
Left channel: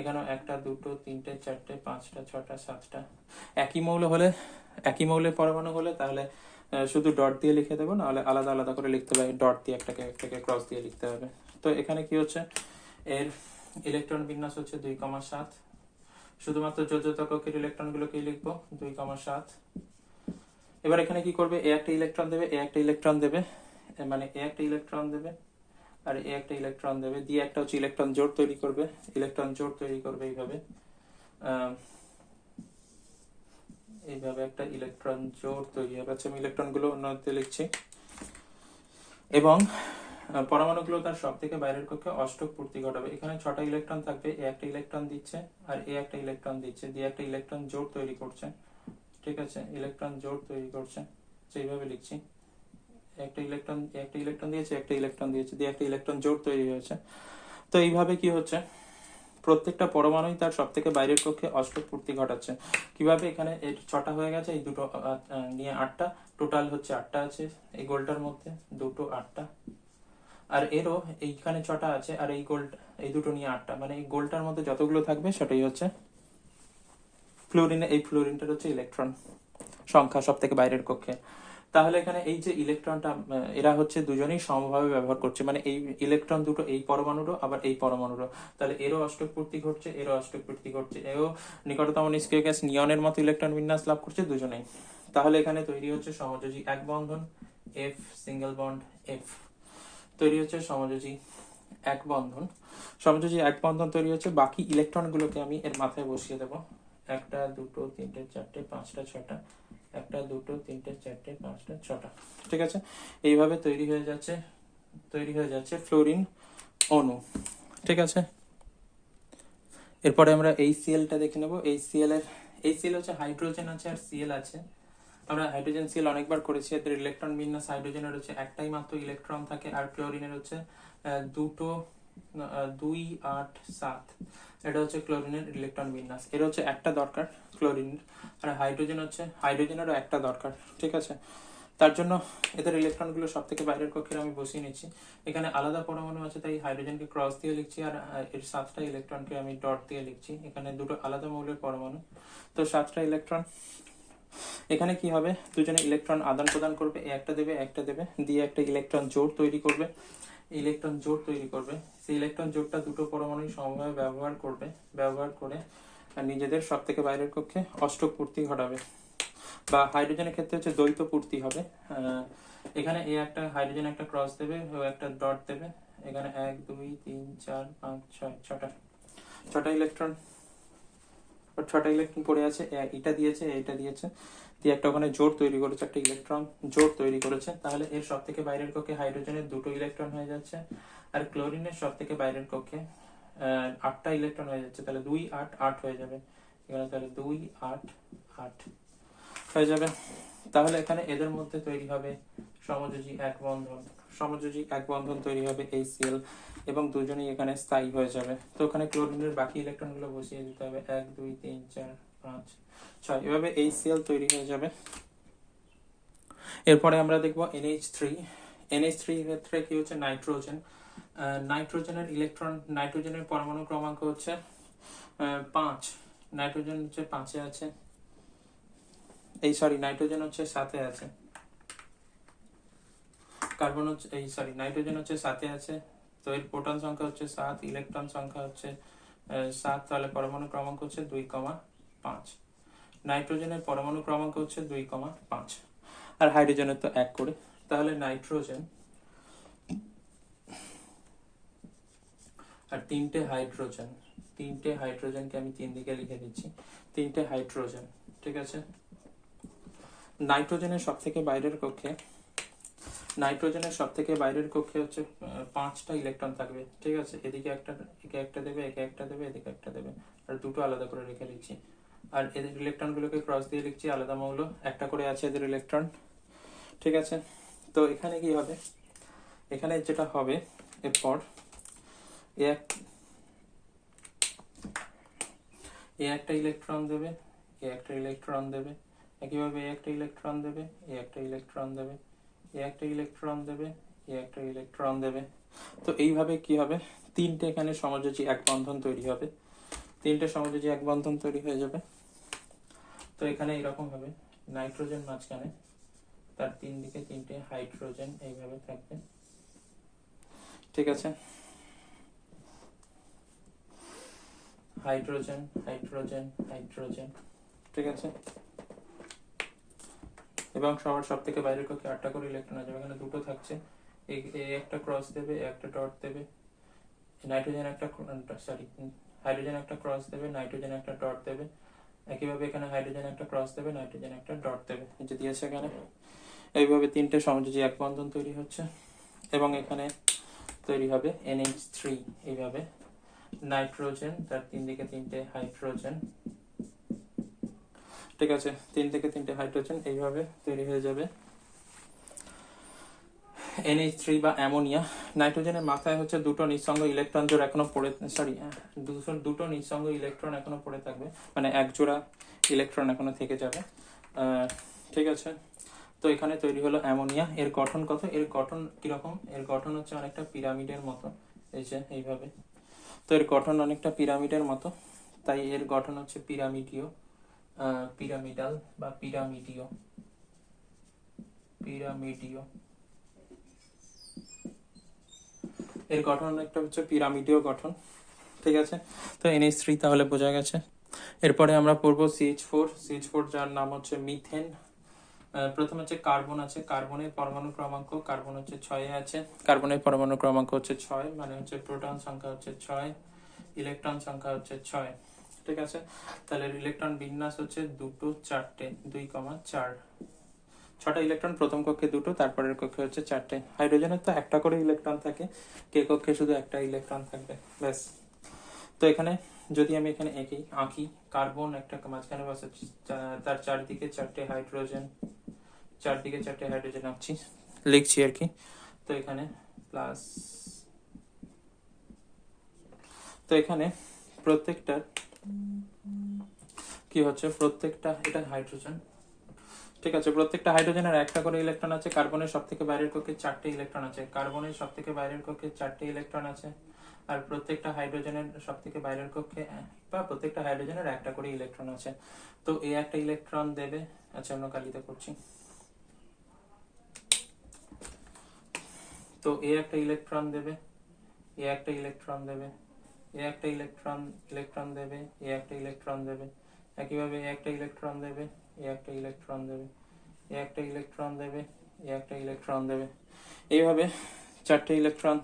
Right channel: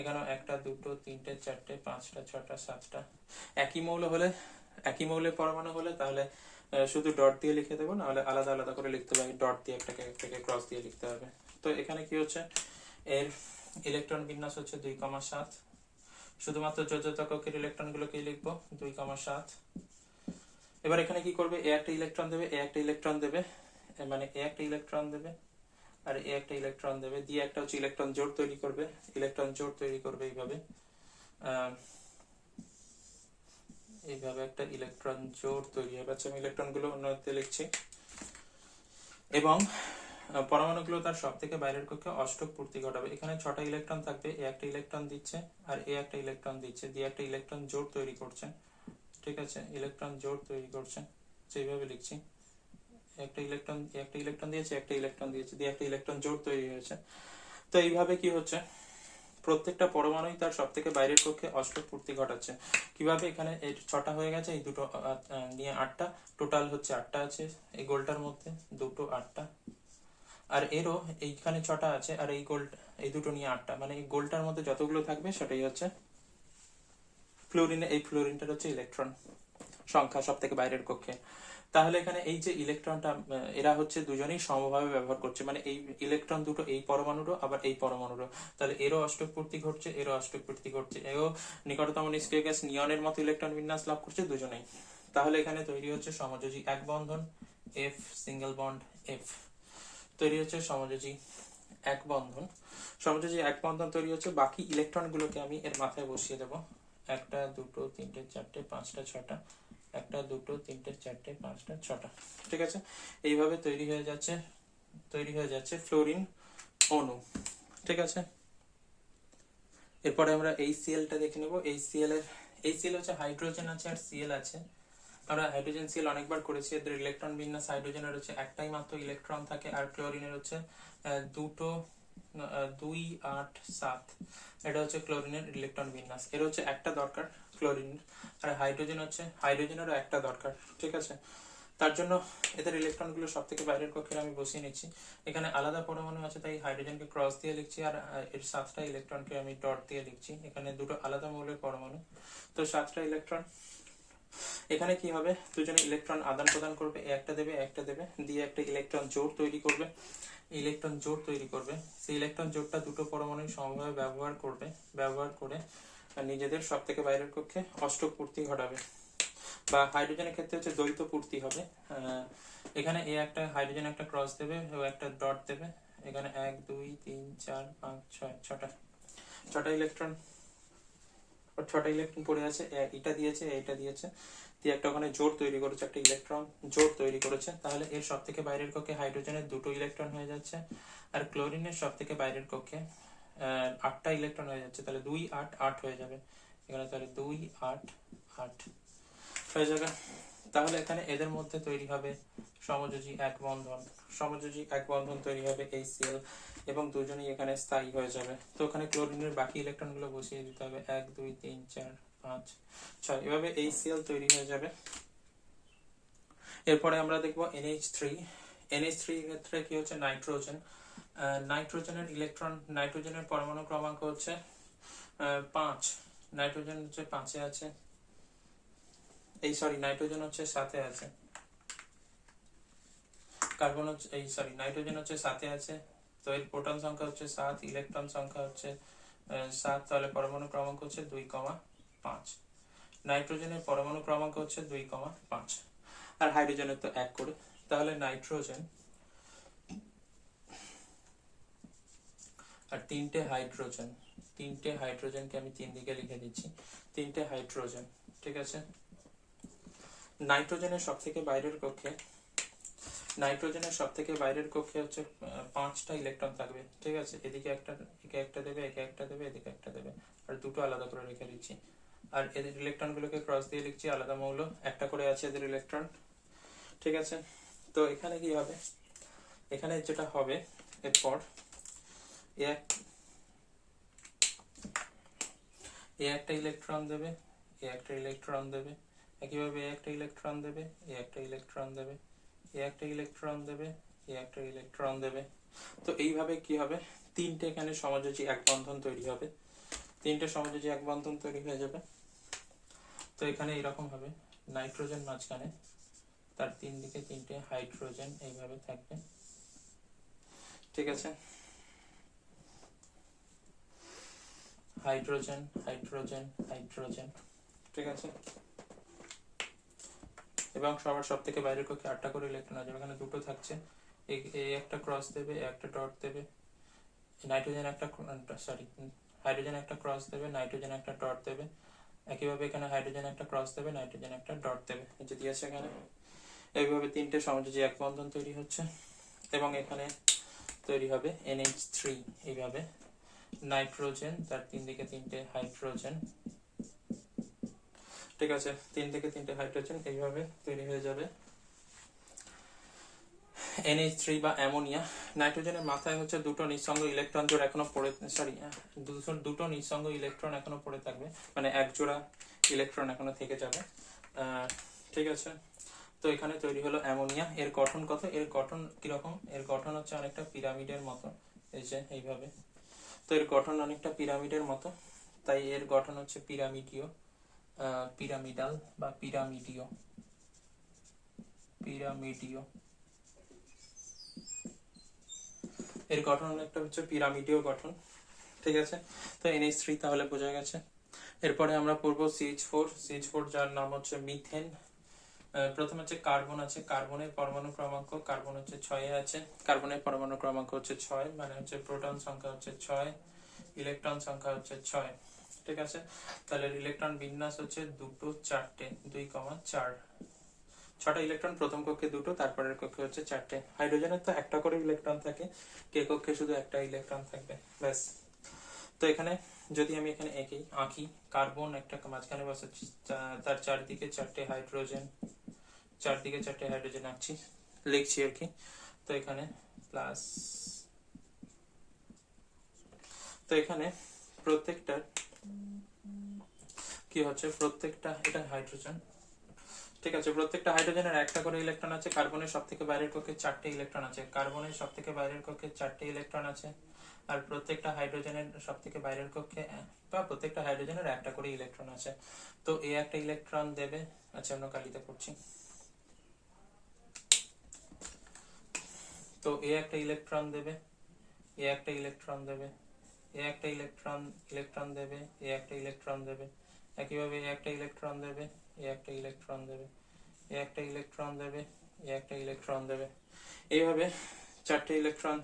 এখানে 1টা 2টো 3টে 4টে 5টা 6টা 7টা। একই মৌল হলে, একই মৌলের পরমাণু হলে তাহলে শুধু ডট দিয়ে লিখে দেবো, নাহলে আলাদা আলাদা করে লিখতে হবে, ডট দিয়ে একটাকে একটাকে ক্রস দিয়ে লিখতে হবে। তো এখানে কি হচ্ছে, এর ইলেকট্রন বিন্যাস হচ্ছে 2,7। শুধুমাত্র যোজ্যতা কক্ষের ইলেকট্রন গুলোকেই লিখবো 2,7। এবার এখানে কি করবে, এ একটা ইলেকট্রন দেবে, এ একটা ইলেকট্রন দেবে, মানে এ একটা ইলেকট্রন দেবে আর এ একটা ইলেকট্রন দেবে, দিয়ে একটা হচ্ছে ইলেকট্রন জোড় তৈরি করবে, ইলেকট্রন জোড় তৈরি করবে এইভাবে, এইভাবে একটা ইলেকট্রন জোড় তৈরি হবে। আচ্ছা, আমি ইলেকট্রন গুলো অন্যতে লিখছি। এবং পরমাণুগুলো তার সব থেকে বাইরের কক্ষে অষ্টক পূর্তি ঘটাবে। এখানে 6টা ইলেকট্রন থাকবে, এ একটা ইলেকট্রন দিচ্ছে আর এ একটা ইলেকট্রন দিচ্ছে, দিয়ে একটা ইলেকট্রন জোড় তৈরি করছে, ঠিক আছে, ইলেকট্রন জোড় তৈরি করছে, সেইভাবে লিখছি, একটা ইলেকট্রন দিয়েছে, একটা ইলেকট্রন দিয়েছে, দিয়ে একটা ইলেকট্রন জোড় তৈরি হয়েছে। তো এইভাবে কি হচ্ছে, প্রত্যেকটা পরমাণুই তার সব থেকে বাইরের কক্ষে অষ্টক পূর্তি ঘটাচ্ছে। কিভাবে, এখানে এই 6টা হয়ে গেছে, এই দুটো নিয়ে 8টা, টোটাল হচ্ছে 8টা আছে এই গোলটার মধ্যে, দুটো 8টা, আর এরও এইখানে 6টা আছে, আর এই গোল, এই দুটো নিয়ে 8টা, মানে এই গোলটার মধ্যে যতগুলো থাকবে সেটাই হচ্ছে ফ্লোরিন। এই ফ্লোরিনটার হচ্ছে ইলেকট্রন সংখ্যা সব থেকে বাইরের কক্ষে। তাহলে এখানে এই যে ইলেকট্রনটা, এরা হচ্ছে দুজনেই সমভাবে ব্যবহার করছে, মানে এই ইলেকট্রন দুটো এই পরমাণুরও আবার এই পরমাণুরও, তাহলে এরও অষ্টক পূর্তি ঘটছে, এরও অষ্টক পূর্তি ঘটছে, এও নিকটতম নিষ্ক্রিয় গ্যাস নিয়নের মতো ইলেকট্রন বিন্যাস লাভ করছে দুজনেই। তাহলে এখানে তৈরি হচ্ছে সমযোজী এক বন্ধন, এফ সিঙ্গেল বন্ড এফ, তৈরি হচ্ছে সমযোজী এক বন্ধন। সমযোজী এক বন্ধন তৈরি হচ্ছে, বাকি ইলেকট্রনগুলোকে আমি এর মাথায় বসিয়ে দেবো, একটা দুটো তিনটে চারটে পাঁচটা ছটা, একটা দুটো তিনটে চারটে পাঁচটা ছটা, ঠিক আছে। এইভাবে তৈরি হয়ে যাচ্ছে ফ্লোরিন অণু, ঠিক আছে। এরপরে আমরা এই সিএলটা দেখে নেবো। এই সিএল হচ্ছে হাইড্রোজেন আছে আর সিএল আছে। আমরা হাইড্রোজেন সিএল অনেকবার করেছি, এদের ইলেকট্রন বিন্যাস, হাইড্রোজেনের হচ্ছে একটাই মাত্র ইলেকট্রন থাকে, আর ক্লোরিনের হচ্ছে দুটো, 2 8 7, এটা হচ্ছে ক্লোরিনের ইলেকট্রন বিন্যাস, এর হচ্ছে একটা দরকার ক্লোরিনের, আর হাইড্রোজেনেরও একটা দরকার, ঠিক আছে। তার জন্য এদের ইলেকট্রনগুলো সব থেকে বাইরের কক্ষে আমি বসিয়ে নিচ্ছি। এখানে আলাদা পরমাণু আছে, তাই হাইড্রোজেনকে ক্রস দিয়ে লিখছি, আর এর 7টা ইলেকট্রনকে আমি ডট দিয়ে লিখছি। এখানে দুটো আলাদা মৌলের পরমাণু, তো 7টা ইলেকট্রন। এখানে কি হবে, দুজনে ইলেকট্রন আদান প্রদান করবে, একটা দেবে একটা দেবে, দিয়ে একটা ইলেকট্রন জোড় তৈরি করবে। সেই ইলেকট্রন জোড়টা দুটো পরমাণু সমভাবে ব্যবহার করে নিজেদের সব থেকে বাইরের কক্ষে অষ্টক পূর্তি ঘটাবে, বা হাইড্রোজেনের ক্ষেত্রে হচ্ছে দ্বৈত পূর্তি হবে। এখানে এ একটা হাইড্রোজেন একটা ক্রস দেবে, ও একটা ডট দেবে, এখানে 1 2 3 4 5 6 ছটা ইলেকট্রন, পড়ে আছে, এটা দিয়েছে দিয়ে একটা ওখানে জোড় তৈরি করেছে, একটা ইলেকট্রন জোড় তৈরি করেছে। তাহলে এর সব থেকে বাইরের কক্ষে হাইড্রোজেনের দুটো ইলেকট্রন হয়ে যাচ্ছে, আর ক্লোরিনের সব থেকে বাইরের কক্ষে 8টা ইলেকট্রন হয়ে যাচ্ছে, তাহলে 2 8 8 হয়ে যাবে এখানে, তাহলে 2 8 8 হয়ে যাবে। তাহলে এখানে এদের মধ্যে তৈরি হবে সমযোজী এক বন্ধন তৈরি হবে HCl, এবং দুজনেই এখানে স্থায়ী হয়ে যাবে। তো ওখানে ক্লোরিনের বাকি ইলেকট্রন গুলো বসিয়ে দিতে হবে, 1 2 3 4 5 6, এভাবে HCl তৈরি হয়ে যাবে। এরপরে আমরা দেখবো NH3 এর ক্ষেত্রে কি হচ্ছে, নাইট্রোজেনের পরমাণু ক্রমাঙ্ক হচ্ছে 5, নাইট্রোজেন হচ্ছে 5-এ আছে, নাইট্রোজেন হচ্ছে 7-এ আছে, নাইট্রোজেন হচ্ছে 7-এ আছে, তো এর প্রোটন সংখ্যা হচ্ছে 7, ইলেকট্রন সংখ্যা হচ্ছে 7, তাহলে পরমাণু ক্রমাঙ্ক হচ্ছে 2,5। নাইট্রোজেনের পরমাণু ক্রমাঙ্ক হচ্ছে 2,5, আর হাইড্রোজেনের তো 1 করে। তাহলে নাইট্রোজেন আর তিনটে হাইড্রোজেনকে আমি 3 দিকে লিখে দিচ্ছি, 3টে হাইড্রোজেন, ঠিক আছে। নাইট্রোজেনের সব থেকে বাইরের কক্ষে হচ্ছে 5টা ইলেকট্রন থাকবে, ঠিক আছে। এদিকে একটা দেবে, এদিকে একটা দেবে, আর দুটো আলাদা করে রেখে দিচ্ছি। আর এদের ইলেকট্রন গুলোকে ক্রস দিয়ে লিখছি, আলাদা মৌল, একটা করে আছে এদের ইলেকট্রন, ঠিক আছে। তো এখানে কি হবে, এখানে যেটা হবে এরপর একটা ইলেকট্রন দেবে, একটা ইলেকট্রন দেবে, একইভাবে একটা ইলেকট্রন দেবে, একটা ইলেকট্রন দেবে, একটা ইলেকট্রন দেবে, একটা ইলেকট্রন দেবে। তো এইভাবে কি হবে, 3টে এখানে সমযোজী এক বন্ধন তৈরি হবে, 3টে সমযোজী এক বন্ধন তৈরি হয়ে যাবে। তো এখানে এরকম হবে, নাইট্রোজেন মাঝখানে, তার 3 দিকে 3টে হাইড্রোজেন এইভাবে থাকবে, ঠিক আছে। হাইড্রোজেন, ঠিক আছে। এবং সব থেকে বাইরের কক্ষে 8টা করে ইলেকট্রন আছে, এখানে দুটো থাকছে, একটা ক্রস দেবে, একটা ডট দেবে, হাইড্রোজেন একটা ক্রস দেবে, নাইট্রোজেন একটা ডট দেবে, একইভাবে এখানে হাইড্রোজেন একটা ক্রস দেবে, নাইট্রোজেন একটা ডট দেবে, যদি আছে এখানে। এইভাবে 3টে সমযোজী এক বন্ধন তৈরি হচ্ছে, এবং এখানে তৈরি হবে NH3, এইভাবে নাইট্রোজেন, তার 3 দিকে 3টে হাইড্রোজেন, ঠিক আছে, 3 থেকে 3টে হাইড্রোজেন এইভাবে তৈরি হয়ে যাবে। NH3 বা অ্যামোনিয়া। নাইট্রোজেনের মাথায় হচ্ছে দুটো নিঃসঙ্গ ইলেকট্রন জোড়া এখনো পড়ে, সরি, দুটো নিঃসঙ্গ ইলেকট্রন এখনো পড়ে থাকবে, মানে এক জোড়া ইলেকট্রন এখনো থেকে যাবে। ঠিক আছে, তো এখানে তৈরি হলো অ্যামোনিয়া। এর গঠন কত? এর গঠন কিরকম? এর গঠন হচ্ছে অনেকটা পিরামিডের মতো, এই যে এইভাবে। তো এর গঠন অনেকটা পিরামিডের মতো, তাই এর গঠন হচ্ছে পিরামিডীয়, পিরামিডাল বা পিরামিডীয়, পিরামিডীয়। এর গঠন অনেকটা হচ্ছে পিরামিডীয় গঠন। ঠিক আছে, তো NH3 তাহলে বোঝা গেছে। এরপরে আমরা পড়বো CH4 যার নাম হচ্ছে মিথেন। প্রথমে হচ্ছে কার্বন আছে, কার্বনের পরমাণু ক্রমাঙ্ক, কার্বন হচ্ছে 6 আছে, কার্বনের পরমাণু ক্রমাঙ্ক হচ্ছে 6, মানে হচ্ছে প্রোটন সংখ্যা হচ্ছে 6, ইলেকট্রন সংখ্যা হচ্ছে 6। ঠিক আছে, তাহলে ইলেকট্রন বিন্যাস হচ্ছে 2, 4টে, 2,4। 6টা ইলেকট্রন প্রথম কক্ষে 2টো, তারপরের কক্ষে হচ্ছে 4টে। হাইড্রোজেনের তো একটা করে ইলেকট্রন থাকে, কে কক্ষে শুধু একটা ইলেকট্রন থাকবে, ব্যাস। তো এখানে যদি আমি এখানে আঁকি, কার্বন একটা মাঝখানে বসাচ্ছি, তার চারদিকে 4টে হাইড্রোজেন, চারদিকে 4টে হাইড্রোজেন আঁকছি, লিখছি আর কি। তো এখানে প্লাস, তো এখানে প্রত্যেকটা কি হচ্ছে, প্রত্যেকটা, এটা হাইড্রোজেন। ঠিক আছে, প্রত্যেকটা হাইড্রোজেনের একটা করে ইলেকট্রন আছে, কার্বনের সব থেকে বাইরের কক্ষে 4টে ইলেকট্রন আছে, কার্বনের সব থেকে বাইরের কক্ষে 4টে ইলেকট্রন আছে, আর প্রত্যেকটা হাইড্রোজেনের সব থেকে বাইরের কক্ষে বা প্রত্যেকটা হাইড্রোজেনের একটা করে ইলেকট্রন আছে। তো এ একটা ইলেকট্রন দেবে, আচ্ছা অন্য কালিতে করছি, তো এ একটা ইলেকট্রন দেবে, এ একটা ইলেকট্রন দেবে, এ একটা ইলেকট্রন দেবে, এ একটা ইলেকট্রন দেবে, একইভাবে এ একটা ইলেকট্রন দেবে, এ একটা ইলেকট্রন দেবে, এ একটা ইলেকট্রন দেবে, এ একটা ইলেকট্রন দেবে। এইভাবে 4টে ইলেকট্রন,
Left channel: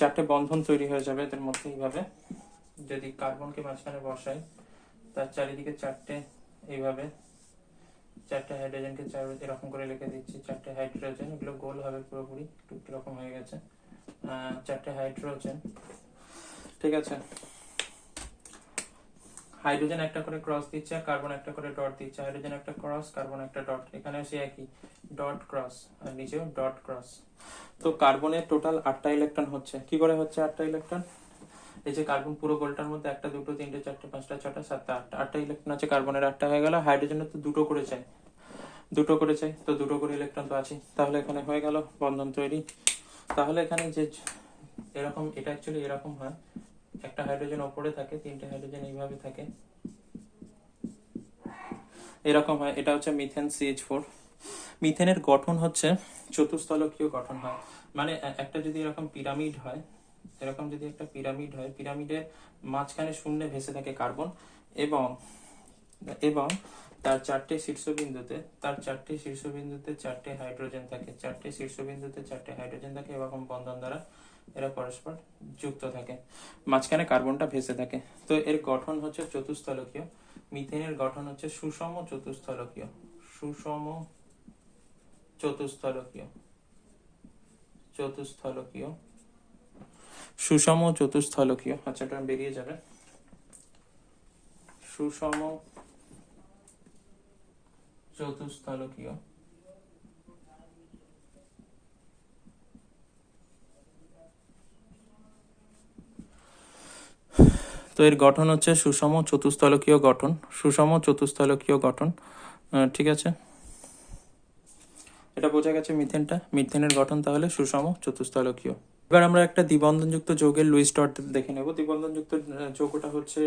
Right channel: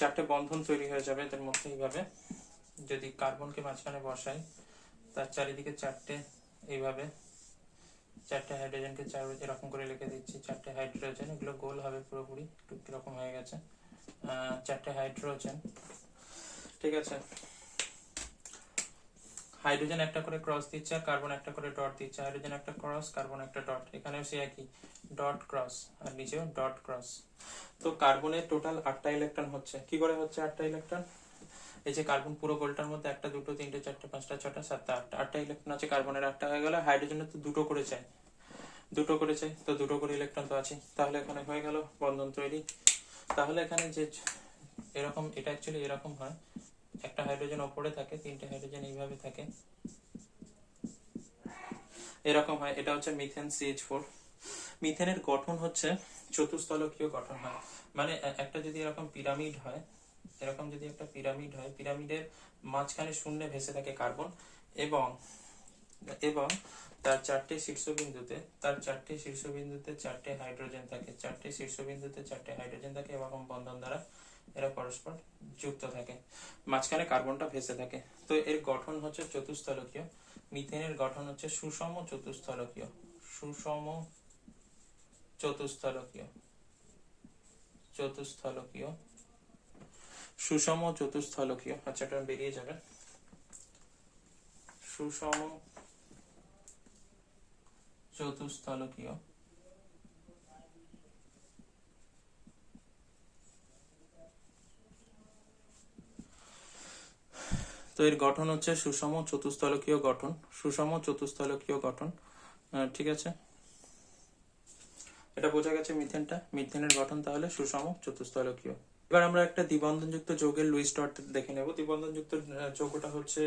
4টে বন্ধন তৈরি হয়ে যাবে এদের মধ্যে। এইভাবে যদি কার্বনকে মাঝখানে বসাই, তার চারিদিকে 4টে, এইভাবে 4টে হাইড্রোজেনকে এরকম করে লিখে দিচ্ছি, 4টে হাইড্রোজেন, এগুলো গোল হবে পুরোপুরি, একটু কিরকম হয়ে গেছে, 4টে হাইড্রোজেন। ঠিক আছে, হাইড্রোজেন একটা করে ক্রস দিচ্ছে আর কার্বন একটা করে ডট দিচ্ছে, হাইড্রোজেন একটা ক্রস, কার্বন একটা ডট, এখানেও সে একই, ডট ক্রস, আর নিচেও ডট ক্রস। তো কার্বনের টোটাল 8টা ইলেকট্রন হচ্ছে। কি করে হচ্ছে 8টা ইলেকট্রন? এই যে কার্বন পুরো গোলটার মধ্যে 1, 2, 3, 4, 5, 6, 7, 8, 8টা ইলেকট্রন আছে, কার্বনের 8টা হয়ে গেল। হাইড্রোজেনের তো দুটো করে চাই, দুটো করে চাই, তো দুটো করে ইলেকট্রন তো আছে, তাহলে এখানে হয়ে গেল বন্ধন তৈরি। তাহলে এখানে যে এরকম, এটা অ্যাকচুয়ালি এরকম হয়, একটা হাইড্রোজেন ওপরে থাকে, 3টে হাইড্রোজেন এইভাবে থাকে, এরকম হয়। এটা হচ্ছে মিথেন CH4। মিথেনের গঠন হচ্ছে চতুস্তলকীয় গঠন হয়, মানে একটা যদি এরকম পিরামিড হয়, এরকম যদি একটা পিরামিড হয়, পিরামিডের মাঝখানে শূন্যে ভেসে থাকে কার্বন, এবং এবং তার 4টে শীর্ষবিন্দুতে, 4টে হাইড্রোজেন থাকে, 4টে শীর্ষবিন্দুতে 4টে হাইড্রোজেন থাকে, এরকম বন্ধন দ্বারা এরা পরস্পর যুক্ত থাকে, মাঝখানে কার্বনটা ভেসে থাকে। তো এর গঠন হচ্ছে চতুস্তলকীয়। মিথেনের গঠন হচ্ছে সুষম চতুস্তলকীয়, সুষম চতুস্তলকীয়, চতুস্থলকীয়, সুষম চতুস্থলকীয়। আচ্ছা, এটা বেরিয়ে যাবে, সুষম চতুস্থলকীয়। তো এর গঠন হচ্ছে সুষম চতুস্থলকীয় গঠন, সুষম চতুস্থলকীয় গঠন। ঠিক আছে, এটা বোঝা গেছে মিথেনটা, মিথেনের গঠন তাহলে সুষম চতুস্থলকীয়। এবার আমরা একটা দ্বিবন্ধনযুক্ত যৌগের লুইস ডট দেখে নেব। দ্বিবন্ধনযুক্ত যৌগটা হচ্ছে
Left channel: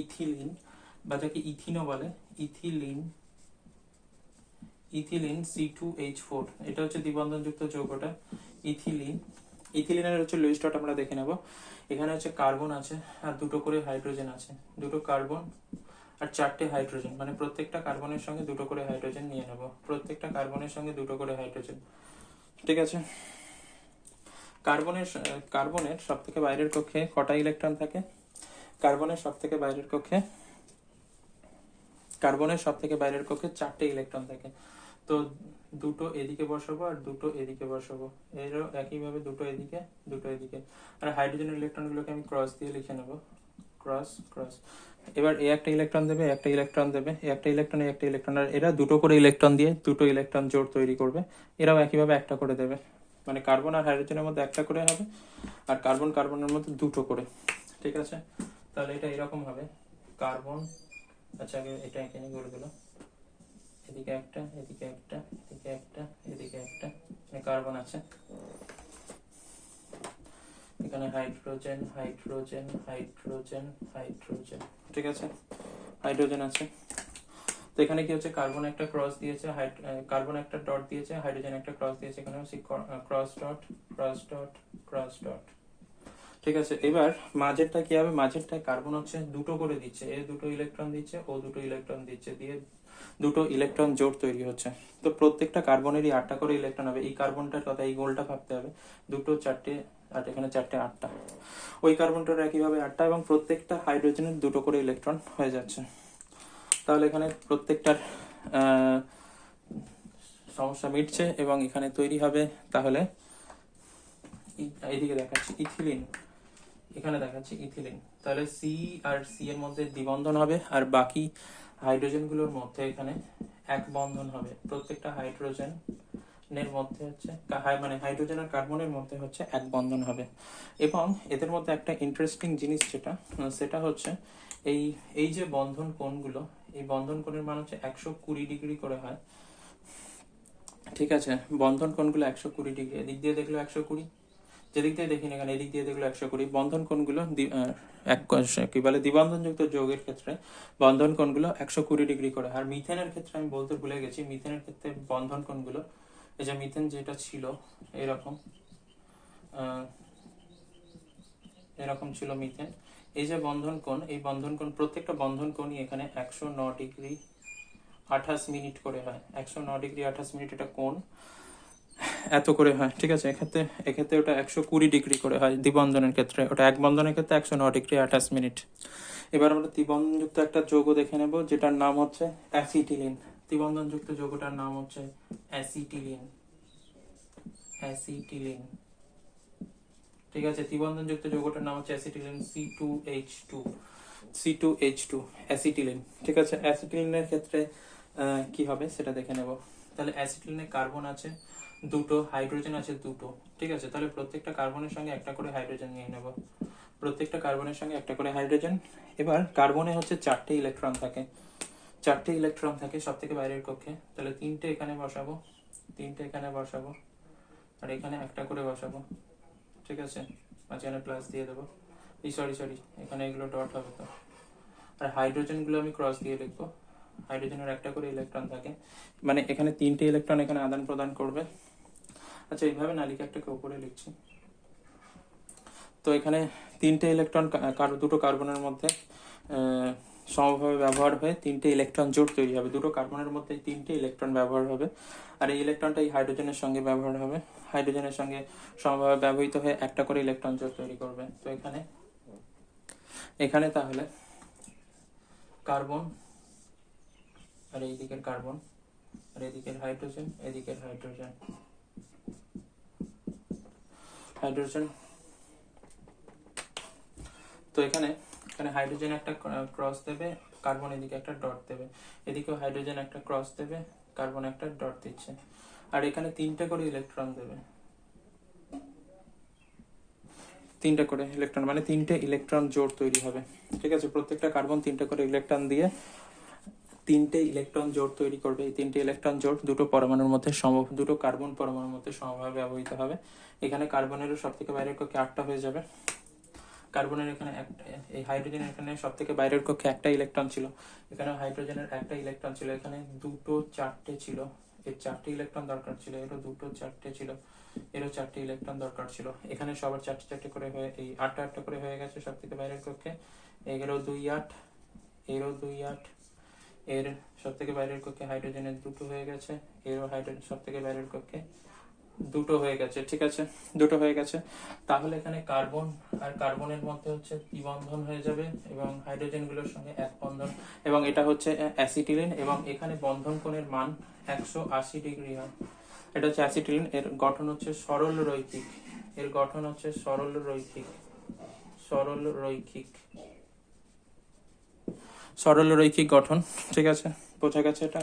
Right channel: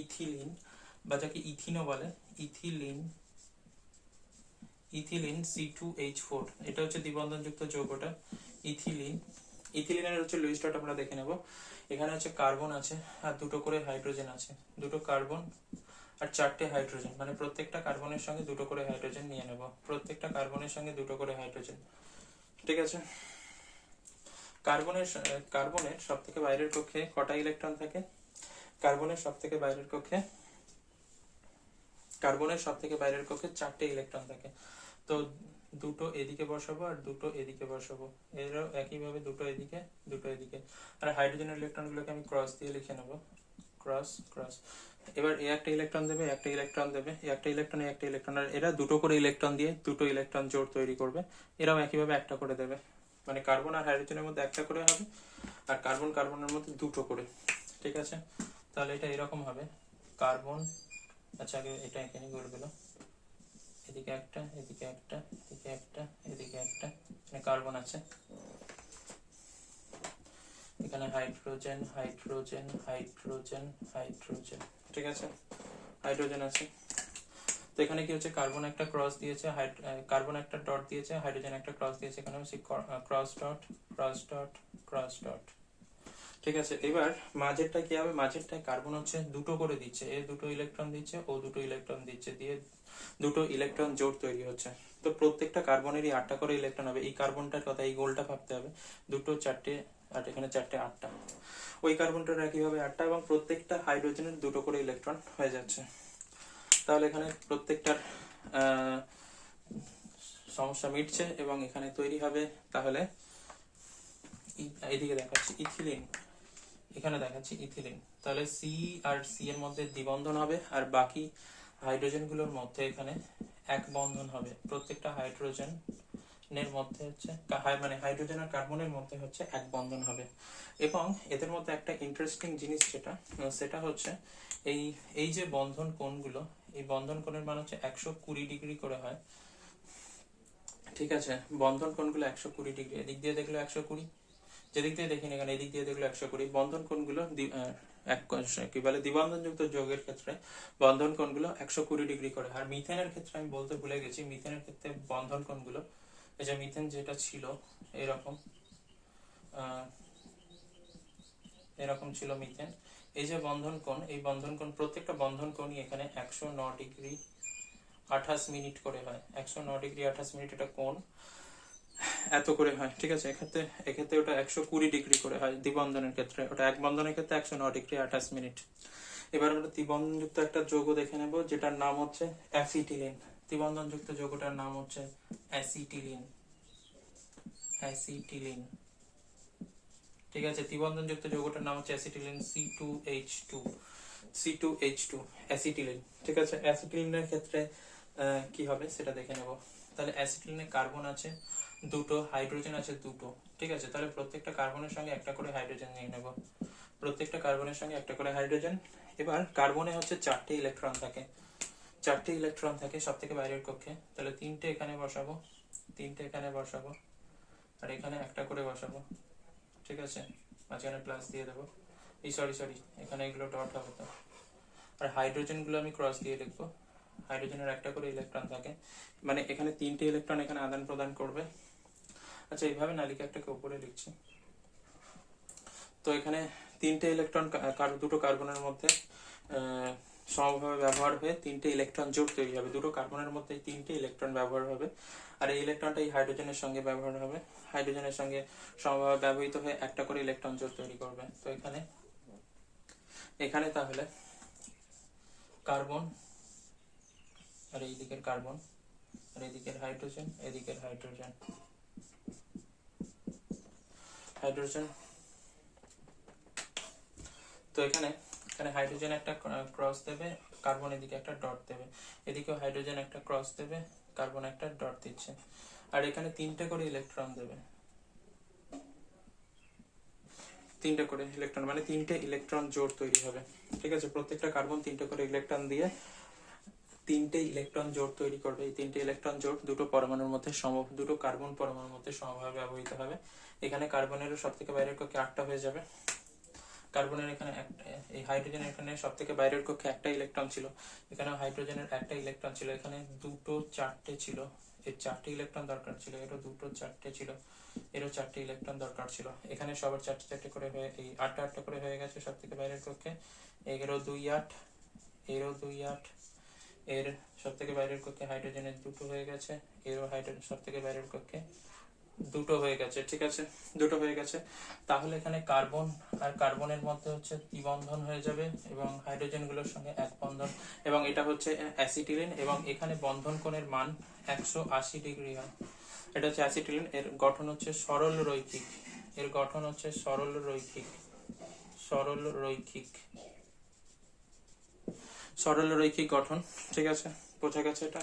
ইথিলিন, বা যাকে ইথিনো বলে, ইথিলিন, ইথিলিন C2H4, এটা হচ্ছে দ্বিবন্ধনযুক্ত যৌগটা ইথিলিন। ইথিলিনের হচ্ছে লুইস ডট আমরা দেখে নেব। এখানে হচ্ছে কার্বন আছে আর দুটো করে হাইড্রোজেন আছে, দুটো কার্বন আর 4টে হাইড্রোজেন, মানে প্রত্যেকটা কার্বনের সঙ্গে দুটো করে হাইড্রোজেন নিয়ে নেব, প্রত্যেকটা কার্বনের সঙ্গে দুটো করে হাইড্রোজেন। ঠিক আছে, কার্বনের সব থেকে বাইরের কক্ষে কটা ইলেকট্রন থাকে? কার্বনের সব থেকে বাইরের কক্ষে, কার্বনের সব থেকে বাইরের কক্ষে 4টে ইলেকট্রন থাকে। তো দুটো এদিকে বসাবো আর দুটো এদিকে বসাবো, এরও একইভাবে দুটো এদিকে, দুটো এদিকে। আর হাইড্রোজেন ইলেকট্রনগুলোকে আমি ক্রস দিয়ে লিখে নেব, ক্রস ক্রস। এবার এ একটা ইলেকট্রন দেবে, একটা ইলেকট্রন দেবে, একটা ইলেকট্রন, একটা ইলেকট্রন, আর এরা দুটো করে ইলেকট্রন দিয়ে দুটো ইলেকট্রন জোড় তৈরি করবে। এরাও একইভাবে একটা করে দেবে, মানে কার্বন আর হাইড্রোজেনের মধ্যে একটা করে হবে, আর কার্বন কার্বনের মধ্যে দুটো করে। ঠিক আছে, তাহলে এটা এরকম হবে কার্বন। আচ্ছা আগে এটা এখানে করে দিল, এদিকে একটা, এদিকে একটা, এদিকে একটা, এদিকে একটা, এখানে কার্বন আছে, এখানে হাইড্রোজেন হাইড্রোজেন হাইড্রোজেন হাইড্রোজেন। ঠিক আছে, হাইড্রোজেন আছে। তো এখানে কি হচ্ছে, কার্বন একটা ক্রস দিয়েছে, কার্বন একটা ডট দিয়েছে, হাইড্রোজেন একটা ক্রস দিয়েছে, এখানে হচ্ছে cross dot cross dot cross dot. ঠিক আছে, এবার মাঝেরটা কি হবে, মাঝেরটায় কার্বন হচ্ছে দুটো করে দিচ্ছে, এ দুটো ইলেকট্রন দিচ্ছে, ও দুটো ইলেকট্রন দিচ্ছে, দিয়ে দুটো ইলেকট্রন জোড় তৈরি হচ্ছে। তো প্রত্যেকটা কার্বনেরই 8টা করে ইলেকট্রন হবে। এই কার্বনটার কথা, এই গোলটা ভাবতে হবে, দুটো চারটে, আর এখানে চারটে, 8টা। ওই কার্বনটার একইভাবে 8টা, এবং প্রত্যেকটা হাইড্রোজেনের দুটো করে ইলেকট্রন হয়ে যাচ্ছে। তাহলে এখানে প্রত্যেকটার সমস্যা মিটছে, এবং এখানে তৈরি হবে তাহলে, এদিকে দেখাচ্ছি ইথিলিন, এখানে দেখাচ্ছি ইথিলিন। তাহলে সি আর সি এর মধ্যে দ্বিবন্ধন হবে, আর বাকি হাইড্রোজেন গুলোর মধ্যে এখানে এক বন্ধন হবে। প্রত্যেকটা হাইড্রোজেন এর মধ্যে হচ্ছে, মানে হাইড্রোজেন আর কার্বনের মধ্যে হচ্ছে এক বন্ধন হবে। এবং এদের মধ্যে একটা ইন্টারেস্টিং জিনিস যেটা, সেটা হচ্ছে এই এই যে বন্ধন কোণগুলো, এই বন্ধন কোণের মান হচ্ছে 120 ডিগ্রি করে হয়। ঠিক আছে, বন্ধন কোণগুলো 120 ডিগ্রি, এদিক দিয়ে দেখলো 120, যেদিক দিয়ে দেখি না এখানে, এদিক দিয়ে দেখলো 120। বন্ধন কোণগুলো কি বলে, দ্বিবন্ধনযুক্ত যৌগের ক্ষেত্রে বন্ধন কোণগুলো 120 ডিগ্রি করে। আর মিথেনের ক্ষেত্রে আমি বলতে ভুলে গেছি, মিথেনের ক্ষেত্রে বন্ধন কোণগুলো, এই যে মিথেন যেটা ছিল এরকম, এরকম ছিল মিথেন। এই যে বন্ধন কোণ, এই বন্ধন কোণ, প্রত্যেকটা বন্ধন কোণই এখানে 109 ডিগ্রি 28 মিনিট করে হয়। 109 ডিগ্রি 28 মিনিট এটা কোণ, এত করে হয়। ঠিক আছে, এক্ষেত্রে এক্ষেত্রে ওটা 120 ডিগ্রি করে হয় দ্বিবন্ধনের ক্ষেত্রে, ওটা এক বন্ধনের ক্ষেত্রে 109 ডিগ্রি 28 মিনিট। এবার আমরা ত্রিবন্ধনযুক্ত একটা যৌগ দেখে নেব, যেটার নাম হচ্ছে অ্যাসিটিলিন। ত্রিবন্ধনযুক্ত যৌগটার নাম হচ্ছে অ্যাসিটিলিন, অ্যাসিটিলিন। ঠিক আছে, ত্রিবন্ধনযুক্ত যৌগটার নাম হচ্ছে অ্যাসিটিলিন, C2H2, C2H2 অ্যাসিটিলিন। ঠিক আছে, অ্যাসিটিলিনের ক্ষেত্রে কি হবে সেটা দেখে নেব। তাহলে অ্যাসিটিলিনে কার্বন আছে দুটো, হাইড্রোজেন আছে দুটো। ঠিক আছে, তাহলে প্রত্যেকটা কার্বনের সঙ্গে একটা করে হাইড্রোজেন নিয়ে নেব, প্রত্যেকটা কার্বনের সঙ্গে একটা করে হাইড্রোজেন। এবার কার্বনে হচ্ছে 4টে ইলেকট্রন থাকে, 4টে ইলেকট্রন থাকে সব থেকে বাইরের কক্ষে। তাহলে 3টে এখানে বসাবো, 3টে এখানে বসাবো, আর এখানে একটা করে বসাবো। ঠিক আছে, মাঝখানে প্লাস দিয়ে দেবো, এই সরি এখানে এগুলো ডট হবে তো। আর হাইড্রোজেন গুলো আমি ক্রস দিয়ে লিখবো, হাইড্রোজেনের একটা করে ইলেকট্রন থাকে, মানে এখানে 3টে ইলেকট্রন এখানে আদান প্রদান করবে। আচ্ছা, এইভাবে না লিখে একটাকে উপরে লিখছি। তো এখানে 3টে ইলেকট্রন, দুটো কার্বনের মধ্যে সমভাবে ব্যবহার হয়ে 3টে ইলেকট্রন জোড় তৈরি হবে। দুটো কার্বনের মধ্যে 3টে ইলেকট্রন ব্যবহার হবে, আর এই ইলেকট্রনটা এই হাইড্রোজেনের সঙ্গে ব্যবহার হবে, হাইড্রোজেনের সঙ্গে সমভাবে ব্যবহৃত হয়ে একটা করে ইলেকট্রন জোড় তৈরি করবে। তো এখানে এখানে তাহলে কার্বন, আর এই দিকের কার্বন, আর এদিকের হাইড্রোজেন, এদিকের হাইড্রোজেন, হাইড্রোজেন। তো এখানে এখানে হাইড্রোজেন একটা ক্রস দেবে, কার্বন এদিকে একটা ডট দেবে, এদিকেও হাইড্রোজেন একটা ক্রস দেবে, কার্বন একটা ডট দিচ্ছে, আর এখানে 3টে করে ইলেকট্রন দেবে, 3টে করে ইলেকট্রন, মানে 3টে ইলেকট্রন জোড় তৈরি হবে। ঠিক আছে, প্রত্যেকটা কার্বন 3টে করে ইলেকট্রন দিয়ে 3টে ইলেকট্রন জোড় তৈরি করবে। এই 3টে ইলেকট্রন জোড় দুটো পরমাণুর মধ্যে দুটো কার্বন পরমাণুর মধ্যে সমভাবে ব্যবহৃত হবে। এখানে কার্বনেরও সব থেকে বাইরের কক্ষে 8টা হয়ে যাবে, কার্বনের এখানে একটা, এই হাইড্রোজেনের এখানে সব থেকে বাইরের কক্ষে একটা ইলেকট্রন ছিল, এখানে হাইড্রোজেনের একটা ইলেকট্রন ছিল, এখানে দুটো 4টে ছিল, এর 4টে ইলেকট্রন দরকার ছিল, এরও দুটো 4টে ছিল, এরও 4টে ইলেকট্রন দরকার ছিল। এখানে সবার 4টে করে হয়ে, এই 8টা করে হয়ে গেছে সব থেকে বাইরের কক্ষে। এরও 2 8, এরও 2 8, এর সব থেকে বাইরের কক্ষে হাইড্রোজেনের দুটো হয়ে গেছে, এরও হাইড্রোজেন সব থেকে বাইরের কক্ষে দুটো হয়ে গেছে। ঠিক আছে, দুটো হয়ে গেছে। তাহলে এখানে কার্বন আর কার্বনের মধ্যে হচ্ছে দ্বিবন্ধন হয়ে যাবে, এবং হাইড্রোজেন গুলোর সঙ্গে এক বন্ধন, এবং এটা হচ্ছে অ্যাসিটিলিন, এবং এখানে বন্ধন কোণের মান 180 ডিগ্রি হয়। এটা হচ্ছে অ্যাসিটিলিন, এর গঠন হচ্ছে সরল রৈখিক, এর গঠন হচ্ছে সরল রৈখিক, সরল রৈখিক। সরলরৈখিক গঠন। ঠিক আছে, বোঝা গেছে এটা?